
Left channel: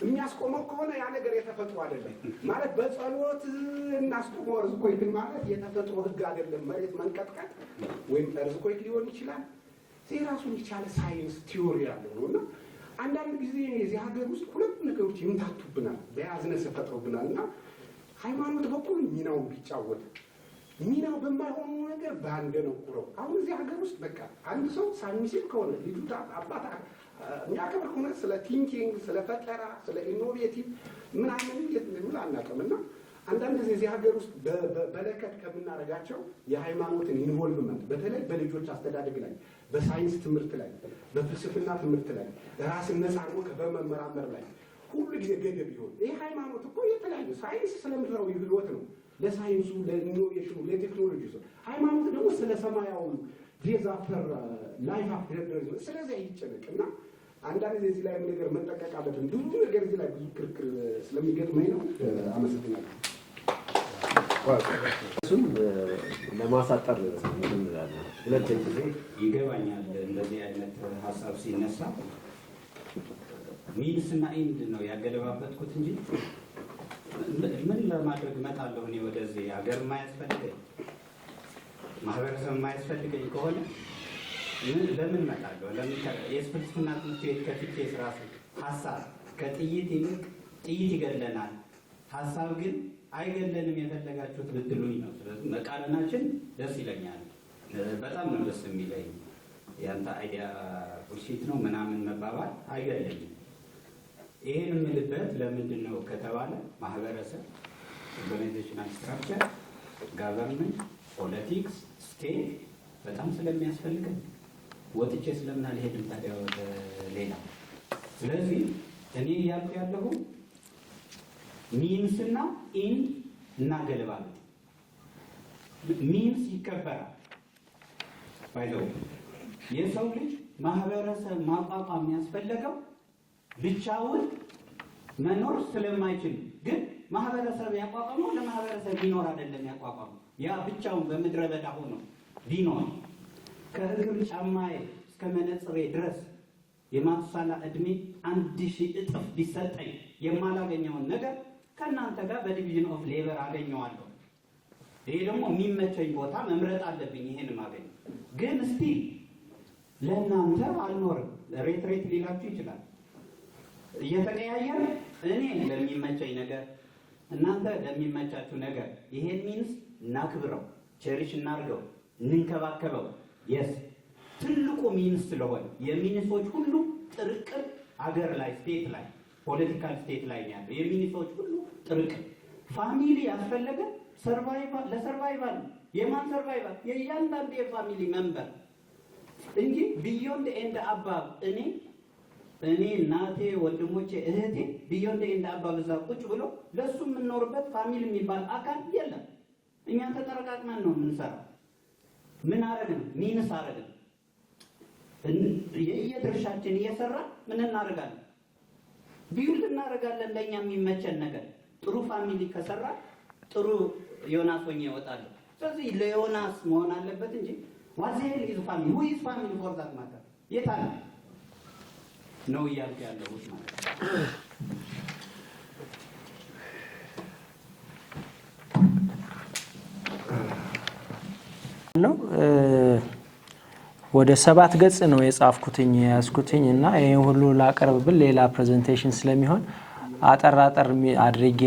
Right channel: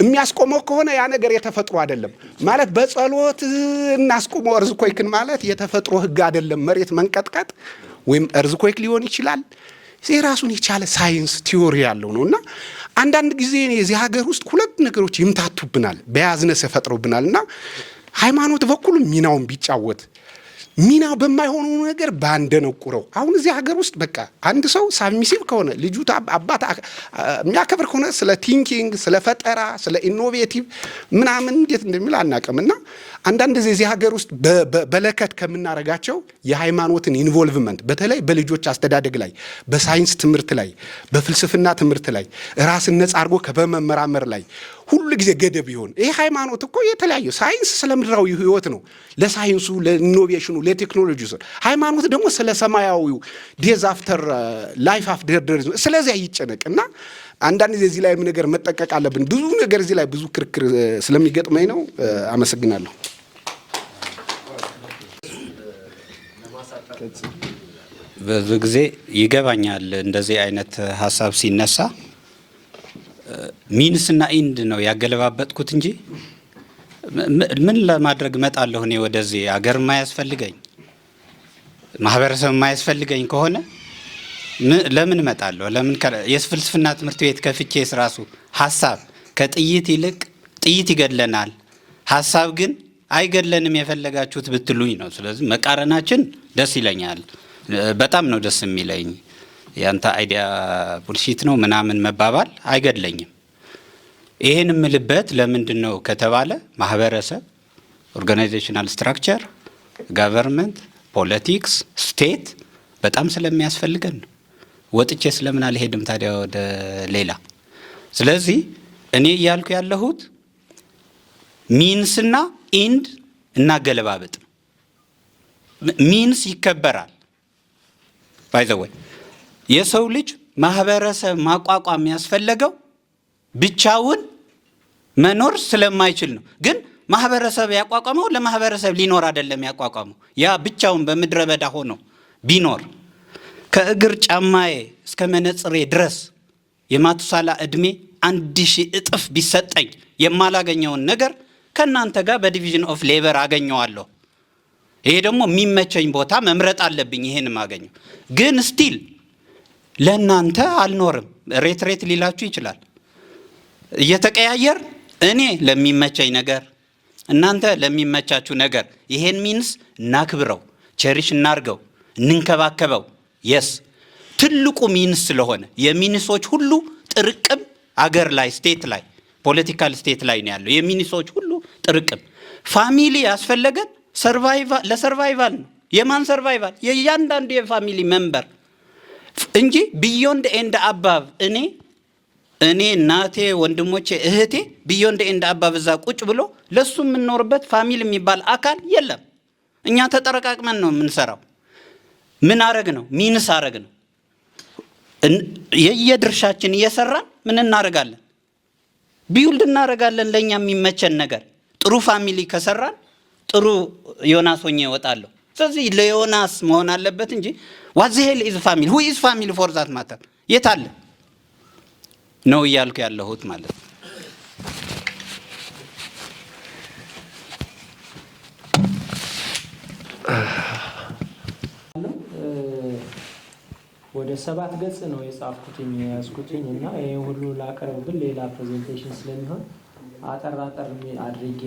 የሚያስቆመው ከሆነ ያ ነገር የተፈጥሮ አይደለም ማለት በጸሎት እናስቆመው። እርዝኮይክን ማለት የተፈጥሮ ህግ አይደለም። መሬት መንቀጥቀጥ ወይም እርዝኮይክ ሊሆን ይችላል። የራሱን የቻለ ሳይንስ ቲዮሪ ያለው ነው። እና አንዳንድ ጊዜ የዚህ ሀገር ውስጥ ሁለት ነገሮች ይምታቱብናል፣ በያዝነስ ፈጥረውብናል። እና ሃይማኖት በኩል ሚናውን ቢጫወት ሚናው በማይሆኑ ነገር ባንደነቁረው። አሁን እዚህ ሀገር ውስጥ በቃ አንድ ሰው ሳብሚሲቭ ከሆነ ልጁ አባት የሚያከብር ከሆነ ስለ ቲንኪንግ፣ ስለ ፈጠራ፣ ስለ ኢኖቬቲቭ ምናምን እንዴት እንደሚል አናውቅም። እና አንዳንድ ጊዜ እዚህ ሀገር ውስጥ በለከት ከምናረጋቸው የሃይማኖትን ኢንቮልቭመንት በተለይ በልጆች አስተዳደግ ላይ፣ በሳይንስ ትምህርት ላይ፣ በፍልስፍና ትምህርት ላይ ራስን ነጻ አድርጎ ከበመመራመር ላይ ሁሉ ጊዜ ገደብ ይሆን። ይሄ ሃይማኖት እኮ የተለያዩ ሳይንስ ስለ ምድራዊ ህይወት ነው፣ ለሳይንሱ፣ ለኢኖቬሽኑ፣ ለቴክኖሎጂ። ሃይማኖት ደግሞ ስለ ሰማያዊው ዴዝ አፍተር ላይፍ አፍተር ዴዝ ስለዚያ ይጨነቅ። እና አንዳንድ ጊዜ እዚህ ላይ ነገር መጠቀቅ አለብን። ብዙ ነገር እዚህ ላይ ብዙ ክርክር ስለሚገጥመኝ ነው። አመሰግናለሁ። ብዙ ጊዜ ይገባኛል እንደዚህ አይነት ሀሳብ ሲነሳ ሚንስና ኢንድ ነው ያገለባበጥኩት እንጂ ምን ለማድረግ እመጣለሁ እኔ ወደዚህ አገር የማያስፈልገኝ ማህበረሰብ የማያስፈልገኝ ከሆነ ለምን እመጣለሁ? ለምን የፍልስፍና ትምህርት ቤት ከፍቼ ራሱ ሀሳብ ከጥይት ይልቅ ጥይት ይገድለናል፣ ሀሳብ ግን አይገድለንም የፈለጋችሁት ብትሉኝ ነው። ስለዚህ መቃረናችን ደስ ይለኛል፣ በጣም ነው ደስ የሚለኝ። ያንተ አይዲያ ቡልሺት ነው ምናምን መባባል አይገድለኝም። ይሄን የምልበት ለምንድን ነው ከተባለ ማህበረሰብ፣ ኦርጋናይዜሽናል ስትራክቸር፣ ጋቨርንመንት፣ ፖለቲክስ፣ ስቴት በጣም ስለሚያስፈልገን ነው። ወጥቼ ስለምን አልሄድም ታዲያ ወደ ሌላ? ስለዚህ እኔ እያልኩ ያለሁት ሚንስና ኢንድ እናገለባበጥ። ሚንስ ይከበራል። ባይ ዘ ወይ የሰው ልጅ ማህበረሰብ ማቋቋም ያስፈለገው ብቻውን መኖር ስለማይችል ነው። ግን ማህበረሰብ ያቋቋመው ለማህበረሰብ ሊኖር አይደለም ያቋቋመው። ያ ብቻውን በምድረ በዳ ሆኖ ቢኖር ከእግር ጫማዬ እስከ መነጽሬ ድረስ የማቱሳላ ዕድሜ 1000 እጥፍ ቢሰጠኝ የማላገኘውን ነገር ከእናንተ ጋር በዲቪዥን ኦፍ ሌበር አገኘዋለሁ። ይሄ ደግሞ የሚመቸኝ ቦታ መምረጥ አለብኝ። ይሄን ማገኘው ግን ስቲል ለእናንተ አልኖርም። ሬት ሊላችሁ ይችላል። እየተቀያየር እኔ ለሚመቸኝ ነገር እናንተ ለሚመቻችሁ ነገር ይሄን ሚንስ እናክብረው፣ ቸሪሽ እናርገው፣ እንንከባከበው። የስ ትልቁ ሚንስ ስለሆነ የሚንሶች ሁሉ ጥርቅም አገር ላይ ስቴት ላይ ፖለቲካል ስቴት ላይ ነው ያለው። የሚንሶች ሁሉ ጥርቅም ፋሚሊ ያስፈለገን ለሰርቫይቫል ነው። የማን ሰርቫይቫል? የእያንዳንዱ የፋሚሊ ሜምበር እንጂ ቢዮንድ ኤንድ አባብ እኔ እናቴ፣ ወንድሞቼ፣ እህቴ ቢዮንድ ኤንድ አባብ እዛ ቁጭ ብሎ ለሱ የምንኖርበት ፋሚሊ የሚባል አካል የለም። እኛ ተጠረቃቅመን ነው የምንሰራው። ምን አረግ ነው? ሚንስ አረግ ነው። የየድርሻችን እየሰራን ምን እናረጋለን? ቢውልድ እናረጋለን። ለኛ የሚመቸን ነገር ጥሩ ፋሚሊ ከሰራን ጥሩ ዮናስ ሆኜ እወጣለሁ። ስለዚህ ለዮናስ መሆን አለበት እንጂ what the hell is family? who is family for that matter? የት አለ ነው እያልኩ ያለሁት ማለት ነው። ወደ 7 ገጽ ነው የጻፍኩትኝ ያስኩትኝ እና ይሄን ሁሉ ላቀርብብል ሌላ ፕሬዘንቴሽን ስለሚሆን አጠራጠር አድርጌ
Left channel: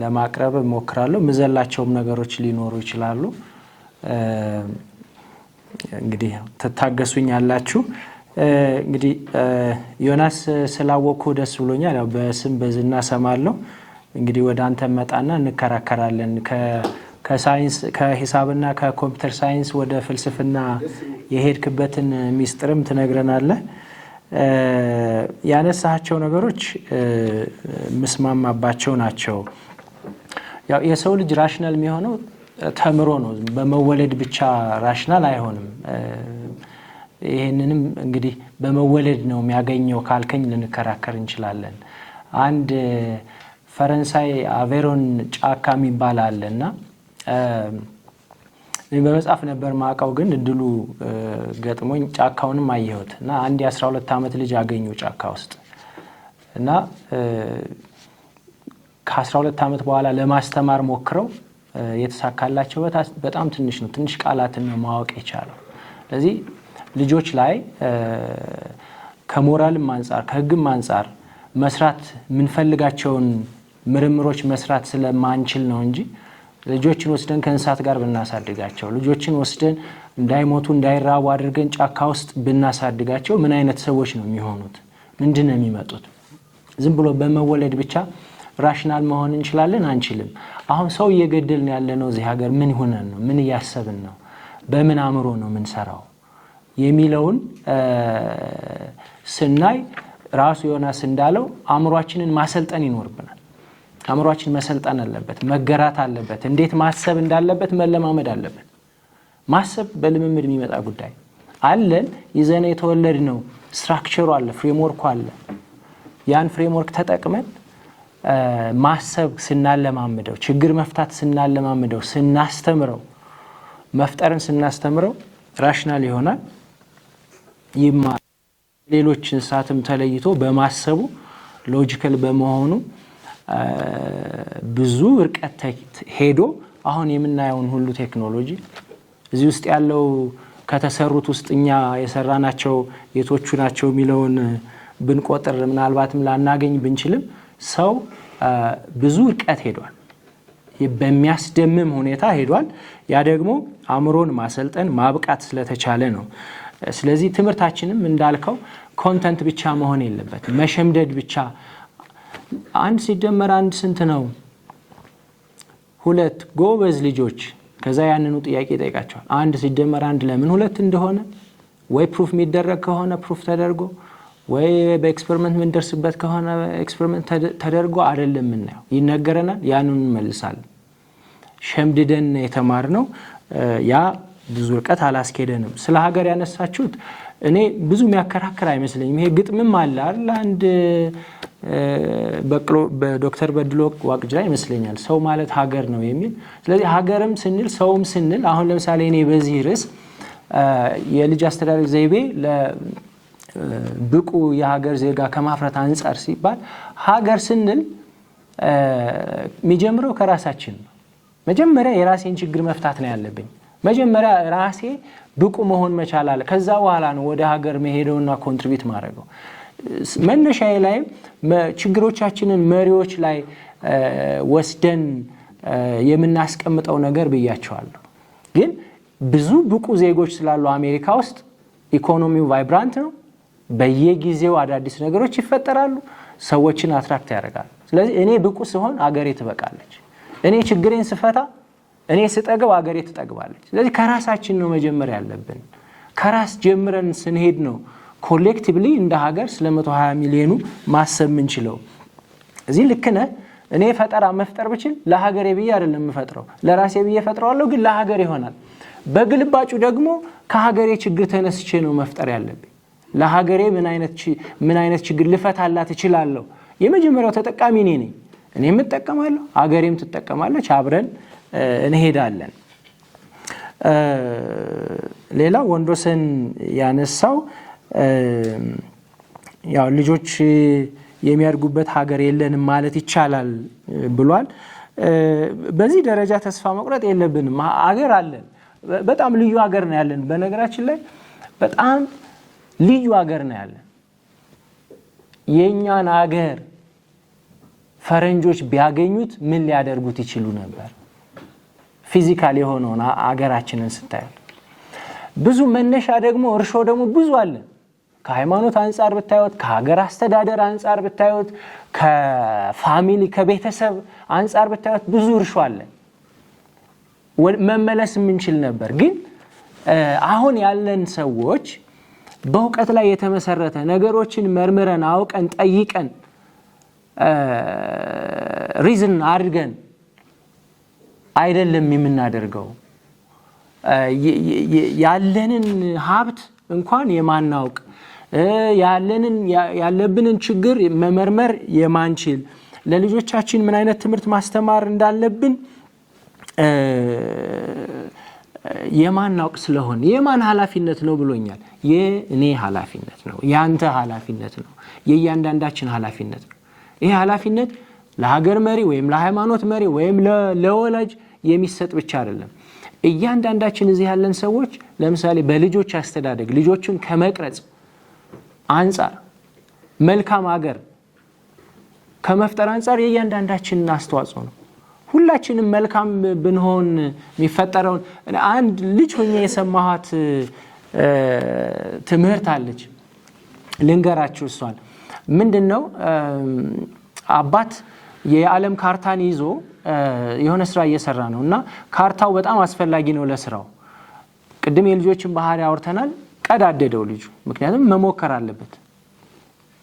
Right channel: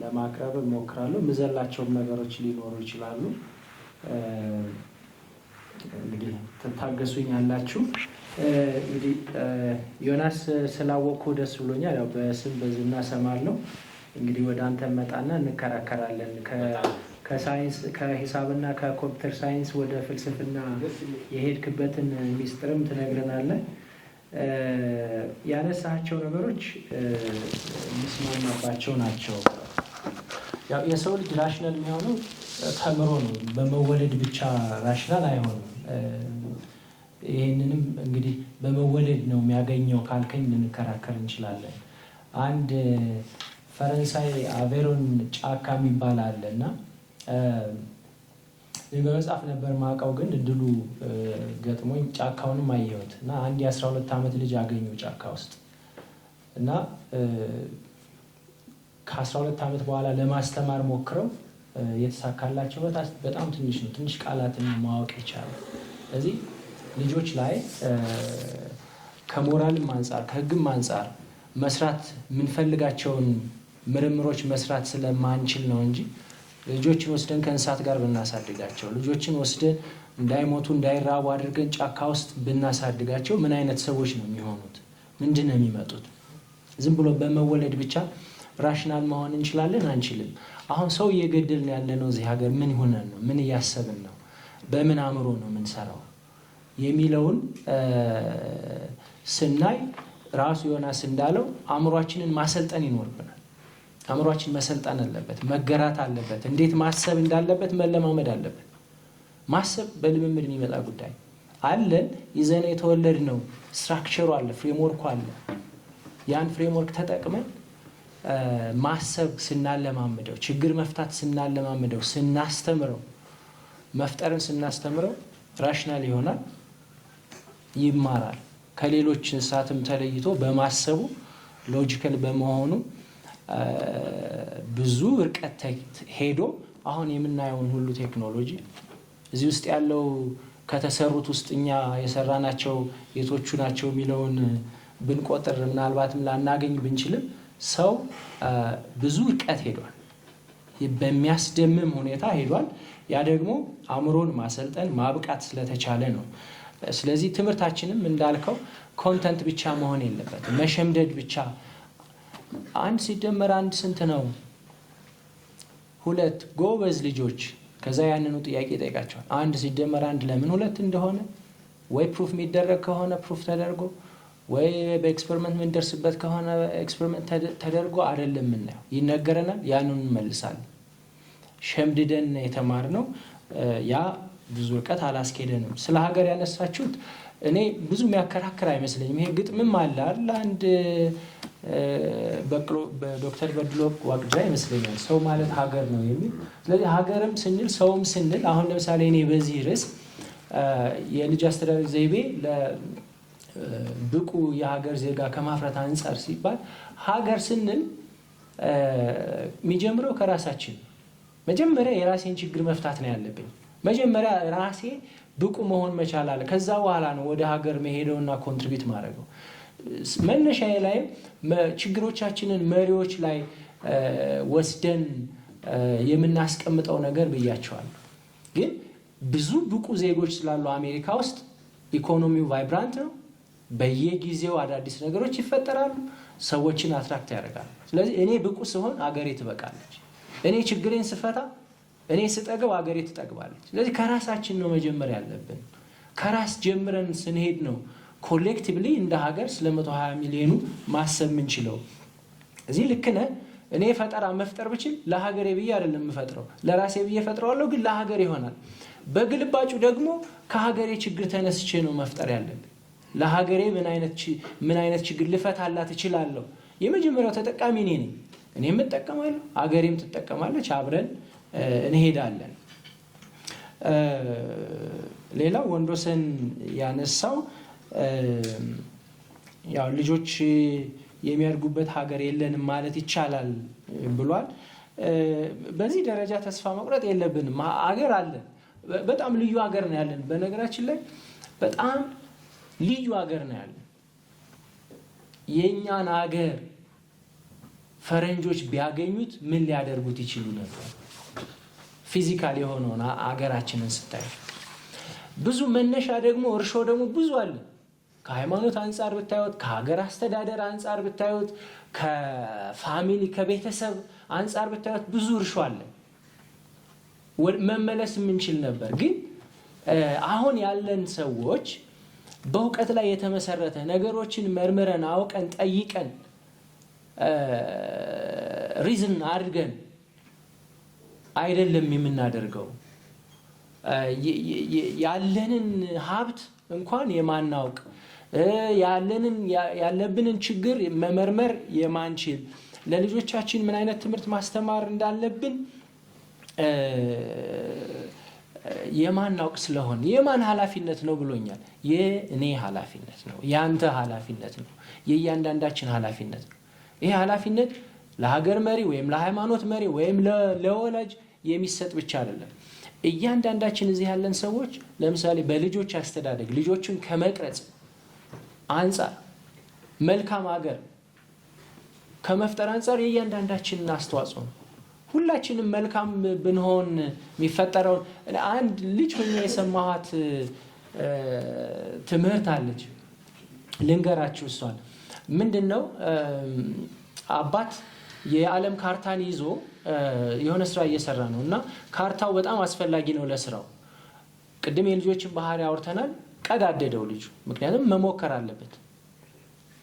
ለማቅረብ ሞክራለሁ። ምዘላቸውም ነገሮች ሊኖሩ ይችላሉ። እንግዲህ ተታገሱኝ ያላችሁ። እንግዲህ ዮናስ ስላወቅኩ ደስ ብሎኛል። ያው በስም በዝና ሰማለሁ። እንግዲህ ወደ አንተ መጣና እንከራከራለን። ከሳይንስ ከሂሳብና ከኮምፒውተር ሳይንስ ወደ ፍልስፍና የሄድክበትን ሚስጥርም ትነግረናለህ። ያነሳቸው ነገሮች ምስማማባቸው ናቸው። ያው የሰው ልጅ ራሽናል የሚሆነው ተምሮ ነው። በመወለድ ብቻ ራሽናል አይሆንም። ይሄንንም እንግዲህ በመወለድ ነው የሚያገኘው ካልከኝ ልንከራከር እንችላለን። አንድ ፈረንሳይ አቬሮን ጫካ የሚባል አለና በመጽሐፍ ነበር ማቀው፣ ግን እድሉ ገጥሞኝ ጫካውንም አየሁት እና አንድ የ12 ዓመት ልጅ አገኙ ጫካ ውስጥ እና ከ12 ዓመት በኋላ ለማስተማር ሞክረው የተሳካላቸው በጣም ትንሽ ነው። ትንሽ ቃላትን ማወቅ የቻለው። ስለዚህ ልጆች ላይ ከሞራልም አንጻር ከህግም አንጻር መስራት የምንፈልጋቸውን ምርምሮች መስራት ስለማንችል ነው እንጂ ልጆችን ወስደን ከእንስሳት ጋር ብናሳድጋቸው፣ ልጆችን ወስደን እንዳይሞቱ እንዳይራቡ አድርገን ጫካ ውስጥ ብናሳድጋቸው ምን አይነት ሰዎች ነው የሚሆኑት? ምንድን ነው የሚመጡት? ዝም ብሎ በመወለድ ብቻ ራሽናል መሆን እንችላለን? አንችልም። አሁን ሰው እየገደልን ያለነው እዚህ ሀገር ምን ሆነን ነው? ምን እያሰብን ነው? በምን አእምሮ ነው የምንሰራው የሚለውን ስናይ ራሱ ዮናስ እንዳለው አእምሯችንን ማሰልጠን ይኖርብናል። አእምሯችን መሰልጠን አለበት፣ መገራት አለበት። እንዴት ማሰብ እንዳለበት መለማመድ አለበት። ማሰብ በልምምድ የሚመጣ ጉዳይ አለን። ይዘን የተወለድ ነው። ስትራክቸሩ አለ፣ ፍሬምወርኩ አለ። ያን ፍሬምወርክ ተጠቅመን ማሰብ ስናለማምደው፣ ችግር መፍታት ስናለማምደው፣ ስናስተምረው፣ መፍጠርን ስናስተምረው ራሽናል ይሆናል፣ ይማራል። ከሌሎች እንስሳትም ተለይቶ በማሰቡ ሎጂካል በመሆኑ ብዙ ርቀት ሄዶ አሁን የምናየውን ሁሉ ቴክኖሎጂ እዚህ ውስጥ ያለው ከተሰሩት ውስጥ እኛ የሰራናቸው የቶቹ ናቸው የሚለውን ብንቆጥር ምናልባትም ላናገኝ ብንችልም ሰው ብዙ ርቀት ሄዷል። በሚያስደምም ሁኔታ ሄዷል። ያ ደግሞ አእምሮን ማሰልጠን ማብቃት ስለተቻለ ነው። ስለዚህ ትምህርታችንም እንዳልከው ኮንተንት ብቻ መሆን የለበትም። መሸምደድ ብቻ 1 ሲደመር 1 ስንት ነው? 2 ጎበዝ ልጆች ከዛ ያንኑ ጥያቄ ጠይቃቸዋል። 1 ሲደመር 1 ለምን 2 እንደሆነ ወይ ፕሩፍ የሚደረግ ከሆነ ፕሩፍ ተደርጎ ወይ በኤክስፐሪመንት ምን ደርስበት ከሆነ ኤክስፐሪመንት ተደርጎ አይደለም ምናየው ይነገረናል ያንን እንመልሳለን ሸምድደን የተማርነው ያ ብዙ ርቀት አላስኬደንም ስለ ሀገር ያነሳችሁት እኔ ብዙ የሚያከራክር አይመስለኝም ይሄ ግጥምም አለ አይደል አንድ በቅሎ በዶክተር በድሎ ዋቅጃ ይመስለኛል ሰው ማለት ሀገር ነው የሚል ስለዚህ ሀገርም ስንል ሰውም ስንል አሁን ለምሳሌ እኔ በዚህ ርዕስ የልጅ አስተዳደግ ዘይቤ ለብቁ የሀገር ዜጋ ከማፍራት አንፃር ሲባል ሀገር ስንል የሚጀምረው ከራሳችን ነው መጀመሪያ የራሴን ችግር መፍታት ነው ያለብኝ መጀመሪያ ራሴ ብቁ መሆን መቻል አለ ከዛ በኋላ ነው ወደ ሀገር መሄደውና ኮንትሪቢዩት ማድረገው መነሻዬ ላይ ችግሮቻችንን መሪዎች ላይ ወስደን የምናስቀምጠው ነገር ብያቸዋለሁ ግን ብዙ ብቁ ዜጎች ስላሉ አሜሪካ ውስጥ ኢኮኖሚው ቫይብራንት ነው በየጊዜው አዳዲስ ነገሮች ይፈጠራሉ ሰዎችን አትራክት ያደርጋሉ ስለዚህ እኔ ብቁ ሲሆን አገሬ ትበቃለች እኔ ችግሬን ስፈታ እኔ ስጠገው አገሬ ትጠግባለች ስለዚህ ከራሳችን ነው መጀመሪያ ያለብን ከራስ ጀምረን ስንሄድ ነው ኮሌክቲቭሊ እንደ ሀገር ስለ 120 ሚሊዮኑ ማሰብ ምንችለው እዚህ ልክ ነህ እኔ ፈጠራ መፍጠር ብችል ለሀገሬ ብዬ አይደለም የምፈጥረው ለራሴ ብዬ ፈጥረዋለሁ ግን ለሀገር ይሆናል በግልባጩ ደግሞ ከሀገሬ ችግር ተነስቼ ነው መፍጠር ያለብኝ ለሀገሬ ምን አይነት ችግር ልፈታላት እችላለሁ የመጀመሪያው ተጠቃሚ እኔ ነኝ እኔም እጠቀማለሁ ሀገሬም ትጠቀማለች አብረን እንሄዳለን ሌላ ወንዶሰን ያነሳው ያው ልጆች የሚያድጉበት ሀገር የለንም ማለት ይቻላል ብሏል በዚህ ደረጃ ተስፋ መቁረጥ የለብንም ሀገር አለን በጣም ልዩ ሀገር ነው ያለን በነገራችን ላይ በጣም ልዩ ሀገር ነው ያለን የኛን ሀገር ፈረንጆች ቢያገኙት ምን ሊያደርጉት ይችሉ ነበር ፊዚካሊ የሆነውን ሀገራችንን ስታይ ብዙ መነሻ ደግሞ እርሾ ደግሞ ብዙ አለ ከሃይማኖት አንፃር ብታዩት ከሀገር አስተዳደር አንፃር ብታዩት ከፋሚሊ ከቤተሰብ አንፃር ብታዩት ብዙ እርሾ አለ መመለስ ምንችል ነበር ግን አሁን ያለን ሰዎች በእውቀት ላይ የተመሰረተ ነገሮችን መርምረን አውቀን ጠይቀን ሪዝን አድርገን አይደለም የምናደርገው ያለንን ሀብት እንኳን የማናውቅ ያለብንን ችግር መመርመር የማንችል ለልጆቻችን ምን አይነት ትምህርት ማስተማር እንዳለብን የማናውቅ ስለሆነ የማን ኃላፊነት ነው ብሎኛል የኔ ኃላፊነት ነው ያንተ ኃላፊነት ነው የእያንዳንዳችን ኃላፊነት ነው ይሄ ኃላፊነት ለሀገር መሪ ወይም ለሃይማኖት መሪ ወይም ለወላጅ የሚሰጥ ብቻ አይደለም እያንዳንዳችን እዚህ ያለን ሰዎች ለምሳሌ በልጆች አስተዳደግ ልጆችን ከመቅረጽ አንፃር መልካም ሀገር ከመፍጠር አንፃር የእያንዳንዳችን አስተዋጽኦ ነው ሁላችንም መልካም ብንሆን የሚፈጠረው አንድ ልጅ ሆኜ የሰማኋት ትምህርት አለች ልንገራችሁ እሷን ምንድነው አባት የዓለም ካርታን ይዞ የሆነ ስራ እየሰራ ነው እና ካርታው በጣም አስፈላጊ ነው ለስራው ቅድም የልጆችን ባህሪ አውርተናል ቀዳደደው ልጁ ምክንያቱም መሞከር አለበት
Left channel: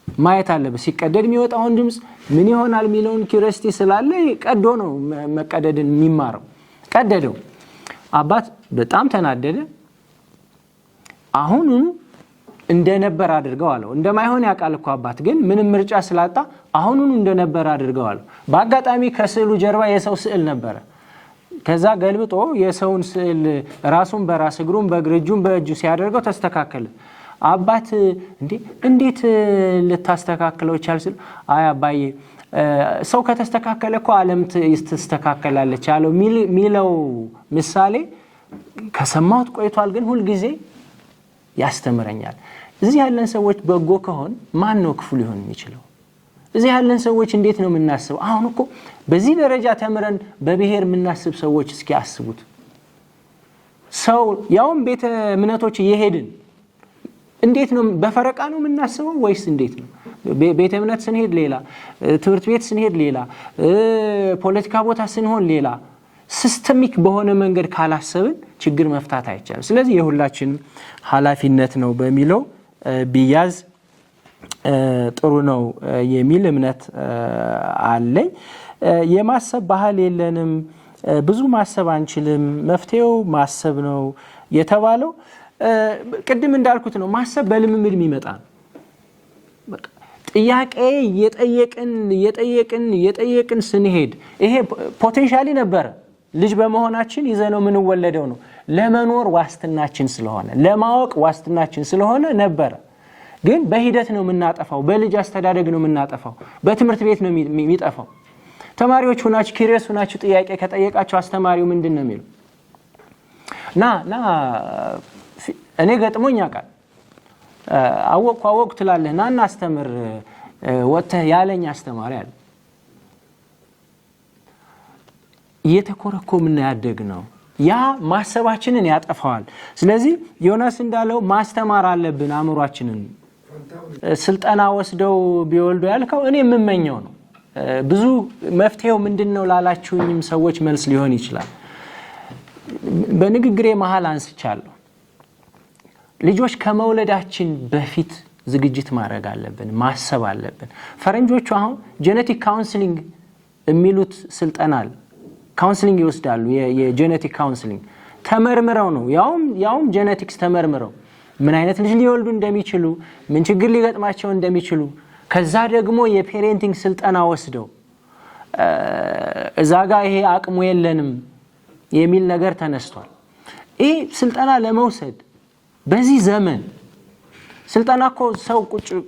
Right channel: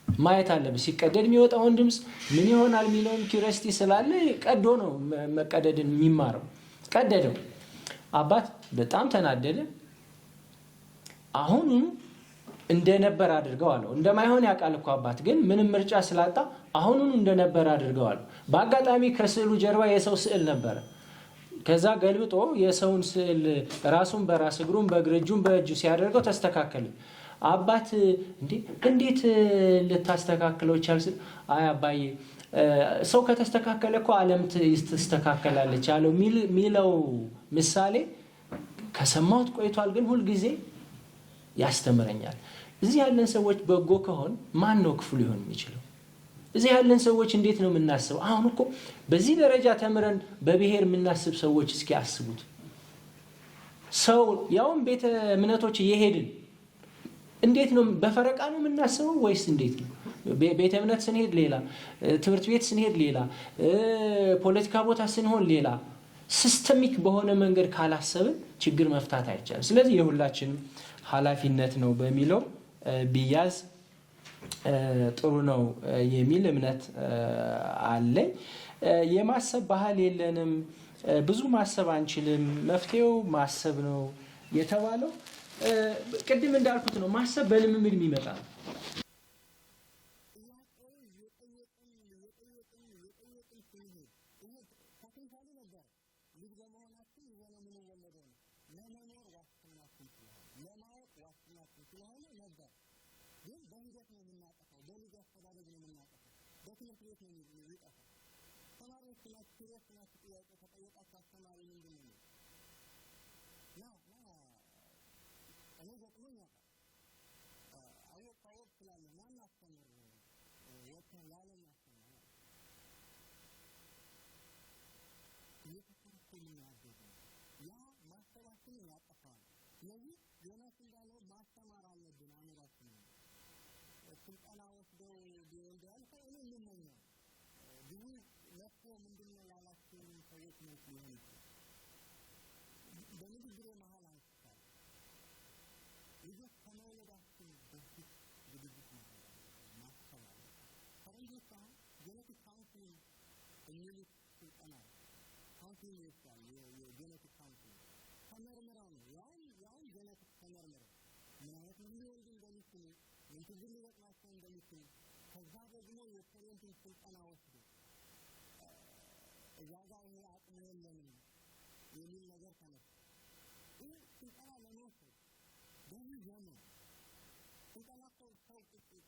ማየት አለበት ሲቀደድ የሚወጣውን ድምጽ ምን ይሆናል የሚለውን ኪዩሪዮሲቲ ስላለ ቀዶ ነው መቀደድን የሚማረው ቀደደው አባት በጣም ተናደደ አሁን እንደነበር አድርገው አለው እንደማይሆን ያውቃል እኮ አባት ግን ምንም ምርጫ ስላጣ አሁን እንደነበር አድርገው አለው በአጋጣሚ ከስዕሉ ጀርባ የሰው ስዕል ነበር ከዛ ገልብጦ የሰውን ስዕል ራሱን በራስ እግሩን በእግር እጁን በእጁ ሲያደርገው ተስተካከለ አባት እንዴት ልታስተካክለው ይቻላል አይ አባዬ ሰው ከተስተካከለ እኮ ዓለም ትስተካከላለች አለው ሚለው ምሳሌ ከሰማሁት ቆይቷል ግን ሁሉ ጊዜ ያስተምረኛል እዚህ ያለን ሰዎች በጎ ከሆን ማን ነው ክፉ ሊሆን የሚችለው እዚህ ያለን ሰዎች እንዴት ነው የምናስበው አሁን እኮ በዚህ ደረጃ ተምረን በብሔር የምናስብ ሰዎች እስኪ አስቡት ሰው ያውም ቤተ እምነቶች እየሄድን እንዴት ነው በፈረቃ ነው የምናስበው ወይስ እንዴት ነው ቤተ እምነት ስንሄድ ሌላ ትምህርት ቤት ስንሄድ ሌላ ፖለቲካ ቦታ ስንሆን ሌላ ሲስተሚክ በሆነ መንገድ ካላሰብን ችግር መፍታት አይቻልም ስለዚህ የሁላችን ኃላፊነት ነው በሚለው ቢያዝ ጥሩ ነው የሚል እምነት አለኝ። የማሰብ ባህል የለንም፣ ብዙ ማሰብ አንችልም፣ መፍትሄው ማሰብ ነው የተባለው ቅድም እንዳልኩት ነው። ማሰብ በልምምድ የሚመጣ ነው። ጥያቄ የጠየቅን ስንሄድ ይሄ ፖቴንሻሊ ነበረ። ልጅ በመሆናችን ይዘነው የምንወለደው ነው። ለመኖር ዋስትናችን ስለሆነ፣ ለማወቅ ዋስትናችን ስለሆነ ነበረ። ግን በሂደት ነው የምናጠፋው፣ በልጅ አስተዳደግ ነው የምናጠፋው፣ በትምህርት ቤት ነው የሚጠፋው። ተማሪዎች ሁናችሁ ኪሪየስ ሁናችሁ ጥያቄ ከጠየቃቸው አስተማሪው ምንድን ነው የሚለው? ና እኔ ገጥሞኝ ያውቃል። አወቅኩ ትላለህ፣ ና እናስተምር ወጥተህ ያለኝ አስተማሪ አለ። እየተኮረኮምን ያደግ ነው። ያ ማሰባችንን ያጠፋዋል። ስለዚህ ዮናስ እንዳለው ማስተማር አለብን አእምሯችንን። ስልጠና ወስደው ቢወልዱ ያልከው እኔ የምመኘው ነው። ብዙ መፍትሄው ምንድነው ላላችሁኝም ሰዎች መልስ ሊሆን ይችላል። በንግግሬ መሃል አንስቻለሁ። ልጆች ከመውለዳችን በፊት ዝግጅት ማድረግ አለብን፣ ማሰብ አለብን። ፈረንጆቹ አሁን ጄኔቲክ ካውንስሊንግ የሚሉት ስልጠና አለ። ካውንስሊንግ ይወስዳሉ። የጄኔቲክ ካውንስሊንግ ተመርምረው ነው፣ ያውም ጄኔቲክስ ተመርምረው ምን አይነት ልጅ ሊወልዱ እንደሚችሉ፣ ምን ችግር ሊገጥማቸው እንደሚችሉ፣ ከዛ ደግሞ የፔሬንቲንግ ስልጠና ወስደው እዛ ጋር ይሄ አቅሙ የለንም የሚል ነገር ተነስቷል። ይህ ስልጠና ለመውሰድ በዚህ ዘመን ስልጠና እኮ ሰው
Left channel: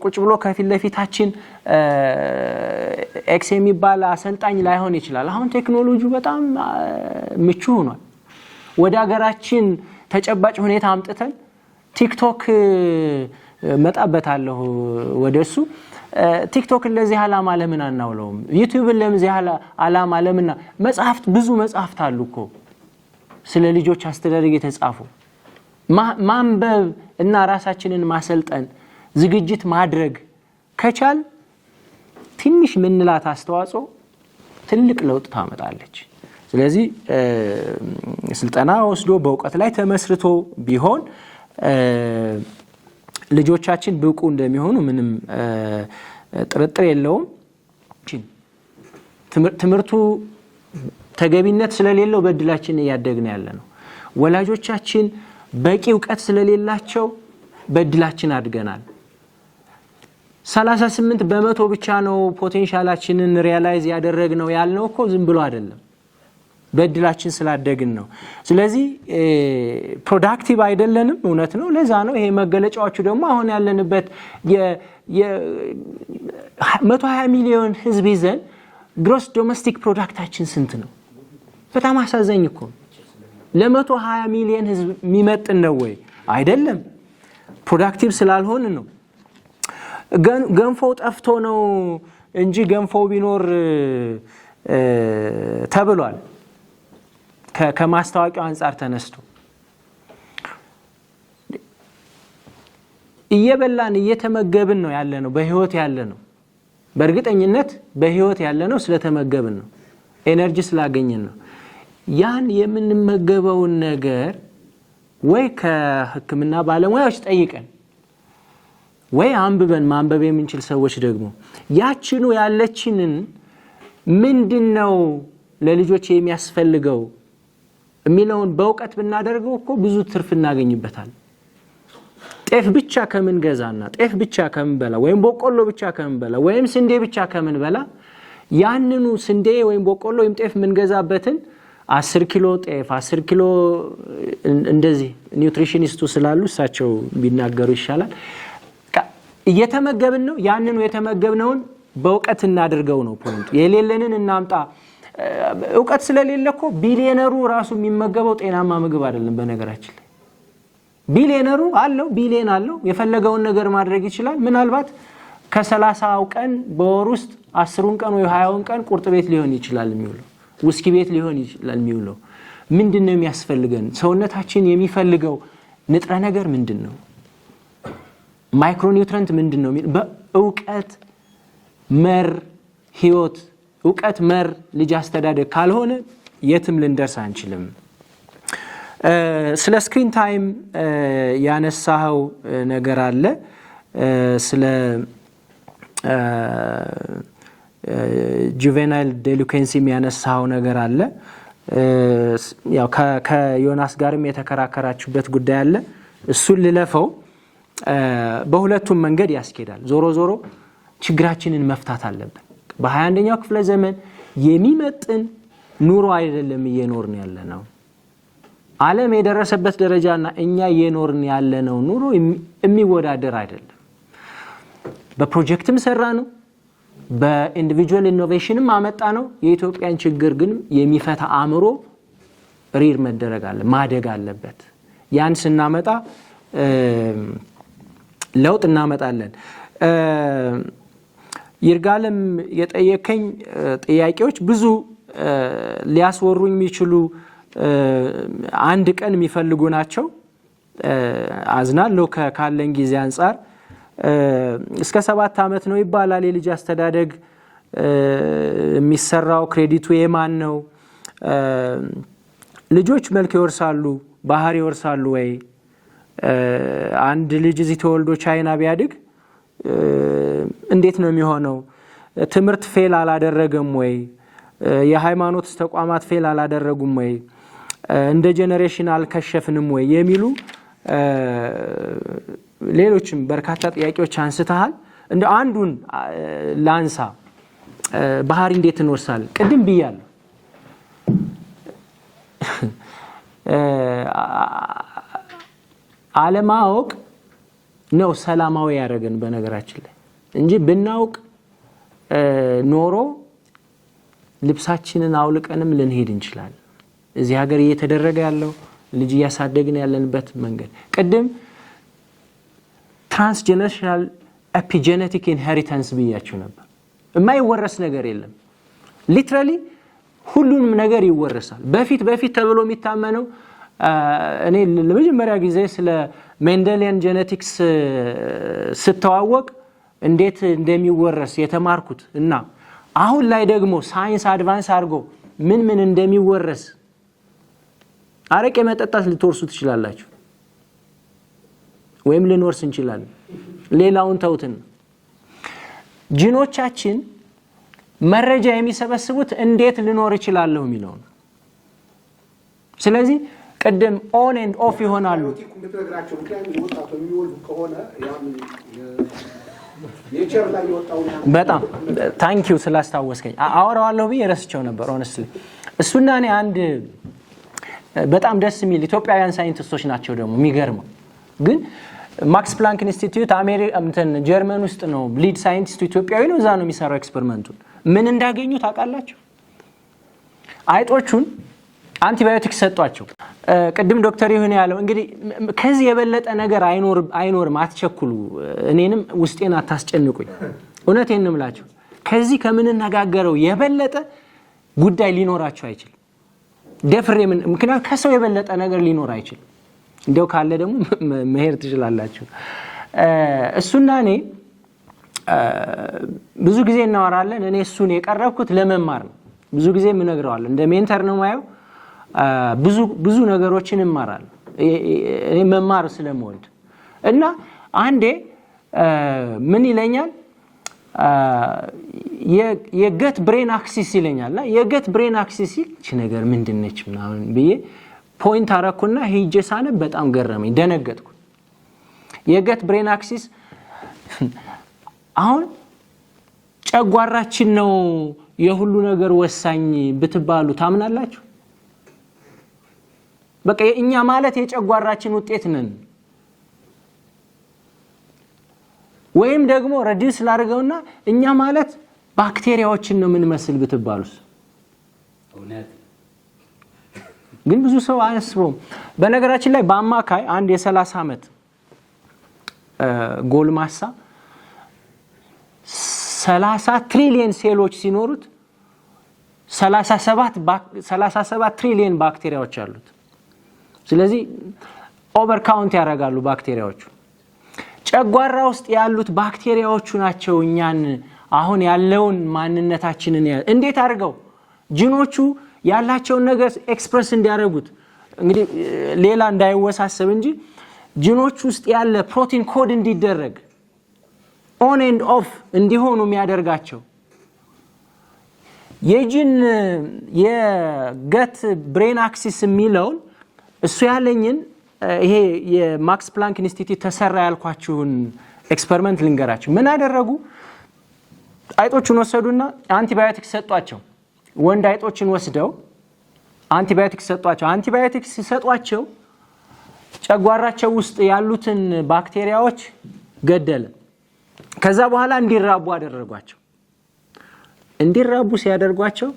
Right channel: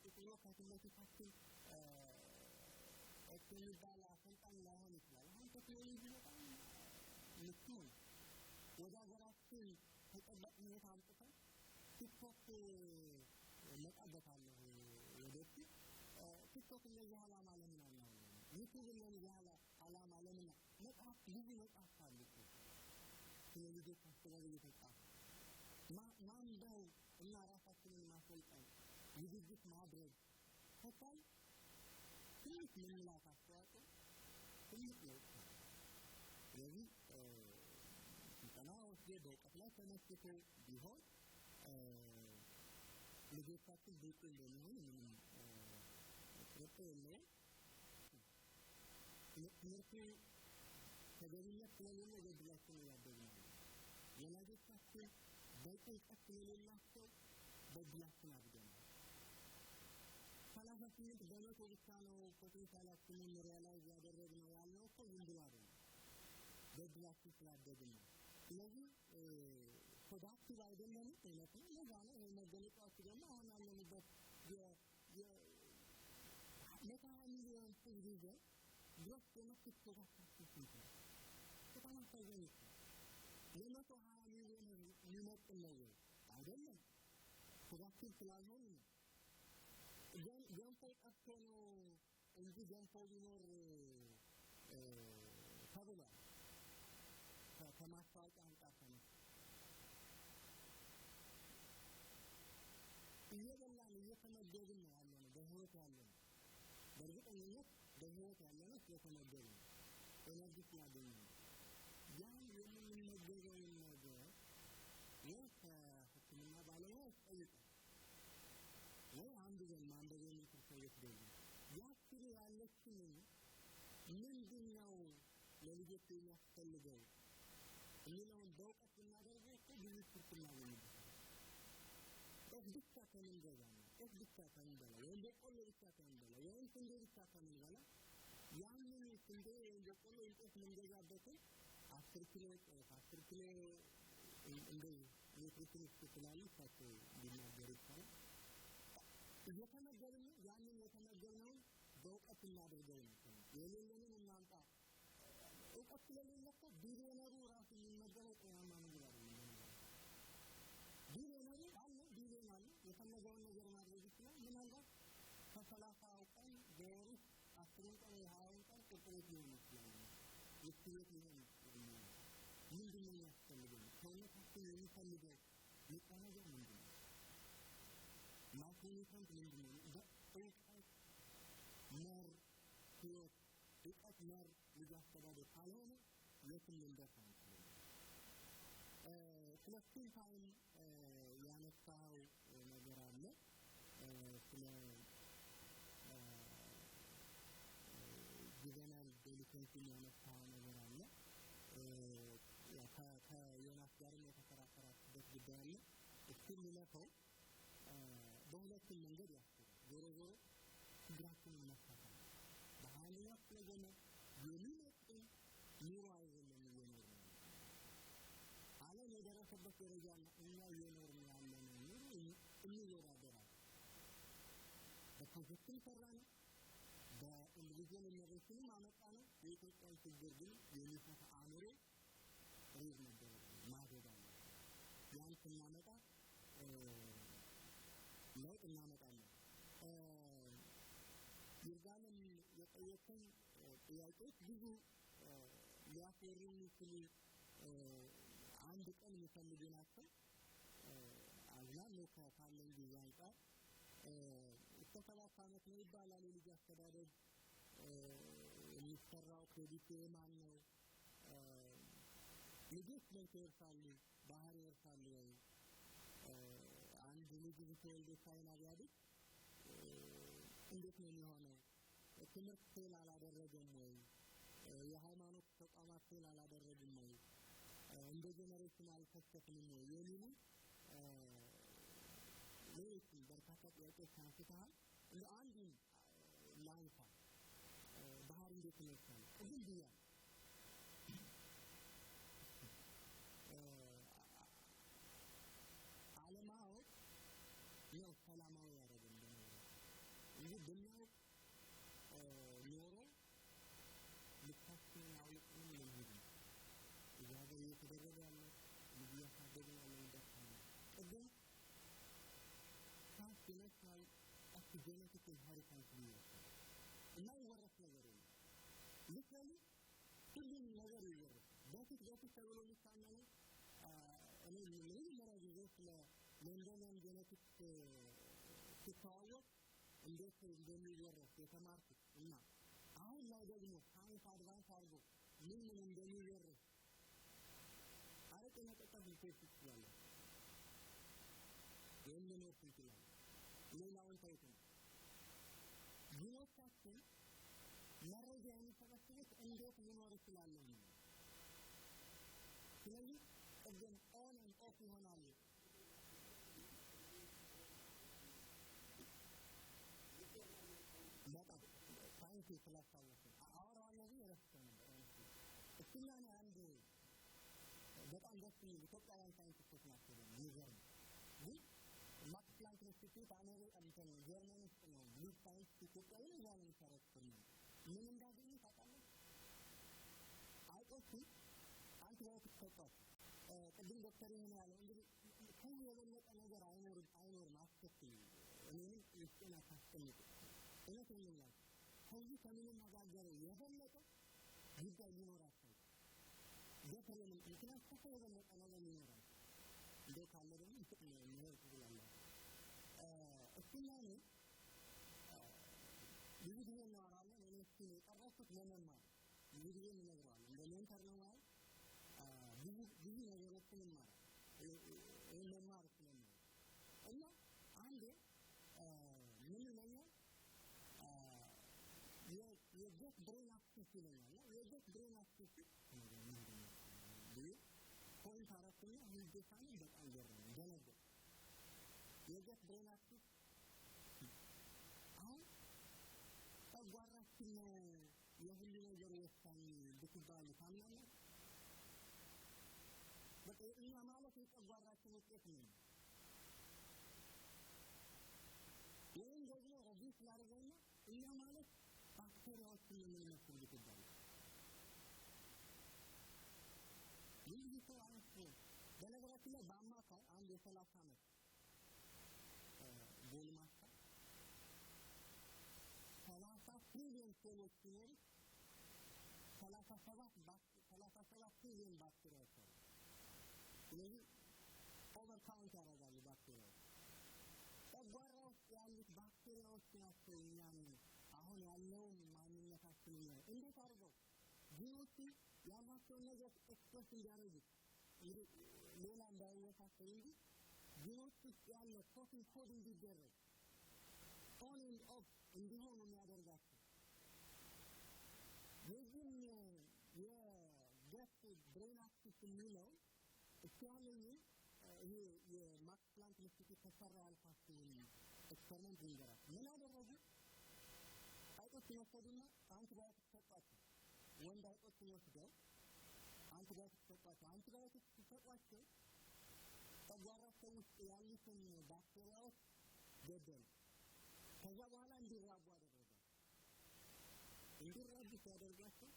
ቁጭ ብሎ ከፊት ለፊታችን ኤክስ የሚባል አሰልጣኝ ላይሆን ይችላል። አሁን ቴክኖሎጂው በጣም ምቹ ሆኗል። ወደ ሀገራችን ተጨባጭ ሁኔታ አምጥተን ቲክቶክ መጣበታለሁ ወደሱ። ቲክቶክን ለዚህ ዓላማ ለምን አናውለውም? ዩቲዩብን ለዚህ ዓላማ ለምን? መጽሐፍት፣ ብዙ መጽሐፍት አሉ እኮ ስለ ልጆች አስተዳደግ የተጻፉ። ማንበብ እና ራሳችንን ማሰልጠን ዝግጅት ማድረግ ከቻል ትንሽ ምንላት አስተዋጽኦ ትልቅ ለውጥ ታመጣለች። ስለዚህ ስልጠና ወስዶ በእውቀት ላይ ተመስርቶ ቢሆን ልጆቻችን ብቁ እንደሚሆኑ ምንም ጥርጥር የለውም። ትምህርቱ ተገቢነት ስለሌለው በእድላችን እያደግን ያለ ነው። ወላጆቻችን በቂ እውቀት ስለሌላቸው በእድላችን አድገናል። 38% ብቻ ነው ፖቴንሻላችንን ሪያላይዝ ያደረግነው ያልነው እኮ ዝም ብሎ አይደለም፣ በእድላችን ስላደግን ነው። ስለዚህ ፕሮዳክቲቭ አይደለንም፣ እውነት ነው። ለዛ ነው ይሄ መገለጫዎቹ ደግሞ አሁን ያለንበት 120 ሚሊዮን ህዝብ ይዘን ግሮስ ዶሜስቲክ ፕሮዳክታችን ስንት ነው? በጣም አሳዛኝ እኮ። ለ120 ሚሊዮን ህዝብ የሚመጥን ነው ወይ? አይደለም። ፕሮዳክቲቭ ስላልሆን ነው። ገንፎው ጠፍቶ ነው እንጂ ገንፎው ቢኖር ተብሏል። ከማስታወቂያው አንጻር ተነስቶ እየበላን እየተመገብን ነው ያለ ነው፣ በህይወት ያለ ነው። በእርግጠኝነት በህይወት ያለ ነው ስለተመገብን ነው፣ ኤነርጂ ስላገኘን ነው። ያን የምንመገበውን ነገር ወይ ከህክምና ባለሙያዎች ጠይቀን ወይ አንብበን ማንበብ የምንችል ሰዎች ደግሞ ያችኑ ያለችንን ምንድነው ለልጆች የሚያስፈልገው የሚለውን በእውቀት ብናደርገው እኮ ብዙ ትርፍ እናገኝበታል። ጤፍ ብቻ ከምን ገዛና ጤፍ ብቻ ከምን በላ ወይም በቆሎ ብቻ ከምን በላ ወይም ስንዴ ብቻ ከምን በላ ያንኑ ስንዴ ወይም በቆሎ ወይም ጤፍ ምን ገዛበትን 10 ኪሎ ጤፍ 10 ኪሎ እንደዚህ ኒውትሪሽኒስቱ ስላሉ እሳቸው ቢናገሩ ይሻላል። እየተመገብን ነው። ያንኑ የተመገብነውን በእውቀት እናድርገው ነው ፖይንቱ። የሌለንን እናምጣ። እውቀት ስለሌለ እኮ ቢሊየነሩ ራሱ የሚመገበው ጤናማ ምግብ አይደለም። በነገራችን ላይ ቢሊየነሩ አለው፣ ቢሊየን አለው፣ የፈለገውን ነገር ማድረግ ይችላል። ምናልባት ከ30ው ቀን በወር ውስጥ 10ውን ቀን ወይ 20ውን ቀን ቁርጥ ቤት ሊሆን ይችላል የሚውለው፣ ውስኪ ቤት ሊሆን ይችላል የሚውለው። ምንድነው የሚያስፈልገን? ሰውነታችን የሚፈልገው ንጥረ ነገር ምንድነው? ማይክሮኒውትረንት ምንድነው? በእውቀት መር ህይወት፣ እውቀት መር ልጅ አስተዳደግ ካልሆነ የትም ልንደርስ አንችልም። ስለ ስክሪን ታይም ያነሳው ነገር አለ። ስለ ጁቬናይል ዴሊኩዌንሲ የሚያነሳው ነገር አለ። ያው ከዮናስ ጋርም የተከራከራችሁበት ጉዳይ አለ። እሱን ልለፈው። በሁለቱም መንገድ ያስኬዳል። ዞሮ ዞሮ ችግራችንን መፍታት አለብን። በ21ኛው ክፍለ ዘመን የሚመጥን ኑሮ አይደለም እየኖርን ያለ ነው። ዓለም የደረሰበት ደረጃና እኛ እየኖርን ያለነው ኑሮ የሚወዳደር አይደለም። በፕሮጀክትም ሰራ ነው፣ በኢንዲቪጁዋል ኢኖቬሽንም አመጣ ነው። የኢትዮጵያን ችግር ግን የሚፈታ አእምሮ ሪር መደረግ አለ ማደግ አለበት። ያን ስናመጣ ለውጥ እናመጣለን። ይርጋለም የጠየቀኝ ጥያቄዎች ብዙ ሊያስወሩኝ የሚችሉ አንድ ቀን የሚፈልጉ ናቸው። አዝናለሁ ካለን ጊዜ አንጻር። እስከ 7 ዓመት ነው ይባላል የልጅ አስተዳደግ የሚሰራው። ክሬዲቱ የማን ነው? ልጆች መልክ ይወርሳሉ፣ ባህሪ ይወርሳሉ ወይ? አንድ ልጅ እዚህ ተወልዶ ቻይና ቢያድግ እንዴት ነው የሚሆነው? ትምህርት ፌል አላደረገም ወይ? የሃይማኖት ተቋማት ፌል አላደረጉም ወይ? እንደ ጄኔሬሽን አልከሸፍንም ወይ? የሚሉ ሌሎችም በርካታ ጥያቄዎች አንስተሃል። እንደ አንዱን ላንሳ። ባህሪ እንዴት እንወርሳለን? ቅድም ብያለሁ። አለማወቅ ነው ሰላማዊ ያደረገን በነገራችን ላይ እንጂ ብናውቅ ኖሮ ልብሳችንን አውልቀንም ልንሄድ እንችላለን። እዚህ ሀገር እየተደረገ ያለው ልጅ እያሳደግን ያለንበት መንገድ ቅድም ትራንስጀነሬሽናል ኤፒጄኔቲክ ኢንሄሪታንስ ብያችሁ ነበር። የማይወረስ ነገር የለም። ሊትራሊ ሁሉንም ነገር ይወረሳል። በፊት ተብሎ የሚታመነው እኔ ለመጀመሪያ ጊዜ ስለ ሜንደሊያን ጄኔቲክስ ስተዋወቅ እንዴት እንደሚወረስ የተማርኩት እና አሁን ላይ ደግሞ ሳይንስ አድቫንስ አድርጎ ምን እንደሚወረስ አረቄ መጠጣት ልትወርሱ ትችላላችሁ ወይም ልንወርስ እንችላለን። ሌላውን ተውትን። ጂኖቻችን መረጃ የሚሰበስቡት እንዴት ልኖር እችላለሁ የሚለው ነው። ስለዚህ ቅድም ኦን ኤንድ ኦፍ ይሆናሉ። በጣም ታንኪዩ ስላስታወስከኝ። አወራዋለሁ ብዬ ረስቸው ነበር ሆነስትሊ። እሱና እኔ አንድ በጣም ደስ የሚል ኢትዮጵያውያን ሳይንቲስቶች ናቸው ደግሞ የሚገርመው ግን ማክስ ፕላንክ ኢንስቲትዩት ጀርመን ውስጥ ነው። ሊድ ሳይንቲስቱ ኢትዮጵያዊ ነው። እዛ ነው የሚሰራው ኤክስፐሪመንቱን። ምን እንዳገኙ ታውቃላችሁ? አይጦቹን አንቲባዮቲክስ ሰጧቸው። ቅድም ዶክተር ይሁን ያለው እንግዲህ ከዚህ የበለጠ ነገር አይኖርም። አትቸኩሉ፣ እኔንም ውስጤን አታስጨንቁኝ። እውነቴን ነው የምላችሁ። ከዚህ ከምንነጋገረው የበለጠ ጉዳይ ሊኖራቸው አይችልም። ደፍሬ ምክንያቱም ከሰው የበለጠ ነገር ሊኖር አይችልም። እንደው ካለ ደግሞ መሄድ ትችላላችሁ። እሱና እኔ ብዙ ጊዜ እናወራለን። እኔ እሱን የቀረብኩት ለመማር ነው። ብዙ ጊዜ የምነግረዋለሁ። እንደ ሜንተር ነው ማየው። ብዙ ነገሮችን እማራለሁ እኔ መማር ስለምወድ እና አንዴ ምን ይለኛል የገት ብሬን አክሲስ ይለኛልና የገት ብሬን አክሲስ እቺ ነገር ምንድነች ምናምን ብዬ ፖይንት አረኩና ሄጄ ሳነብ በጣም ገረመኝ፣ ደነገጥኩ። የገት ብሬን አክሲስ አሁን ጨጓራችን ነው የሁሉ ነገር ወሳኝ ብትባሉ ታምናላችሁ? በቃ እኛ ማለት የጨጓራችን ውጤት ነን። ወይም ደግሞ ሬዲዩስ ላድርገውና እኛ ማለት ባክቴሪያዎችን ነው የምንመስል ብትባሉስ? ግን ብዙ ሰው አያስበውም። በነገራችን ላይ በአማካይ አንድ የ30 ዓመት ጎልማሳ 30 ትሪሊየን ሴሎች ሲኖሩት 37 ትሪሊየን ባክቴሪያዎች አሉት። ስለዚህ ኦቨር ካውንት ያደርጋሉ ባክቴሪያዎቹ። ጨጓራ ውስጥ ያሉት ባክቴሪያዎቹ ናቸው እኛን አሁን ያለውን ማንነታችንን እንዴት አድርገው ጂኖቹ ያላቸውን ነገር ኤክስፕረስ እንዲያደርጉት። እንግዲህ ሌላ እንዳይወሳሰብ እንጂ ጂኖቹ ውስጥ ያለ ፕሮቲን ኮድ እንዲደረግ ኦን ኤንድ ኦፍ እንዲሆኑ የሚያደርጋቸው የገት ብሬን አክሲስ የሚለውን እሱ ያለኝን ይሄ የማክስ ፕላንክ ኢንስቲትዩት ተሰራ ያልኳችሁን ኤክስፐሪመንት ልንገራችሁ። ምን አደረጉ? አይጦችን ወሰዱና አንቲባዮቲክስ ሰጧቸው። ወንድ አይጦችን ወስደው አንቲባዮቲክስ ሰጧቸው። አንቲባዮቲክስ ሲሰጧቸው ጨጓራቸው ውስጥ ያሉትን ባክቴሪያዎች ገደለ። ከዛ በኋላ እንዲራቡ አደረጓቸው። እንዲራቡ ሲያደርጓቸው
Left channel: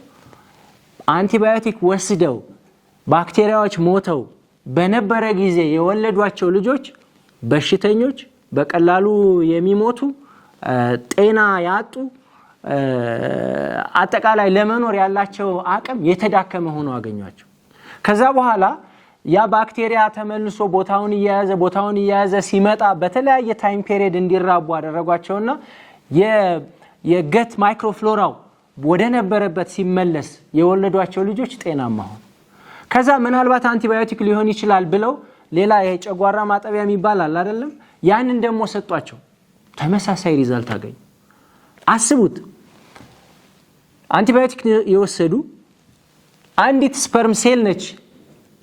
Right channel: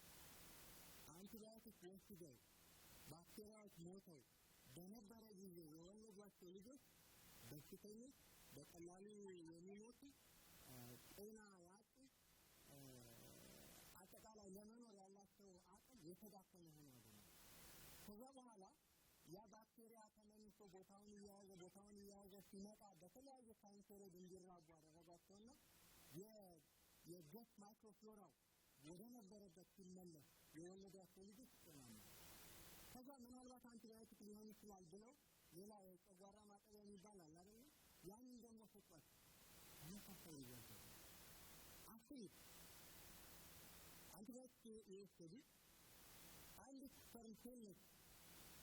አንቲባዮቲክ ወስደው ባክቴሪያዎች ሞተው በነበረ ጊዜ የወለዷቸው ልጆች በሽተኞች፣ በቀላሉ የሚሞቱ፣ ጤና ያጡ፣ አጠቃላይ ለመኖር ያላቸው አቅም የተዳከመ ሆኖ አገኟቸው። ከዛ በኋላ ያ ባክቴሪያ ተመልሶ ቦታውን እየያዘ ሲመጣ በተለያየ ታይም ፔሪየድ እንዲራቡ አደረጓቸውና የገት ማይክሮፍሎራው ወደ ነበረበት ሲመለስ የወለዷቸው ልጆች ጤናማ ሆኑ። ከዛ ምናልባት አንቲባዮቲክ ሊሆን ይችላል ብለው ሌላ የጨጓራ ማጠቢያ የሚባል አለ አይደለም፣ ያንን ደግሞ ሰጧቸው። ተመሳሳይ ሪዛልት አገኙ። አስቡት፣ አንቲባዮቲክ የወሰዱ አንዲት ስፐርም ሴል ነች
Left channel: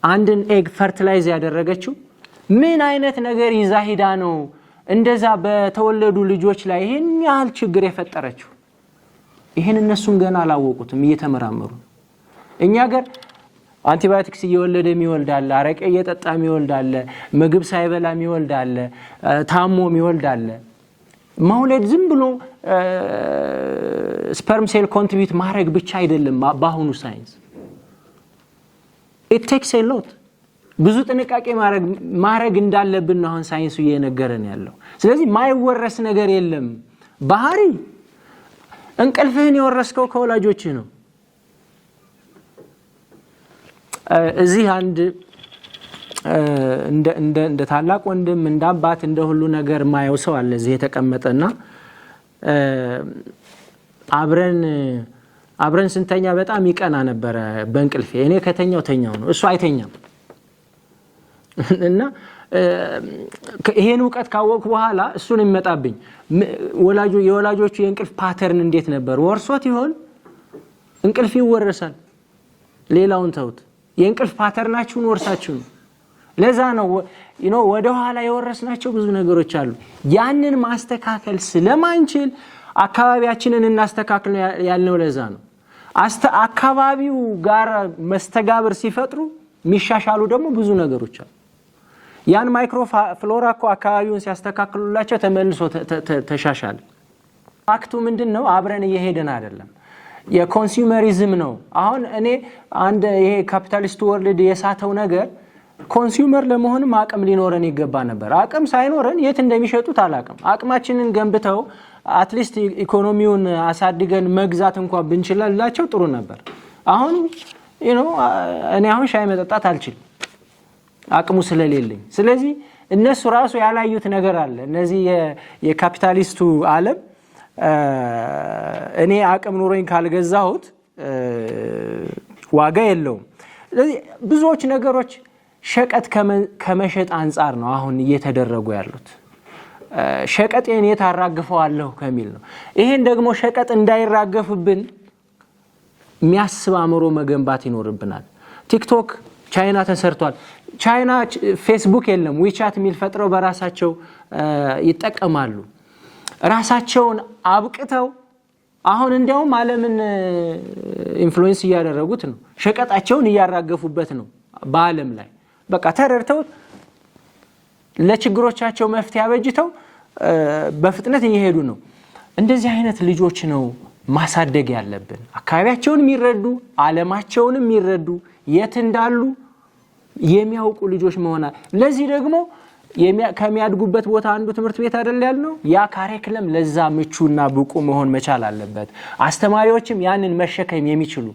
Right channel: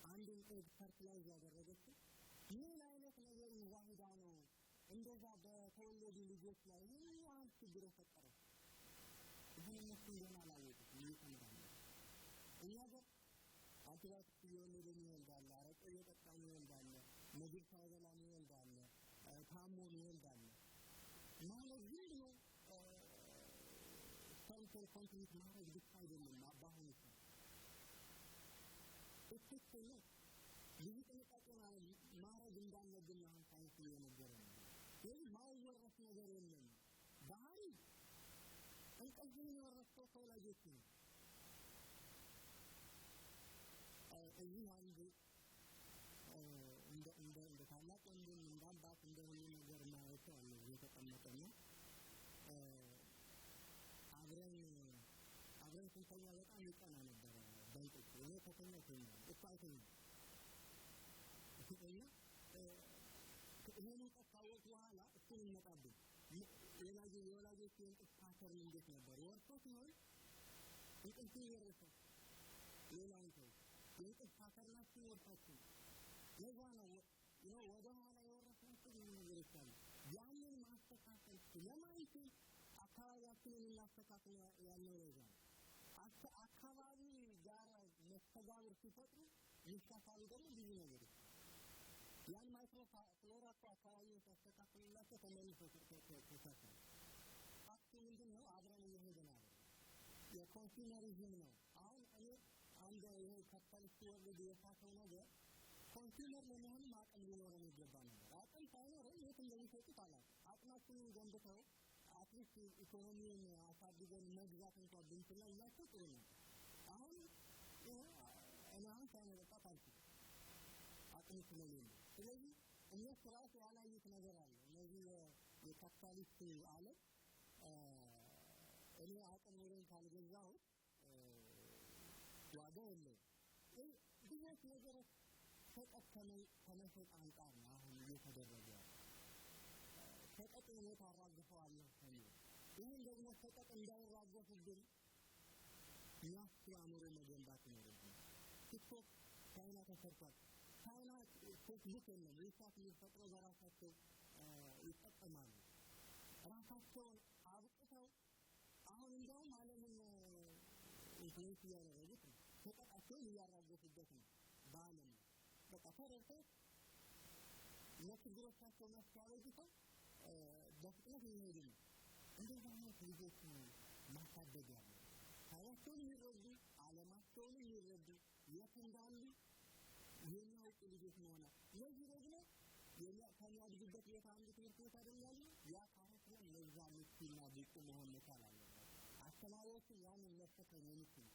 አንድን ኤግ ፈርቲላይዝ ያደረገችው። ምን አይነት ነገር ይዛ ሂዳ ነው እንደዛ በተወለዱ ልጆች ላይ ይሄን ያህል ችግር የፈጠረችው? ይሄን እነሱም ገና አላወቁትም፣ እየተመራመሩ። እኛ ጋር አንቲባዮቲክስ እየወለደ የሚወልድ አለ፣ አረቄ እየጠጣ የሚወልድ አለ፣ ምግብ ሳይበላ የሚወልድ አለ፣ ታሞ የሚወልድ አለ። መውለድ ዝም ብሎ ስፐርም ሴል ኮንትሪቢዩት ማድረግ ብቻ አይደለም። በአሁኑ ሳይንስ it takes a lot ብዙ ጥንቃቄ ማድረግ እንዳለብን ነው አሁን ሳይንሱ እየነገረን ያለው። ስለዚህ ማይወረስ ነገር የለም። ባህሪ እንቅልፍህን የወረስከው ከወላጆችህ ነው። እዚህ አንድ እንደ ታላቅ ወንድም እንደ አባት እንደ ሁሉ ነገር ማየው ሰው አለ እዚህ የተቀመጠና አብረን ስንተኛ በጣም ይቀና ነበረ በእንቅልፌ። እኔ ከተኛው ነው፣ እሱ አይተኛም። እና ይሄን ዕውቀት ካወቅኩ በኋላ እሱን የሚመጣብኝ የወላጆቹ የእንቅልፍ ፓተርን እንዴት ነበር? ወርሶት ይሆን? እንቅልፍ ይወረሳል። ሌላውን ተውት፣ የእንቅልፍ ፓተርናችሁን ወርሳችሁ ነው። ለዛ ነው ወደ ኋላ የወረስናቸው ብዙ ነገሮች አሉ። ያንን ማስተካከል ስለማንችል አካባቢያችንን እናስተካክል ያልነው ለዛ ነው። አካባቢው ጋር መስተጋብር ሲፈጥሩ የሚሻሻሉ ደግሞ ብዙ ነገሮች አሉ። ያን ማይክሮፍሎራ እኮ አካባቢውን ሲያስተካክሉላቸው ተመልሶ ተሻሻለ። ፋክቱ ምንድነው? አብረን እየሄድን አይደለም። የኮንሱመሪዝም ነው። አሁን እኔ አንድ ይሄ ካፒታሊስት ወርልድ የሳተው ነገር ኮንሱመር ለመሆንም አቅም ሊኖረን ይገባ ነበር። አቅም ሳይኖረን የት እንደሚሸጡት አላቅም። አቅማችንን ገንብተው አትሊስት ኢኮኖሚውን አሳድገን መግዛት እንኳን ብንችላላቸው ጥሩ ነበር። አሁን እኔ አሁን ሻይ መጠጣት አልችልም አቅሙ ስለሌለኝ። ስለዚህ እነሱ ራሱ ያላዩት ነገር አለ። እነዚህ የካፒታሊስቱ ዓለም እኔ አቅም ኑሮኝ ካልገዛሁት ዋጋ የለውም። ስለዚህ ብዙዎች ነገሮች ሸቀጥ ከመሸጥ አንጻር ነው አሁን እየተደረጉ ያሉት። ሸቀጤን የት አራግፈዋለሁ ከሚል ነው። ይሄን ደግሞ ሸቀጥ እንዳይራገፍብን የሚያስብ አእምሮ መገንባት ይኖርብናል። ቲክቶክ ቻይና ተሰርቷል። ቻይና ፌስቡክ የለም፣ ዊቻት የሚል ፈጥረው በራሳቸው ይጠቀማሉ። ራሳቸውን አብቅተው አሁን እንዲያውም ዓለምን ኢንፍሉዌንስ እያደረጉት ነው። ሸቀጣቸውን እያራገፉበት ነው በዓለም ላይ። በቃ ተረድተው ለችግሮቻቸው መፍትሄ አበጅተው በፍጥነት እየሄዱ ነው። እንደዚህ አይነት ልጆች ነው ማሳደግ ያለብን። አካባቢያቸውን የሚረዱ፣ ዓለማቸውን የሚረዱ፣ የት እንዳሉ የሚያውቁ ልጆች መሆን። ለዚህ ደግሞ ከሚያድጉበት ቦታ አንዱ ትምህርት ቤት አይደል ያልነው? ያ ካሪኩለም ለዛ ምቹና ብቁ መሆን መቻል አለበት። አስተማሪዎችም ያንን መሸከም የሚችሉ፣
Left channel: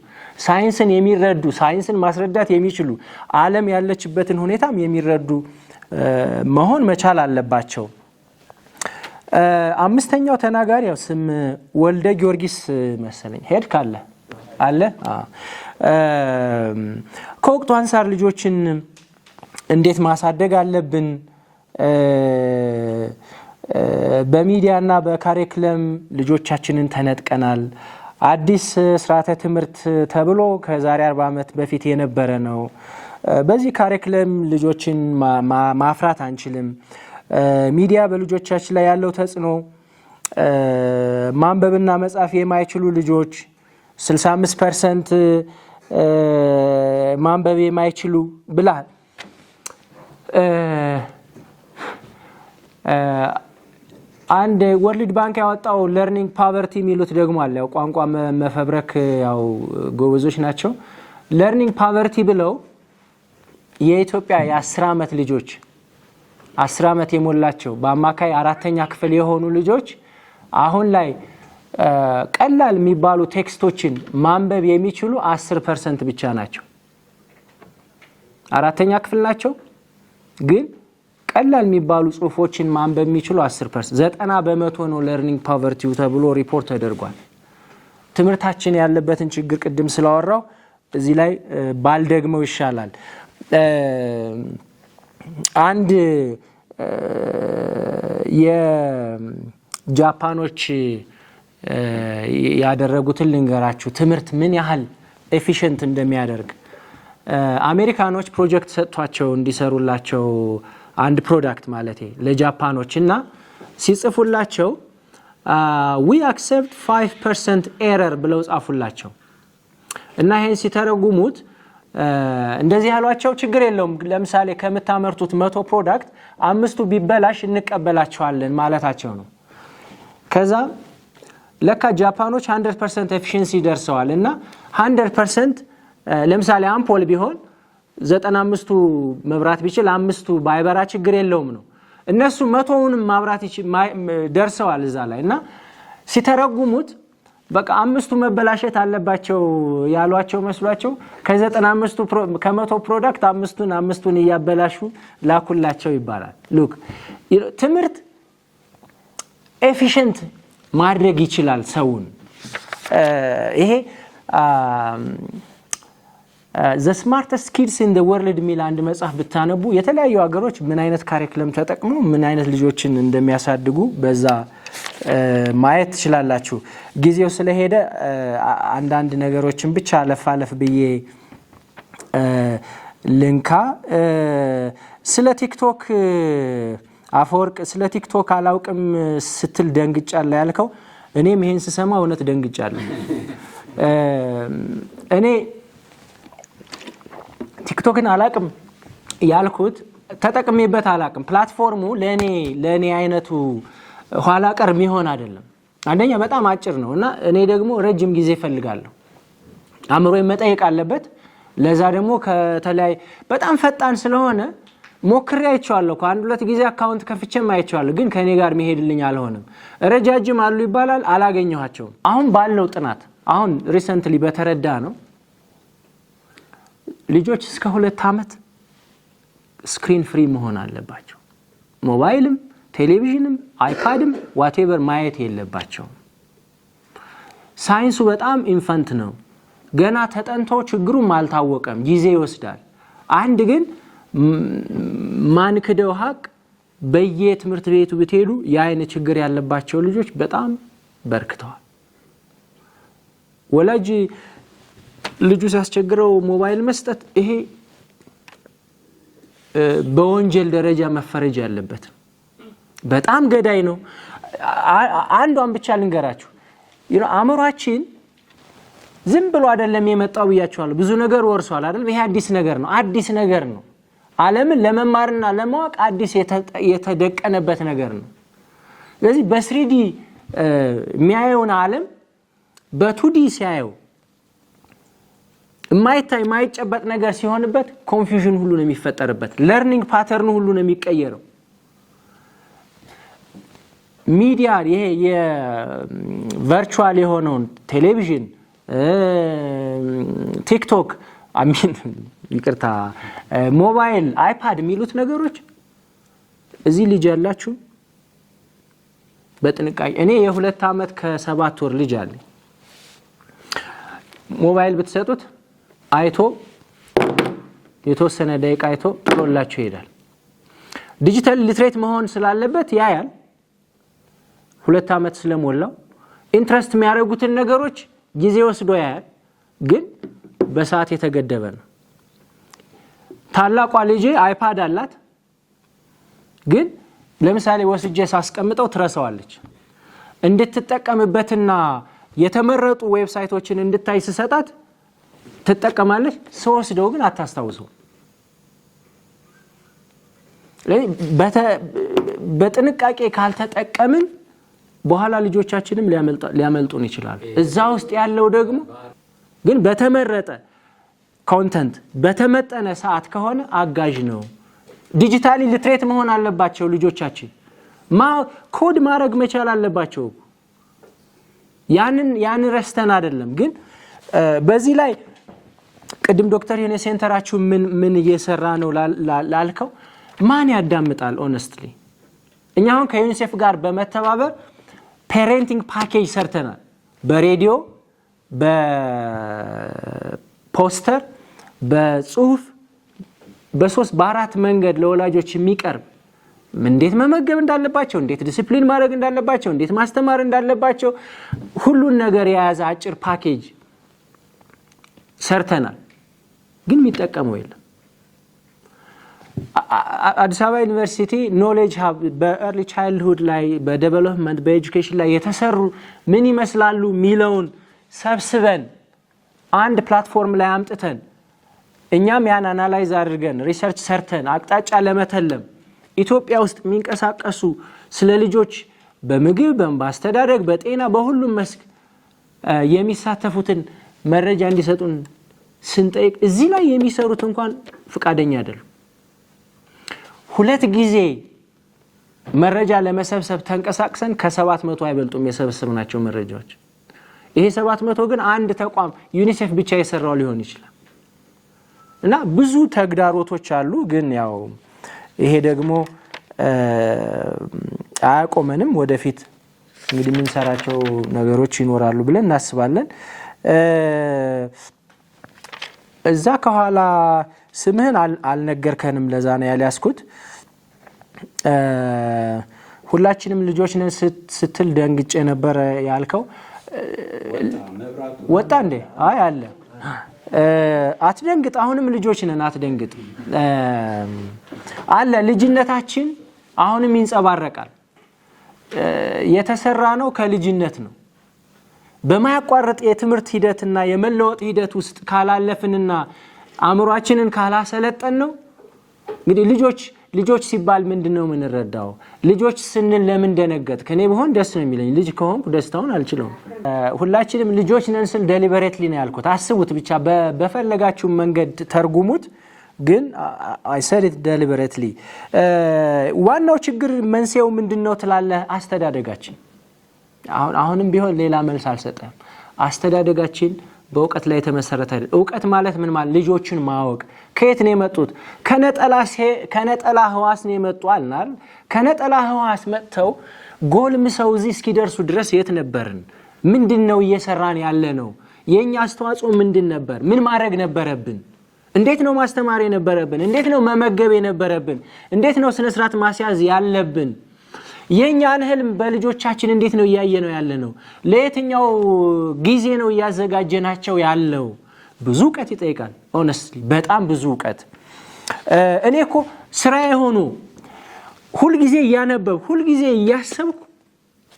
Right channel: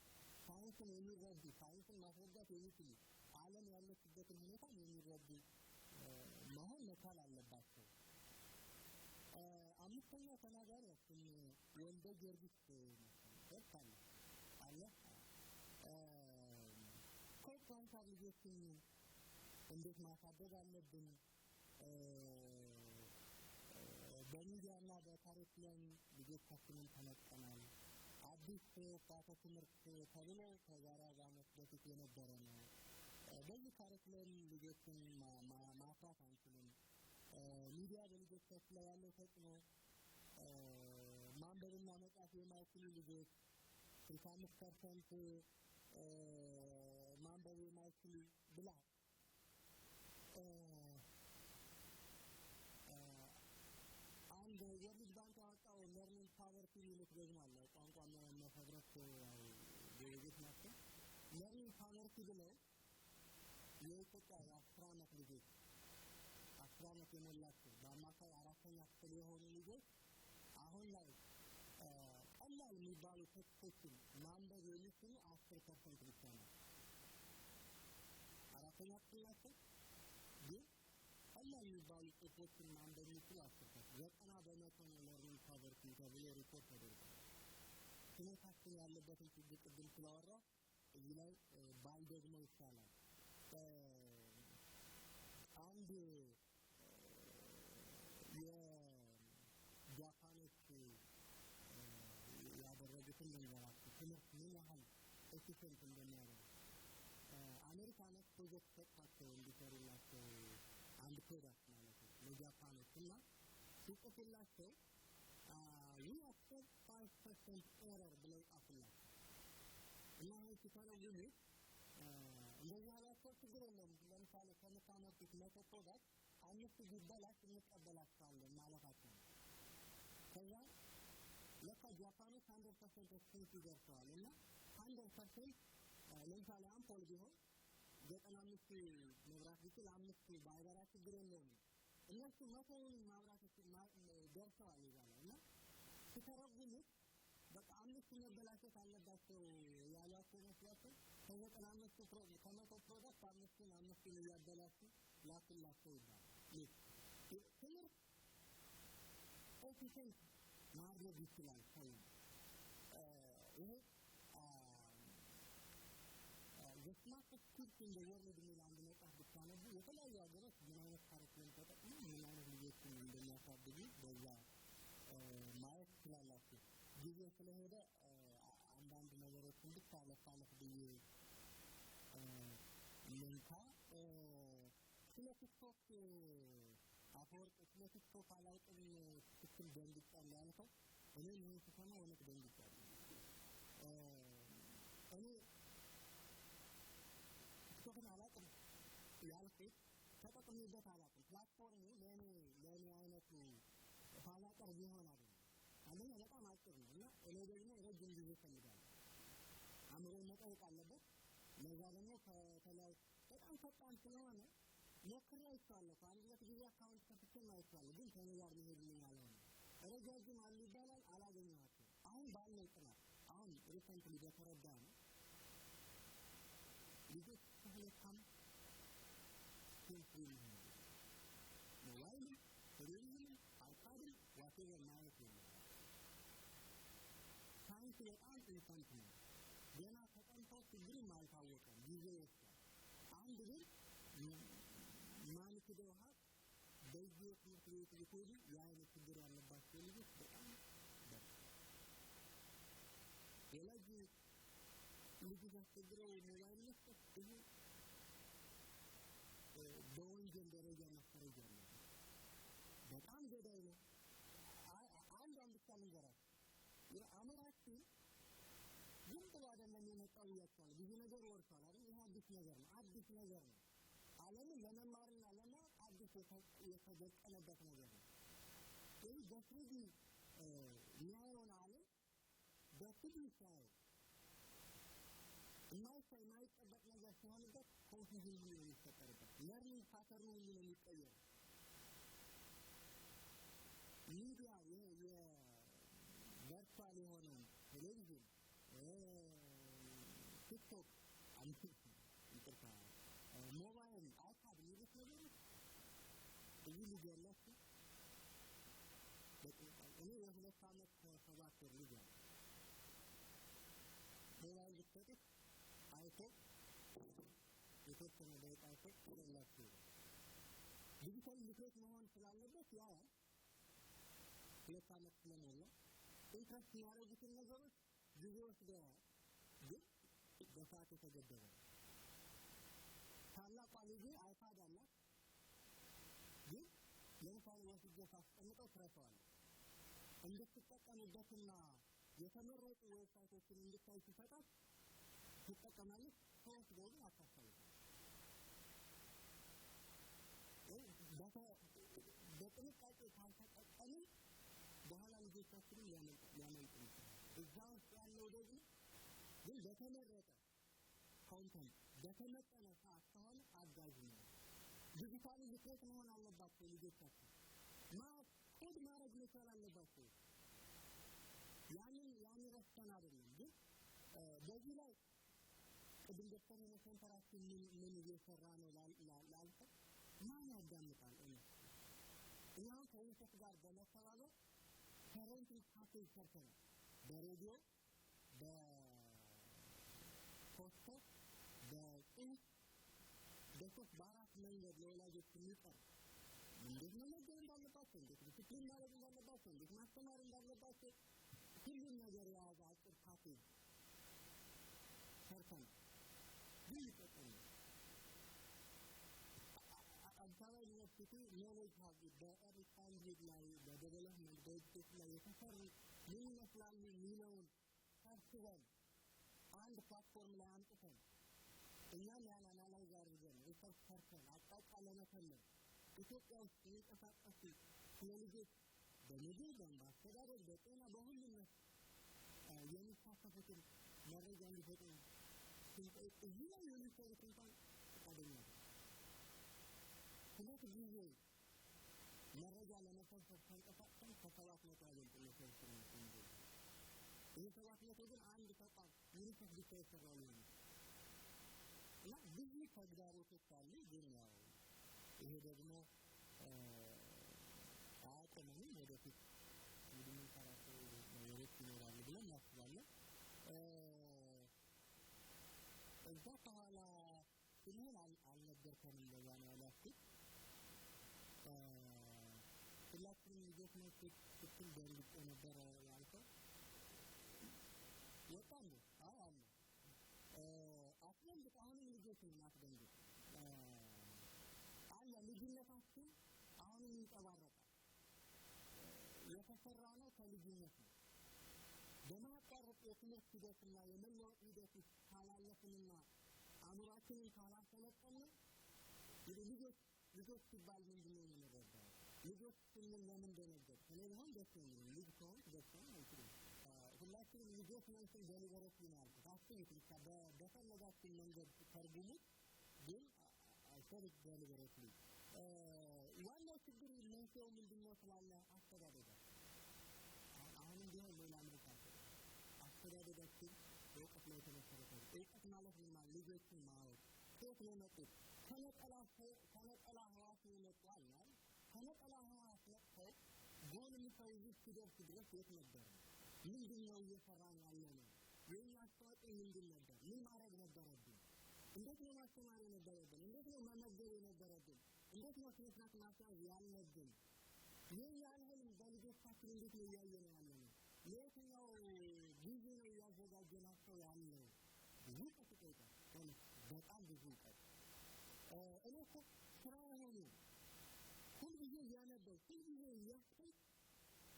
ሳይንስን የሚረዱ፣ ሳይንስን ማስረዳት የሚችሉ፣ ዓለም ያለችበትን ሁኔታም የሚረዱ መሆን መቻል አለባቸው። አምስተኛው ተናጋሪ ያው ስም ወልደ ጊዮርጊስ መሰለኝ ሄድ ካለ አለ። ከወቅቱ አንሳር ልጆችን እንዴት ማሳደግ አለብን በሚዲያና በካሪክለም ልጆቻችንን ተነጥቀናል። አዲስ ስርዓተ ትምህርት ተብሎ ከዛሬ 40 ዓመት በፊት የነበረ ነው። በዚህ ካሪክለም ልጆችን ማፍራት አንችልም። ሚዲያ በልጆቻችን ላይ ያለው ተጽዕኖ ማንበብና መጻፍ የማይችሉ ልጆች 65% ማንበብ የማይችሉ ብላል። አንድ ወርልድ ባንክ ያወጣው ለርኒንግ ፓቨርቲ የሚሉት ደግሞ አለ። ያው ቋንቋ መፈብረክ ያው ጎበዞች ናቸው። ለርኒንግ ፓቨርቲ ብለው የኢትዮጵያ የ10 ዓመት ልጆች 10 ዓመት የሞላቸው በአማካይ 4ኛ ክፍል የሆኑ ልጆች አሁን ላይ ቀላል የሚባሉ ቴክስቶችን ማንበብ የሚችሉ 10% ብቻ ናቸው። 4ኛ ክፍል ናቸው ግን ቀላል የሚባሉ ጽሁፎችን ማንበብ የሚችሉ 10%። 90% ነው ለርኒንግ ፓቨርቲው ተብሎ ሪፖርት ተደርጓል። ትምህርታችን ያለበትን ችግር ቅድም ስላወራው እዚህ ላይ ባልደግመው ይሻላል። አንድ የጃፓኖች ያደረጉትን ልንገራችሁ፣ ትምህርት ምን ያህል ኤፊሽንት እንደሚያደርግ። አሜሪካኖች ፕሮጀክት ሰጥቷቸው እንዲሰሩላቸው አንድ ፕሮዳክት ማለት ለጃፓኖች እና ሲጽፉላቸው we accept 5% ኤረር ብለው ጻፉላቸው እና ይሄን ሲተረጉሙት እንደዚህ ያሏቸው ችግር የለውም፣ ለምሳሌ ከምታመርቱት 100 ፕሮዳክት 5ቱ ቢበላሽ እንቀበላቸዋለን ማለታቸው ነው። ከዛ ለካ ጃፓኖች 100% ኤፊሺንሲ ደርሰዋል እና 100% ለምሳሌ አምፖል ቢሆን 95ቱ መብራት ቢችል 5ቱ ባይበራ ችግር የለውም ነው። እነሱ 100ውንም ማብራት ደርሰዋል እዛ ላይ እና ሲተረጉሙት በቃ 5ቱ መበላሸት አለባቸው ያሏቸው መስሏቸው ከ95ቱ ከ100 ፕሮዳክት 5ቱን እያበላሹ ላኩላቸው ይባላል። ሉክ ትምህርት ኤፊሽንት ማድረግ ይችላል ሰውን። ይሄ the smartest kids in the world ሚል አንድ መጽሐፍ ብታነቡ የተለያዩ ሀገሮች ምን አይነት ካሪክለም ተጠቅመው ምን አይነት ልጆችን እንደሚያሳድጉ በዛ ማየት ትችላላችሁ። ጊዜው ስለሄደ አንዳንድ ነገሮችን ብቻ አለፍ ብዬ ልንካ። ስለ ቲክቶክ አፈወርቅ ስለ ቲክቶክ አላውቅም ስትል ደንግጫለሁ ያልከው፣ እኔም ይሄን ስሰማ እውነት ደንግጫለሁ። እኔ ቲክቶክን አላውቅም ያልኩት ተጠቅሜበት አላውቅም። ፕላትፎርሙ ለኔ አይነቱ ኋላ ቀር የሚሆን አይደለም። አንደኛ በጣም አጭር ነው እና እኔ ደግሞ ረጅም ጊዜ እፈልጋለሁ። አእምሮዬ መጠየቅ አለበት። ለዛ ደግሞ ከተለያየ በጣም ፈጣን ስለሆነ ሞክሬ አይቼዋለሁ። ከአንድ 2 ጊዜ አካውንት ከፍቼም አይቼዋለሁ፣ ግን ከኔ ጋር መሄድልኝ አልሆነም። ረጃጅም አሉ ይባላል፣ አላገኘኋቸውም። አሁን ባለው ጥናት አሁን ሪሰንትሊ በተረዳ ነው ልጆች እስከ 2 ዓመት ስክሪን ፍሪ መሆን አለባቸው። ሞባይልም ቴሌቪዥንም አይፓድም ዋቴቨር ማየት የለባቸው። ሳይንሱ በጣም ኢንፈንት ነው፣ ገና ተጠንቶ ችግሩም አልታወቀም፣ ጊዜ ይወስዳል። አንድ ግን ማንክደው ሀቅ በየትምህርት ቤቱ ብትሄዱ የአይን ችግር ያለባቸው ልጆች በጣም በርክተዋል። ወላጅ ልጁ ሲያስቸግረው ሞባይል መስጠት ይሄ በወንጀል ደረጃ መፈረጅ ያለበት በጣም ገዳይ ነው። አንዷን ብቻ ልንገራችሁ። አእምሯችን ዝም ብሎ አይደለም የመጣው ብያችኋለሁ። ብዙ ነገር ወርሷል አይደል? ይሄ አዲስ ነገር ነው። ዓለምን ለመማርና ለማወቅ አዲስ የተደቀነበት ነገር ነው። ስለዚህ በስሪዲ የሚያየውን ዓለም በቱዲ ሲያየው የማይታይ የማይጨበጥ ነገር ሲሆንበት ኮንፊውዥን ሁሉ ነው የሚፈጠርበት። ለርኒንግ ፓተርን ሁሉ ነው የሚቀየረው። ሚዲያ ይሄ የቨርቹዋል የሆነውን ቴሌቪዥን፣ ቲክቶክ፣ ይቅርታ ሞባይል፣ አይፓድ የሚሉት ነገሮች እዚህ ልጅ ያላችሁ በጥንቃቄ እኔ የ2 ዓመት ከ7 ወር ልጅ አለኝ። ሞባይል ብትሰጡት አይቶ የተወሰነ ደቂቃ አይቶ ጥሎላችሁ ይሄዳል። ዲጂታል ሊትሬት መሆን ስላለበት ያያል፣ 2 ዓመት ስለሞላው ኢንትረስት የሚያደርጉትን ነገሮች ጊዜ ወስዶ ያያል፣ ግን በሰዓት የተገደበ ነው። ታላቋ ልጄ አይፓድ አላት፣ ግን ለምሳሌ ወስጄ ሳስቀምጠው ትረሳዋለች። እንድትጠቀምበትና የተመረጡ ዌብሳይቶችን እንድታይ ስሰጣት ትጠቀማለች፣ ስወስደው ግን አታስታውሰው። በጥንቃቄ ካልተጠቀምን በኋላ ልጆቻችንም ሊያመልጡን ይችላሉ። እዛ ውስጥ ያለው ደግሞ ግን በተመረጠ ኮንተንት በተመጠነ ሰዓት ከሆነ አጋዥ ነው። ዲጂታሊ ሊትሬት መሆን አለባቸው ልጆቻችን። ኮድ ማድረግ መቻል አለባቸው። ያንን ረስተን አይደለም። ግን በዚህ ላይ ቅድም ዶክተር የኔ ሴንተራችሁ ምን እየሰራ ነው ላልከው ማን ያዳምጣል? ኦነስትሊ እኛ አሁን ከዩኒሴፍ ጋር በመተባበር ፔሬንቲንግ ፓኬጅ ሰርተናል። በሬዲዮ፣ በፖስተር፣ በጽሁፍ፣ በ3 በ4 መንገድ ለወላጆች የሚቀርብ እንዴት መመገብ እንዳለባቸው፣ እንዴት ዲሲፕሊን ማድረግ እንዳለባቸው፣ እንዴት ማስተማር እንዳለባቸው ሁሉን ነገር የያዘ አጭር ፓኬጅ ሰርተናል። ግን የሚጠቀመው የለም። አዲስ አበባ ዩኒቨርሲቲ ኖሌጅ ሀብ በኤርሊ ቻይልድሁድ ላይ በዴቨሎፕመንት በኤጁኬሽን ላይ የተሰሩ ምን ይመስላሉ ሚለውን ሰብስበን አንድ ፕላትፎርም ላይ አምጥተን እኛም ያን አናላይዝ አድርገን ሪሰርች ሰርተን አቅጣጫ ለመተለም ኢትዮጵያ ውስጥ የሚንቀሳቀሱ ስለ ልጆች በምግብ በአስተዳደግ በጤና በሁሉም መስክ የሚሳተፉትን መረጃ እንዲሰጡን ስንጠይቅ እዚህ ላይ የሚሰሩት እንኳን ፍቃደኛ አይደሉም። 2 ጊዜ መረጃ ለመሰብሰብ ተንቀሳቅሰን ከ700 አይበልጡም የሰበሰብናቸው መረጃዎች። ይሄ 700 ግን አንድ ተቋም ዩኒሴፍ ብቻ የሰራው ሊሆን ይችላል። እና ብዙ ተግዳሮቶች አሉ። ግን ያው ይሄ ደግሞ አያቆመንም። ወደፊት እንግዲህ የምንሰራቸው ነገሮች ይኖራሉ ብለን እናስባለን። እዛ ከኋላ ስምህን አልነገርከንም፣ ለዛ ነው ያልያዝኩት። ሁላችንም ልጆች ነን ስትል ደንግጬ ነበር ያልከው። ወጣ እንዴ? አይ አለ። አትደንግጥ፣ አሁንም ልጆች ነን፣ አትደንግጥ። አለ ልጅነታችን አሁንም ይንጸባረቃል። የተሰራ ነው ከልጅነት ነው። በማያቋርጥ የትምህርት ሂደትና የመለወጥ ሂደት ውስጥ ካላለፍንና አእምሯችንን ካላሰለጠን ነው እንግዲህ ልጆች ሲባል ምንድነው የምንረዳው? ልጆች ስንል ለምን ደነገጥ? ከኔ በሆን ደስ ነው የሚለኝ፣ ልጅ ከሆንኩ ደስታውን አልችለውም። ሁላችንም ልጆች ነን ስል ዴሊበሬትሊ ነው ያልኩት። አስቡት ብቻ በፈለጋችሁ መንገድ ተርጉሙት፣ ግን አይ ሰድ ኢት ዴሊበሬትሊ። ዋናው ችግር መንስኤው ምንድነው ትላለህ? አስተዳደጋችን። አሁንም ቢሆን ሌላ መልስ አልሰጠም። አስተዳደጋችን በእውቀት ላይ የተመሰረተ አይደለም። እውቀት ማለት ምን ማለት? ልጆችን ማወቅ። ከየት ነው የመጡት? ከነጠላ ህዋስ ነው የመጡ አልናል። ከነጠላ ህዋስ መጥተው ጎልምሰው እዚህ እስኪደርሱ ድረስ የት ነበርን? ምንድነው እየሰራን ያለ ነው? የኛ አስተዋጽኦ ምንድን ነበር? ምን ማድረግ ነበረብን? እንዴት ነው ማስተማር የነበረብን? እንዴት ነው መመገብ የነበረብን? እንዴት ነው ስነ ስርዓት ማስያዝ ያለብን? የኛን ህልም በልጆቻችን እንዴት ነው እያየነው ያለ ነው? ለየትኛው ጊዜ ነው እያዘጋጀናቸው ያለው? ብዙ ዕውቀት ይጠይቃል። ኦነስትሊ በጣም ብዙ ዕውቀት። እኔ እኮ ስራዬ ሆኖ ሁልጊዜ እያነበብ ሁልጊዜ እያሰብኩ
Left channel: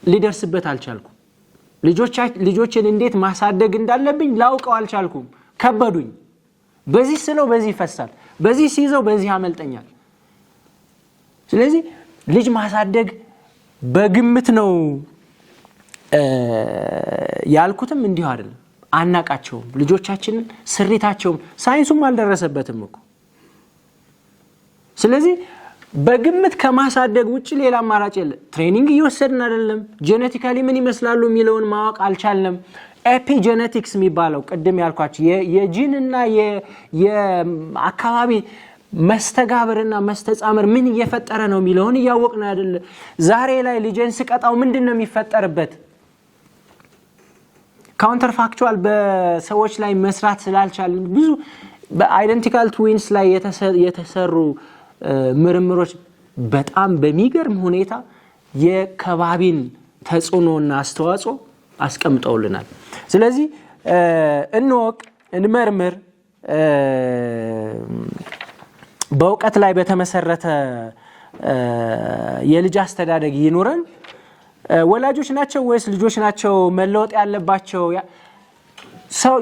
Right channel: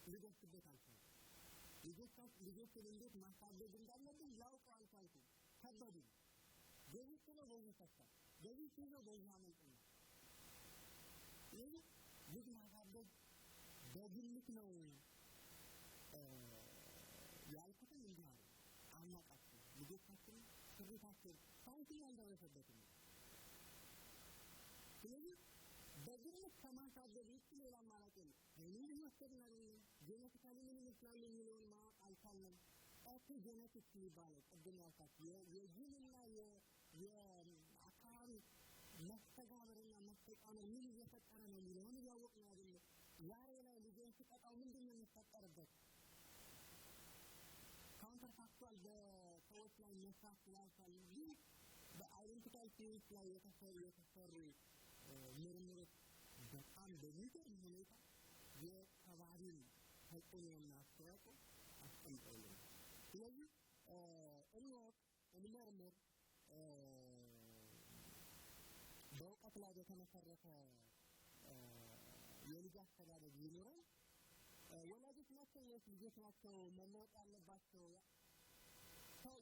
ሊደርስበት አልቻልኩም። ልጆችን እንዴት ማሳደግ እንዳለብኝ ላውቀው አልቻልኩም። ከበዱኝ። በዚህ ስለው በዚህ ይፈሳል፣ በዚህ ሲይዘው በዚህ ያመልጠኛል። ስለዚህ ልጅ ማሳደግ በግምት ነው ያልኩትም እንዲሁ አይደለም። አናቃቸውም ልጆቻችንን፣ ስሪታቸውም ሳይንሱም አልደረሰበትም እኮ። ስለዚህ በግምት ከማሳደግ ውጭ ሌላ አማራጭ የለ። ትሬኒንግ እየወሰድን አይደለም። ጄኔቲካሊ ምን ይመስላሉ የሚለውን ማወቅ አልቻልንም። ኤፒጄኔቲክስ የሚባለው ቅድም ያልኳቸው የጂንና የአካባቢ መስተጋብርና መስተጻምር ምን እየፈጠረ ነው የሚለውን እያወቅን አይደለ። ዛሬ ላይ ልጅን ስቀጣው ምንድነው የሚፈጠርበት? ካውንተር ፋክቹዋል በሰዎች ላይ መስራት ስላልቻልን ብዙ በአይደንቲካል ትዊንስ ላይ የተሰሩ ምርምሮች በጣም በሚገርም ሁኔታ የከባቢን ተጽዕኖና አስተዋጽኦ አስቀምጠውልናል። ስለዚህ እንወቅ፣ እንመርምር፣ በእውቀት ላይ በተመሰረተ የልጅ አስተዳደግ ይኑረን። ወላጆች ናቸው ወይስ ልጆች ናቸው መለወጥ ያለባቸው?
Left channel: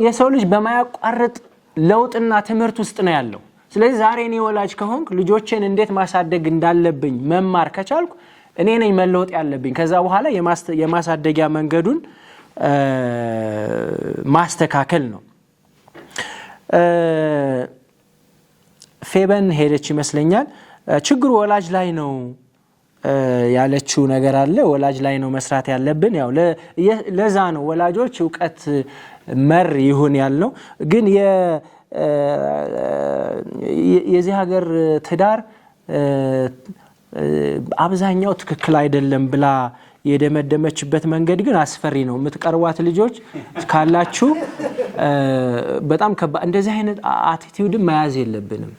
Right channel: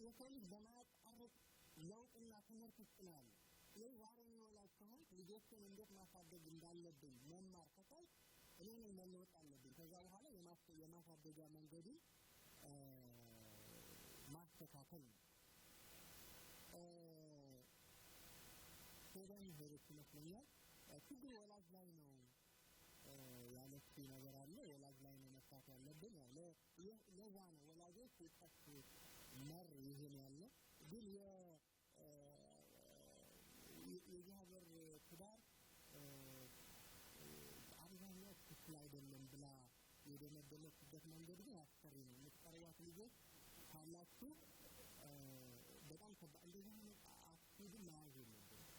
የሰው ልጅ በማያቋርጥ ለውጥና ትምህርት ውስጥ ነው ያለው። ስለዚህ ዛሬ እኔ ወላጅ ከሆንኩ ልጆችን እንዴት ማሳደግ እንዳለብኝ መማር ከቻልኩ እኔ ነኝ መለወጥ ያለብኝ። ከዛ በኋላ የማሳደጊያ መንገዱን ማስተካከል ነው። ፌበን ሄደች ይመስለኛል። ችግሩ ወላጅ ላይ ነው ያለችው ነገር አለ። ወላጅ ላይ ነው መስራት ያለብን። ያው ለዛ ነው ወላጆች እውቀት መር ይሁን ያልነው። ግን የዚህ ሀገር ትዳር አብዛኛው ትክክል አይደለም ብላ የደመደመችበት መንገድ ግን አስፈሪ ነው። የምትቀርቧት ልጆች ካላችሁ በጣም ከባድ። እንደዚህ አይነት አቲቲዩድን መያዝ የለብንም።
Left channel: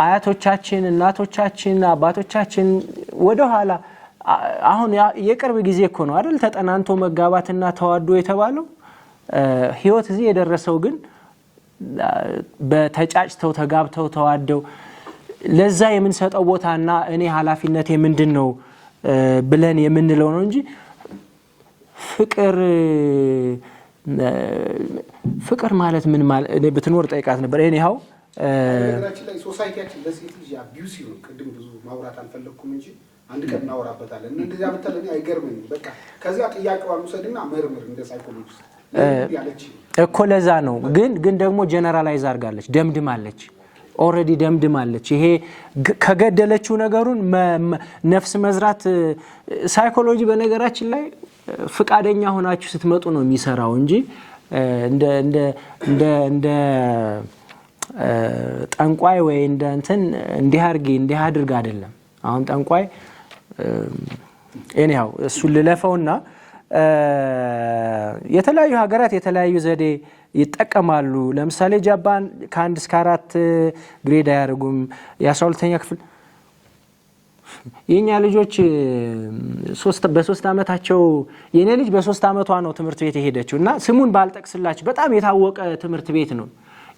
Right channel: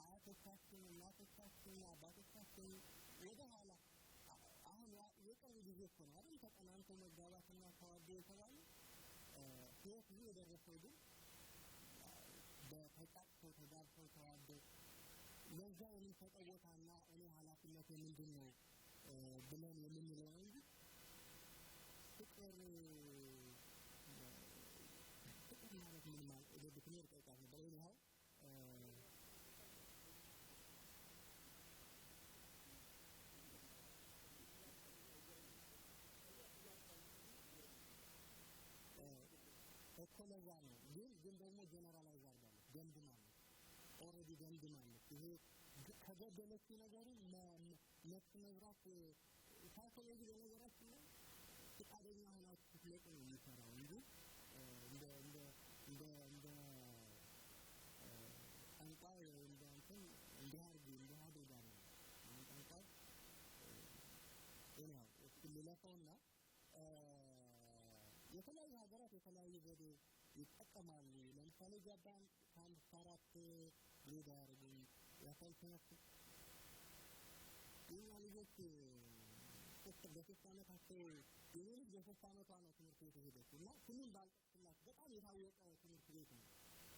አያቶቻችን፣ እናቶቻችን፣ አባቶቻችን ወደኋላ አሁን የቅርብ ጊዜ እኮ ነው አይደል ተጠናንቶ መጋባትና ተዋዶ የተባለው። ህይወት እዚህ የደረሰው ግን በተጫጭተው ተጋብተው ተዋደው ለዛ የምንሰጠው ቦታና እኔ ኃላፊነቴ ምንድን ነው ብለን የምንለው ነው እንጂ ፍቅር ማለት ምን ማለት እኔ ብትኖር ጠይቃት ነበር። እኔው ነገራችን ላይ ሶሳይቲያችን ለሴት ልጅ አቢዩስ ነው። ቅድም ብዙ ማውራት አልፈለኩም እንጂ አንድ ቀን እናወራበታለን። እንደዚያ ብትለኝ አይገርምም። በቃ ከዚያ ጥያቄዋን ውሰድና መርምር እንደ ሳይኮሎጂስት ያለች እኮ ለዛ ነው። ግን ደግሞ ጀነራላይዝ አድርጋለች፣ ደምድማለች፣ ኦልሬዲ ደምድማለች። ይሄ ከገደለችው ነገሩን ነፍስ መዝራት ሳይኮሎጂ በነገራችን ላይ ፍቃደኛ ሆናችሁ ስትመጡ ነው የሚሰራው እንጂ እንደ ጠንቋይ ወይ እንደ እንትን እንዲህ አድርግ አይደለም። አሁን ጠንቋይ እኔው እሱ ልለፈውና የተለያዩ ሀገራት የተለያዩ ዘዴ ይጠቀማሉ። ለምሳሌ ጃፓን ከ1 እስከ 4 ግሬድ አያደርጉም። የ12ኛ ክፍል የኛ ልጆች በ3 ዓመታቸው የኔ ልጅ በ3 ዓመቷ ነው ትምህርት ቤት የሄደችው እና ስሙን ባልጠቅስላችሁ በጣም የታወቀ ትምህርት ቤት ነው።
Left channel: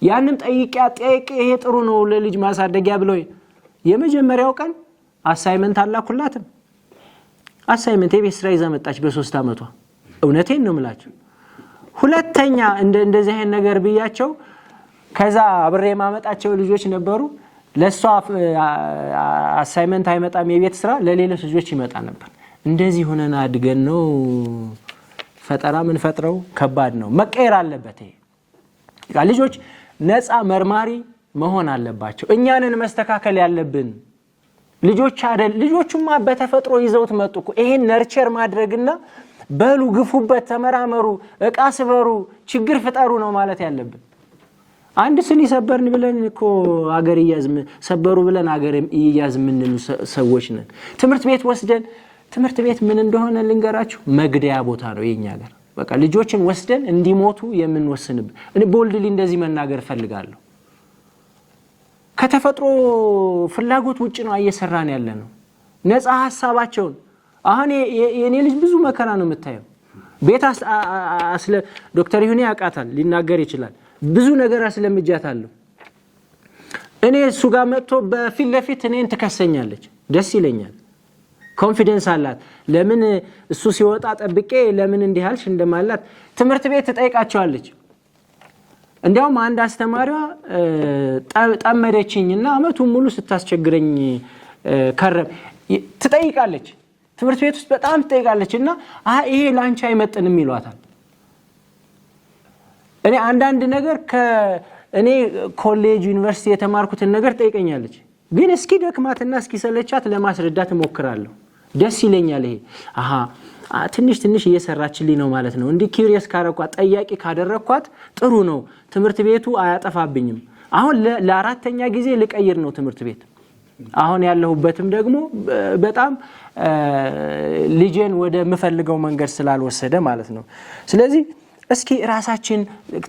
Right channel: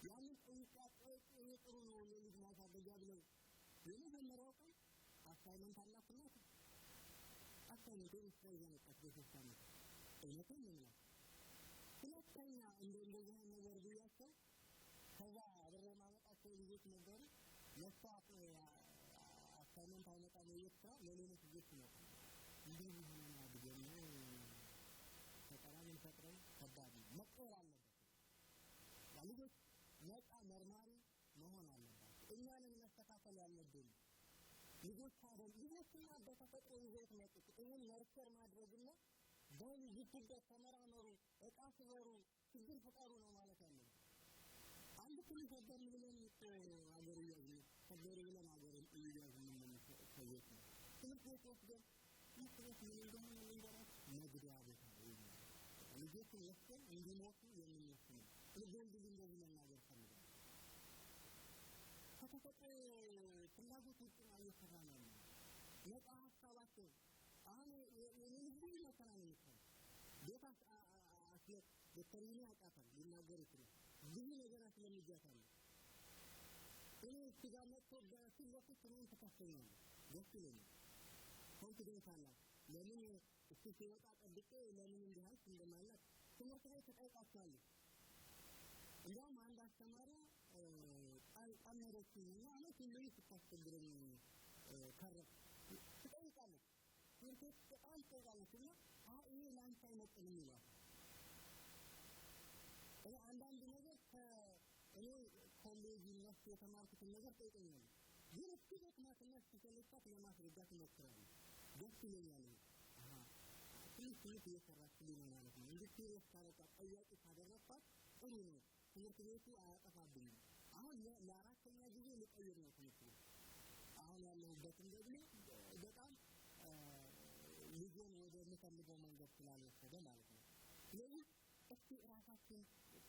ያንን ጠይቄ ይሄ ጥሩ ነው ለልጅ ማሳደጊያ ብለው የመጀመሪያው ቀን አሳይመንት አላኩላትም። አሳይመንት የቤት ስራ ይዛ መጣች በ3 ዓመቷ። እውነቴን ነው የምላችሁ። ሁለተኛ እንደዚህ አይነት ነገር ብያቸው ከዛ አብሬ ማመጣቸው ልጆች ነበሩ። ለሷ አሳይመንት አይመጣም የቤት ስራ ለሌሎች ልጆች ይመጣ ነበር። እንደዚህ ሆነና አድገን ነው ፈጠራ ምን ፈጥረው ከባድ ነው። መቀየር አለበት። ይሄ ልጆች ነፃ መርማሪ መሆን አለባቸው። እኛንን መስተካከል ያለብን ልጆች አይደል። ልጆቹማ በተፈጥሮ ይዘውት መጡ እኮ። ይሄን ነርቸር ማድረግና በሉ ግፉበት፣ ተመራመሩ፣ እቃ ስበሩ፣ ችግር ፍጠሩ ነው ማለት ያለብን። አንድ ስኒ ሰበርን ብለን እኮ አገር ይያዝ ሰበሩ ብለን አገር ይያዝ ምን ሰዎች ነን። ትምህርት ቤት ወስደን ትምህርት ቤት ምን እንደሆነ ልንገራችሁ፣ መግደያ ቦታ ነው የኛ ሀገር። በቃ ልጆችን ወስደን እንዲሞቱ የምንወስንበት። እኔ ቦልድሊ እንደዚህ መናገር ፈልጋለሁ። ከተፈጥሮ ፍላጎት ውጭ ነው እየሰራን ያለ ነው። ነፃ ሐሳባቸውን አሁን የኔ ልጅ ብዙ መከራ ነው የምታየው። ቤት ዶክተር ይሁኔ ያውቃታል፣ ሊናገር ይችላል። ብዙ ነገር አስለምጃታለሁ። እኔ እሱ ጋር መጥቶ በፊት ለፊት እኔን ትከሰኛለች። ደስ ይለኛል። ኮንፊደንስ አላት። ለምን እሱ ሲወጣ ጠብቄ ለምን እንዲህ አልሽ እንደማላት ትምህርት ቤት ትጠይቃቸዋለች። እንዲያውም አንድ አስተማሪዋ ጠመደችኝና አመቱን ሙሉ ስታስቸግረኝ ትጠይቃለች። ትምህርት ቤት ውስጥ በጣም ትጠይቃለች እና ይሄ ላንቺ አይመጥንም ይሏታል። እኔ አንዳንድ ነገር እኔ ኮሌጅ ዩኒቨርሲቲ የተማርኩትን ነገር ጠይቀኛለች። ግን እስኪ ደክማትና እስኪ ሰለቻት ለማስረዳት እሞክራለሁ። ደስ ይለኛል። ይሄ ትንሽ እየሰራችልኝ ነው ማለት ነው። እንዲህ ኪሪየስ ካረኳት ጠያቂ ካደረኳት ጥሩ ነው። ትምህርት ቤቱ አያጠፋብኝም። አሁን ለአራተኛ ጊዜ ልቀይር ነው ትምህርት ቤት። አሁን ያለሁበትም ደግሞ በጣም ልጄን ወደ ምፈልገው መንገድ ስላልወሰደ ማለት ነው። ስለዚህ እስኪ ራሳችን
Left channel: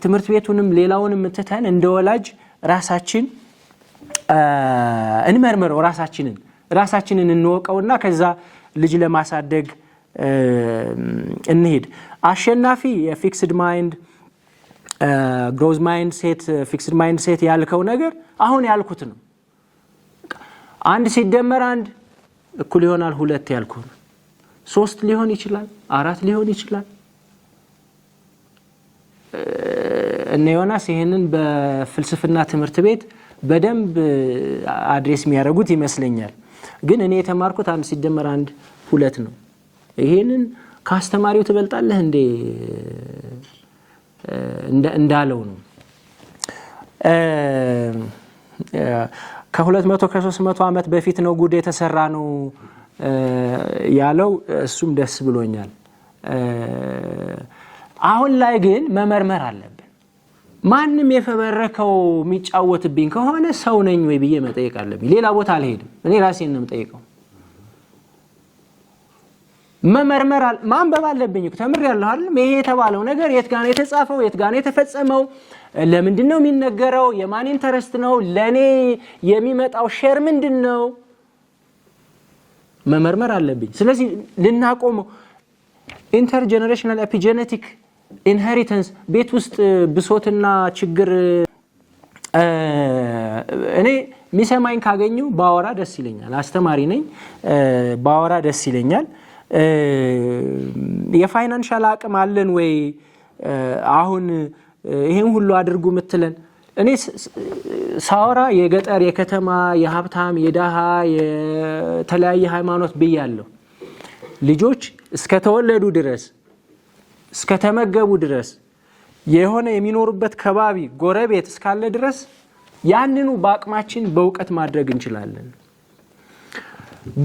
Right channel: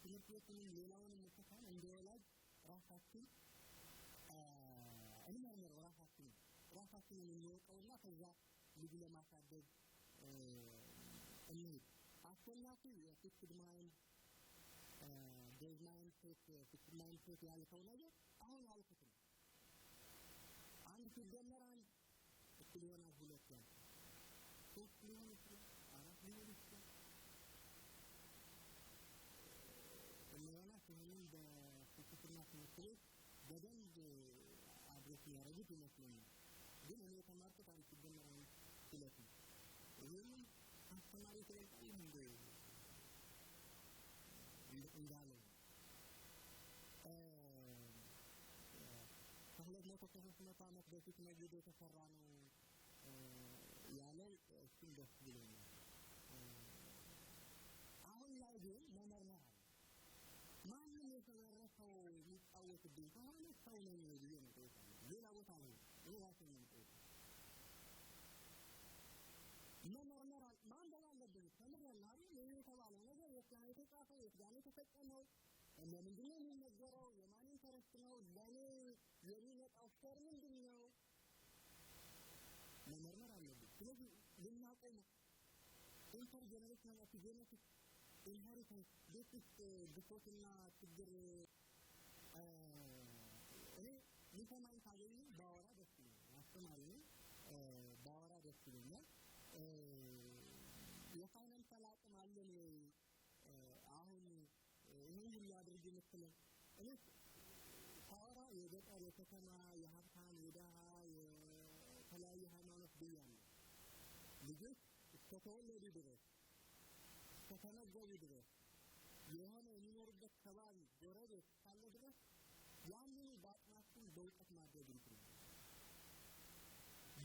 ትምህርት ቤቱንም ሌላውንም ትተን እንደ ወላጅ ራሳችን እንመርምረው፣ ራሳችንን እንወቀውና ከዛ ልጅ ለማሳደግ እንሂድ። አሸናፊ የፊክስድ ማይንድ ግሮዝ ማይንድ ሴት ፊክስድ ማይንድ ሴት ያልከው ነገር አሁን ያልኩት ነው። 1 ሲደመር 1 እኩል ይሆናል 2 ያልኩት ነው። 3 ሊሆን ይችላል፣ 4 ሊሆን ይችላል። እነ ዮናስ ይሄንን በፍልስፍና ትምህርት ቤት በደንብ አድሬስ የሚያደርጉት ይመስለኛል። ግን እኔ የተማርኩት 1 ሲደመር 1 2 ነው። ይሄንን ከአስተማሪው ትበልጣለህ እንዴ እንዳለው ነው። ከ200 ከ300 ዓመት በፊት ነው ጉድ የተሰራ ነው ያለው። እሱም ደስ ብሎኛል። አሁን ላይ ግን መመርመር አለብን። ማንም የፈበረከው የሚጫወትብኝ ከሆነ ሰው ነኝ ወይ ብዬ መጠየቅ አለብኝ። ሌላ ቦታ አልሄድም። እኔ ራሴን ነው የምጠይቀው። መመርመር ማንበብ አለብኝ። ተምሬያለሁ አይደል? ይሄ የተባለው ነገር የት ጋር ነው የተጻፈው? የት ጋር ነው የተፈጸመው? ለምንድን ነው የሚነገረው? የማን ኢንተረስት ነው? ለኔ የሚመጣው ሼር ምንድን ነው? መመርመር አለብኝ። ስለዚህ ልናቆመው ኢንተርጀነሬሽናል ኤፒጄኔቲክ ኢንሄሪተንስ ቤት ውስጥ ብሶትና ችግር እኔ ሚሰማኝ ካገኙ ባወራ ደስ ይለኛል። አስተማሪ ነኝ፣ ባወራ ደስ ይለኛል። የፋይናንሻል አቅም አለን ወይ አሁን ይሄን ሁሉ አድርጉ ምትለን? እኔ ሳወራ የገጠር የከተማ የሀብታም የደሃ የተለያየ ሃይማኖት ብያለሁ። ልጆች እስከተወለዱ ድረስ እስከተመገቡ ድረስ የሆነ የሚኖሩበት ከባቢ ጎረቤት እስካለ ድረስ ያንኑ በአቅማችን በእውቀት ማድረግ እንችላለን።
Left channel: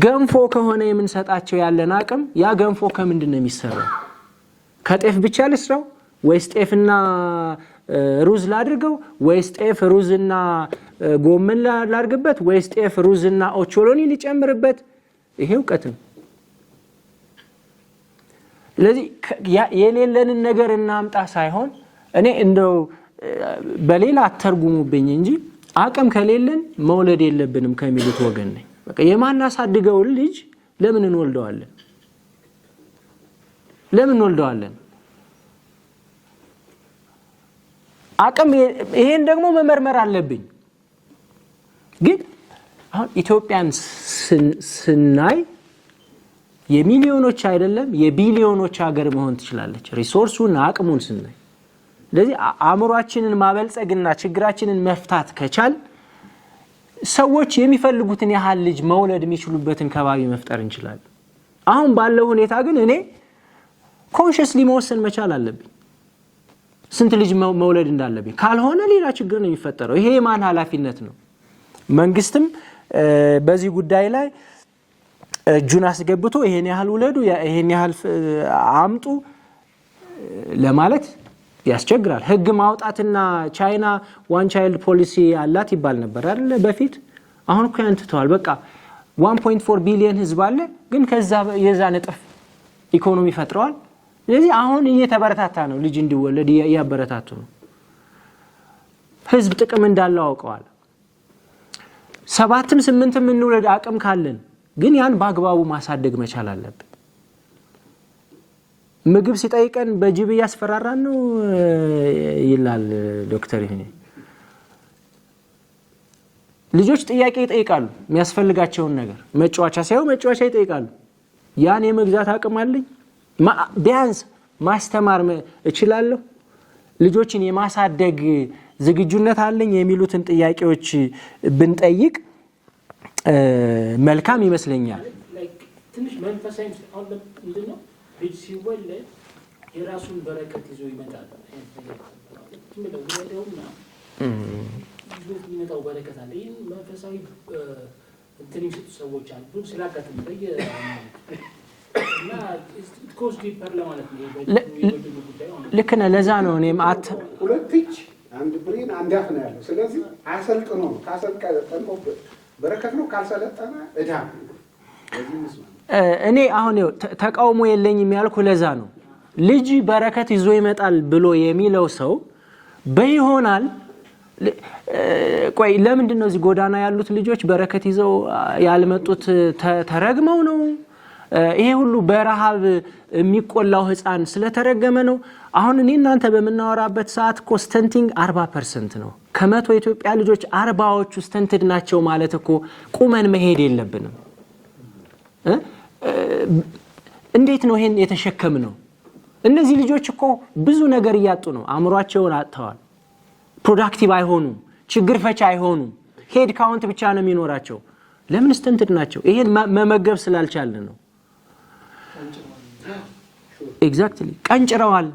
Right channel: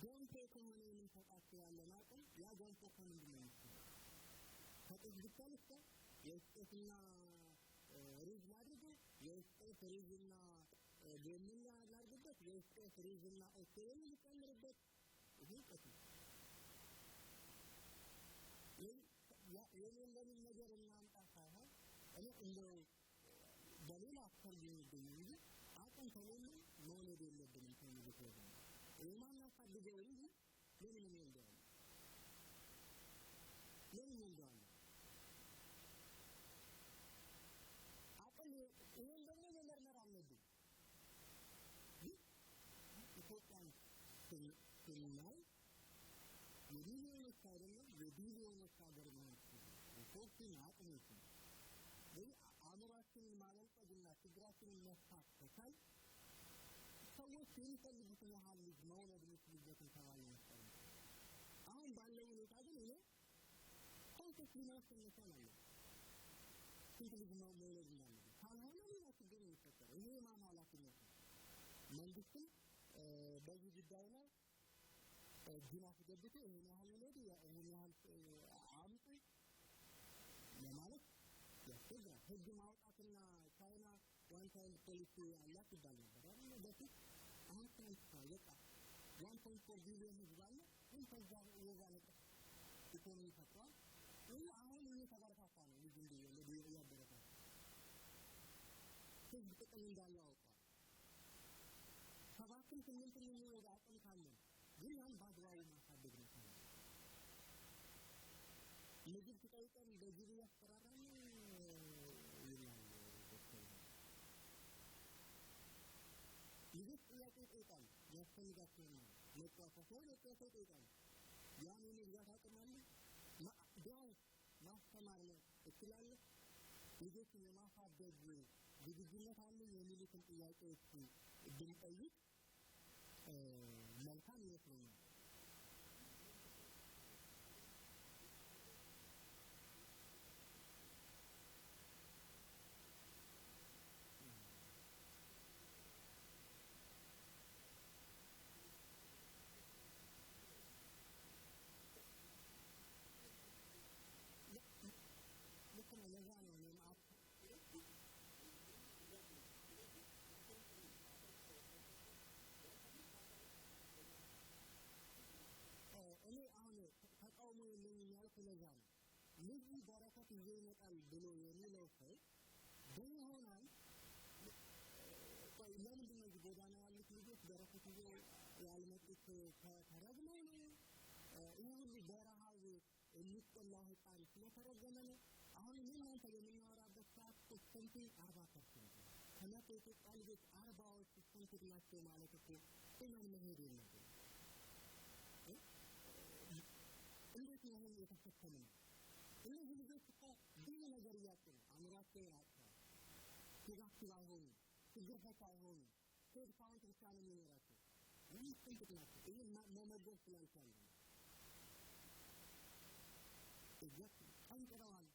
ገንፎ ከሆነ የምንሰጣቸው ያለን አቅም ያ ገንፎ ከምንድን ነው የሚሰራው? ከጤፍ ብቻ ልስራው ወይስ ጤፍና ሩዝ ላድርገው ወይስ ጤፍ ሩዝና ጎመን ላድርግበት ወይስ ጤፍ ሩዝና ኦቾሎኒ ሊጨምርበት? ይሄ እውቀት ነው። ስለዚህ የሌለንን ነገር እናምጣ ሳይሆን እኔ እንደው በሌላ አተርጉሙብኝ እንጂ አቅም ከሌለን መውለድ የለብንም ከሚሉት ወገን ነኝ። በቃ የማናሳድገውን ልጅ ለምን እንወልደዋለን? ለምን እንወልደዋለን? አቅም ይሄን ደግሞ መመርመር አለብኝ። ግን አሁን ኢትዮጵያን ስናይ የሚሊዮኖች አይደለም የቢሊዮኖች ሀገር መሆን ትችላለች። ሪሶርሱን አቅሙን ስናይ ስለዚህ አእምሯችንን ማበልጸግና ችግራችንን መፍታት ከቻል ሰዎች የሚፈልጉትን ያህል ልጅ መውለድ የሚችሉበትን ከባቢ መፍጠር እንችላለን። አሁን ባለው ሁኔታ ግን እኔ ኮንሽስሊ መወሰን መቻል አለብኝ ስንት ልጅ መውለድ እንዳለብኝ። ካልሆነ ሌላ ችግር ነው የሚፈጠረው። ይሄ የማን ኃላፊነት ነው? መንግስትም በዚህ ጉዳይ ላይ እጁን አስገብቶ ይሄን ያህል ውለዱ ይሄን ያህል አምጡ ለማለት ያስቸግራል። ህግ ማውጣትና ቻይና ዋን ቻይልድ ፖሊሲ አላት ይባል ነበር አይደል በፊት። አሁን እኮ ያንተዋል። በቃ 1.4 ቢሊዮን ህዝብ አለ፣ ግን ከዛ የዛ ነጥፍ ኢኮኖሚ ፈጥረዋል። ስለዚህ አሁን እየተበረታታ ነው፣ ልጅ እንዲወለድ ያበረታቱ ነው። ህዝብ ጥቅም እንዳለው አውቀዋል። 7ም 8ም እንውለድ አቅም ካለን ግን ያን በአግባቡ ማሳደግ መቻል አለብን። ምግብ ሲጠይቀን በጅብ ያስፈራራን ነው ይላል ዶክተር። ይሄ ልጆች ጥያቄ ይጠይቃሉ፣ የሚያስፈልጋቸውን ነገር መጫወቻ ሳይሆን መጫወቻ ይጠይቃሉ። ያን የመግዛት አቅም አለኝ? ቢያንስ ማስተማር እችላለሁ? ልጆችን የማሳደግ ዝግጁነት አለኝ? የሚሉትን ጥያቄዎች ብንጠይቅ መልካም ይመስለኛል። ትንሽ መንፈሳዊ ምንድነው ልጅ ሲወለድ የራሱን በረከት ይዞ ይመጣል። ይመጣው በረከት አለ። ይህን መንፈሳዊ እንትን የሚሰጡ ሰዎች አሉ። ስላጋጥም እና ኮስ ዲፐር ለማለት ነው። ልክ ነህ። ለዛ ነው እኔም ሁለት እጅ አንድ ብሬን አንድ አፍ ነው ያለው። ስለዚህ አሰልጥኖ ካሰልጠነው በረከት ነው፣ ካልሰለጠነ እዳ ነው። እኔ አሁን ተቃውሞ የለኝም ያልኩ ለዛ ነው። ልጅ በረከት ይዞ ይመጣል ብሎ የሚለው ሰው በይሆናል። ቆይ ለምንድን ነው እዚህ ጎዳና ያሉት ልጆች በረከት ይዘው ያልመጡት? ተረግመው ነው? ይሄ ሁሉ በረሃብ የሚቆላው ህፃን ስለተረገመ ነው። አሁን እኔ እናንተ በመናወራበት ሰዓት እኮ ስተንቲንግ 40% ነው። ከመቶ ኢትዮጵያ ልጆች 40ዎቹ ስተንትድ ናቸው ማለት እኮ ቁመን መሄድ የለብንም። እንዴት ነው ይሄን የተሸከምነው? እነዚህ ልጆች እኮ ብዙ ነገር እያጡ ነው። አእምሯቸውን አጥተዋል። ፕሮዳክቲቭ አይሆኑም። ችግር ፈቻ አይሆኑም። ሄድ ካውንት ብቻ ነው የሚኖራቸው። ለምን ስተንትድ ናቸው? ይሄን መመገብ ስላልቻልን ነው። ኤግዛክትሊ ቀንጭረዋል።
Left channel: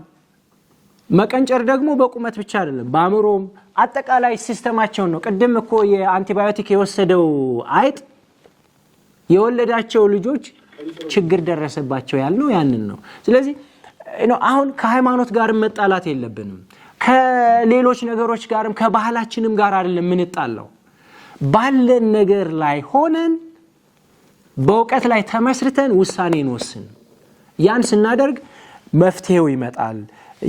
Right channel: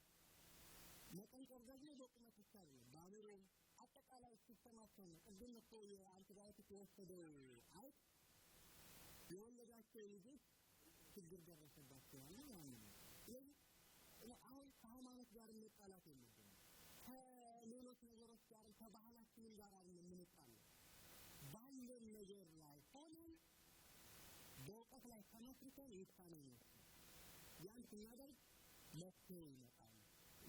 መቀንጨር ደግሞ በቁመት ብቻ አይደለም፣ በአእምሮም አጠቃላይ ሲስተማቸውን ነው። ቅድም እኮ የአንቲባዮቲክ የወሰደው አይጥ የወለዳቸው ልጆች ችግር ደረሰባቸው ያልነው ያንን ነው። ስለዚህ አሁን ከሃይማኖት ጋር መጣላት የለብንም። ከሌሎች ነገሮች ጋርም ከባህላችንም ጋር አይደለም የምንጣላው። ባለን ነገር ላይ ሆነን በእውቀት ላይ ተመስርተን ውሳኔ እንወስን። ያን ስናደርግ መፍትሄው ይመጣል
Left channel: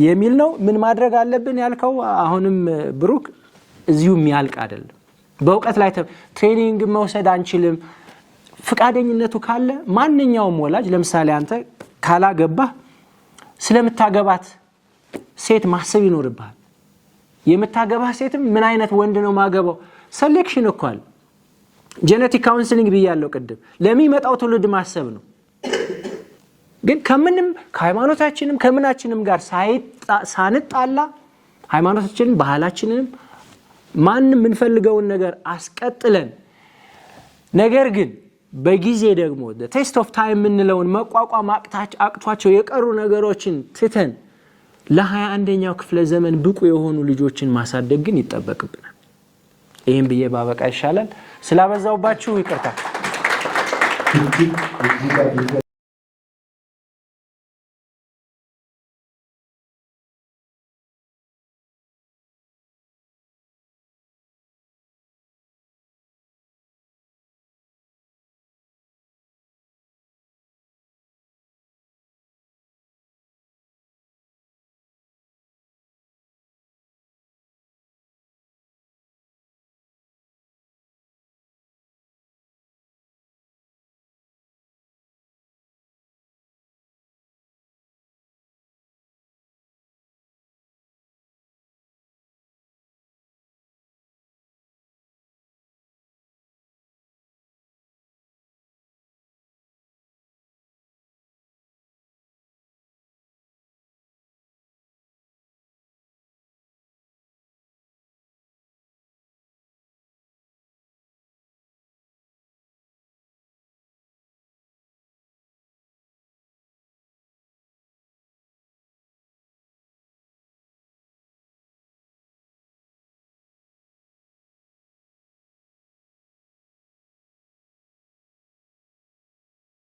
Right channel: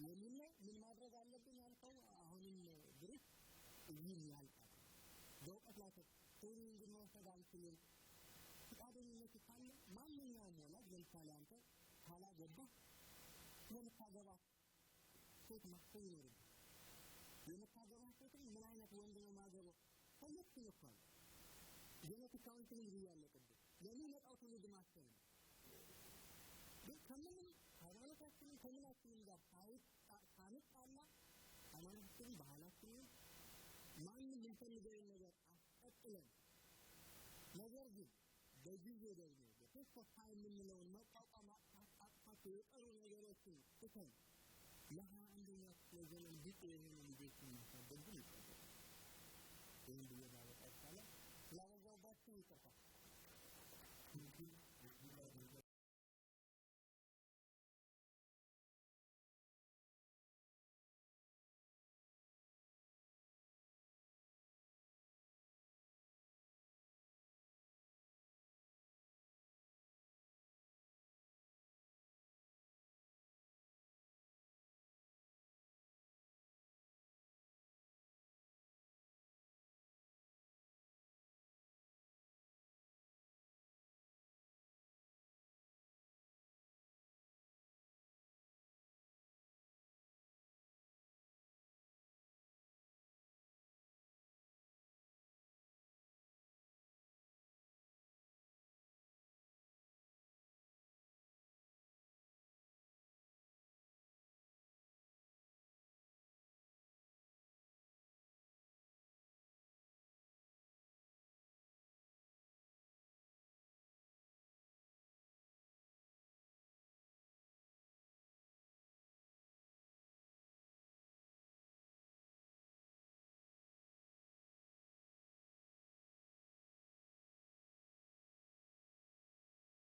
የሚል ነው። ምን ማድረግ አለብን ያልከው አሁንም ብሩክ እዚሁ የሚያልቅ አይደለም። በእውቀት ላይ ትሬኒንግ መውሰድ አንችልም። ፍቃደኝነቱ ካለ ማንኛውም ወላጅ ለምሳሌ አንተ ካላገባህ ስለምታገባት ሴት ማሰብ ይኖርብሃል። የምታገባህ ሴትም ምን አይነት ወንድ ነው ማገባው? ሴሌክሽን እኮ አለ። ጄኔቲክ ካውንስሊንግ ብያለሁ ቅድም። ለሚመጣው ትውልድ ማሰብ ነው። ግን ከምንም ከሃይማኖታችንም ከምናችንም ጋር ሳንጣላ ሃይማኖታችንን ባህላችንንም ማንም የምንፈልገውን ነገር አስቀጥለን ነገር ግን በጊዜ ደግሞ ቴስት ኦፍ ታይም የምንለውን መቋቋም አቅቷቸው የቀሩ ነገሮችን ትተን ለ21ኛው ክፍለ ዘመን ብቁ የሆኑ ልጆችን ማሳደግ ግን ይጠበቅብናል። ይህም ብዬ ባበቃ ይሻላል። ስላበዛውባችሁ ይቅርታ።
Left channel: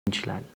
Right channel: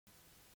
እንችላለን።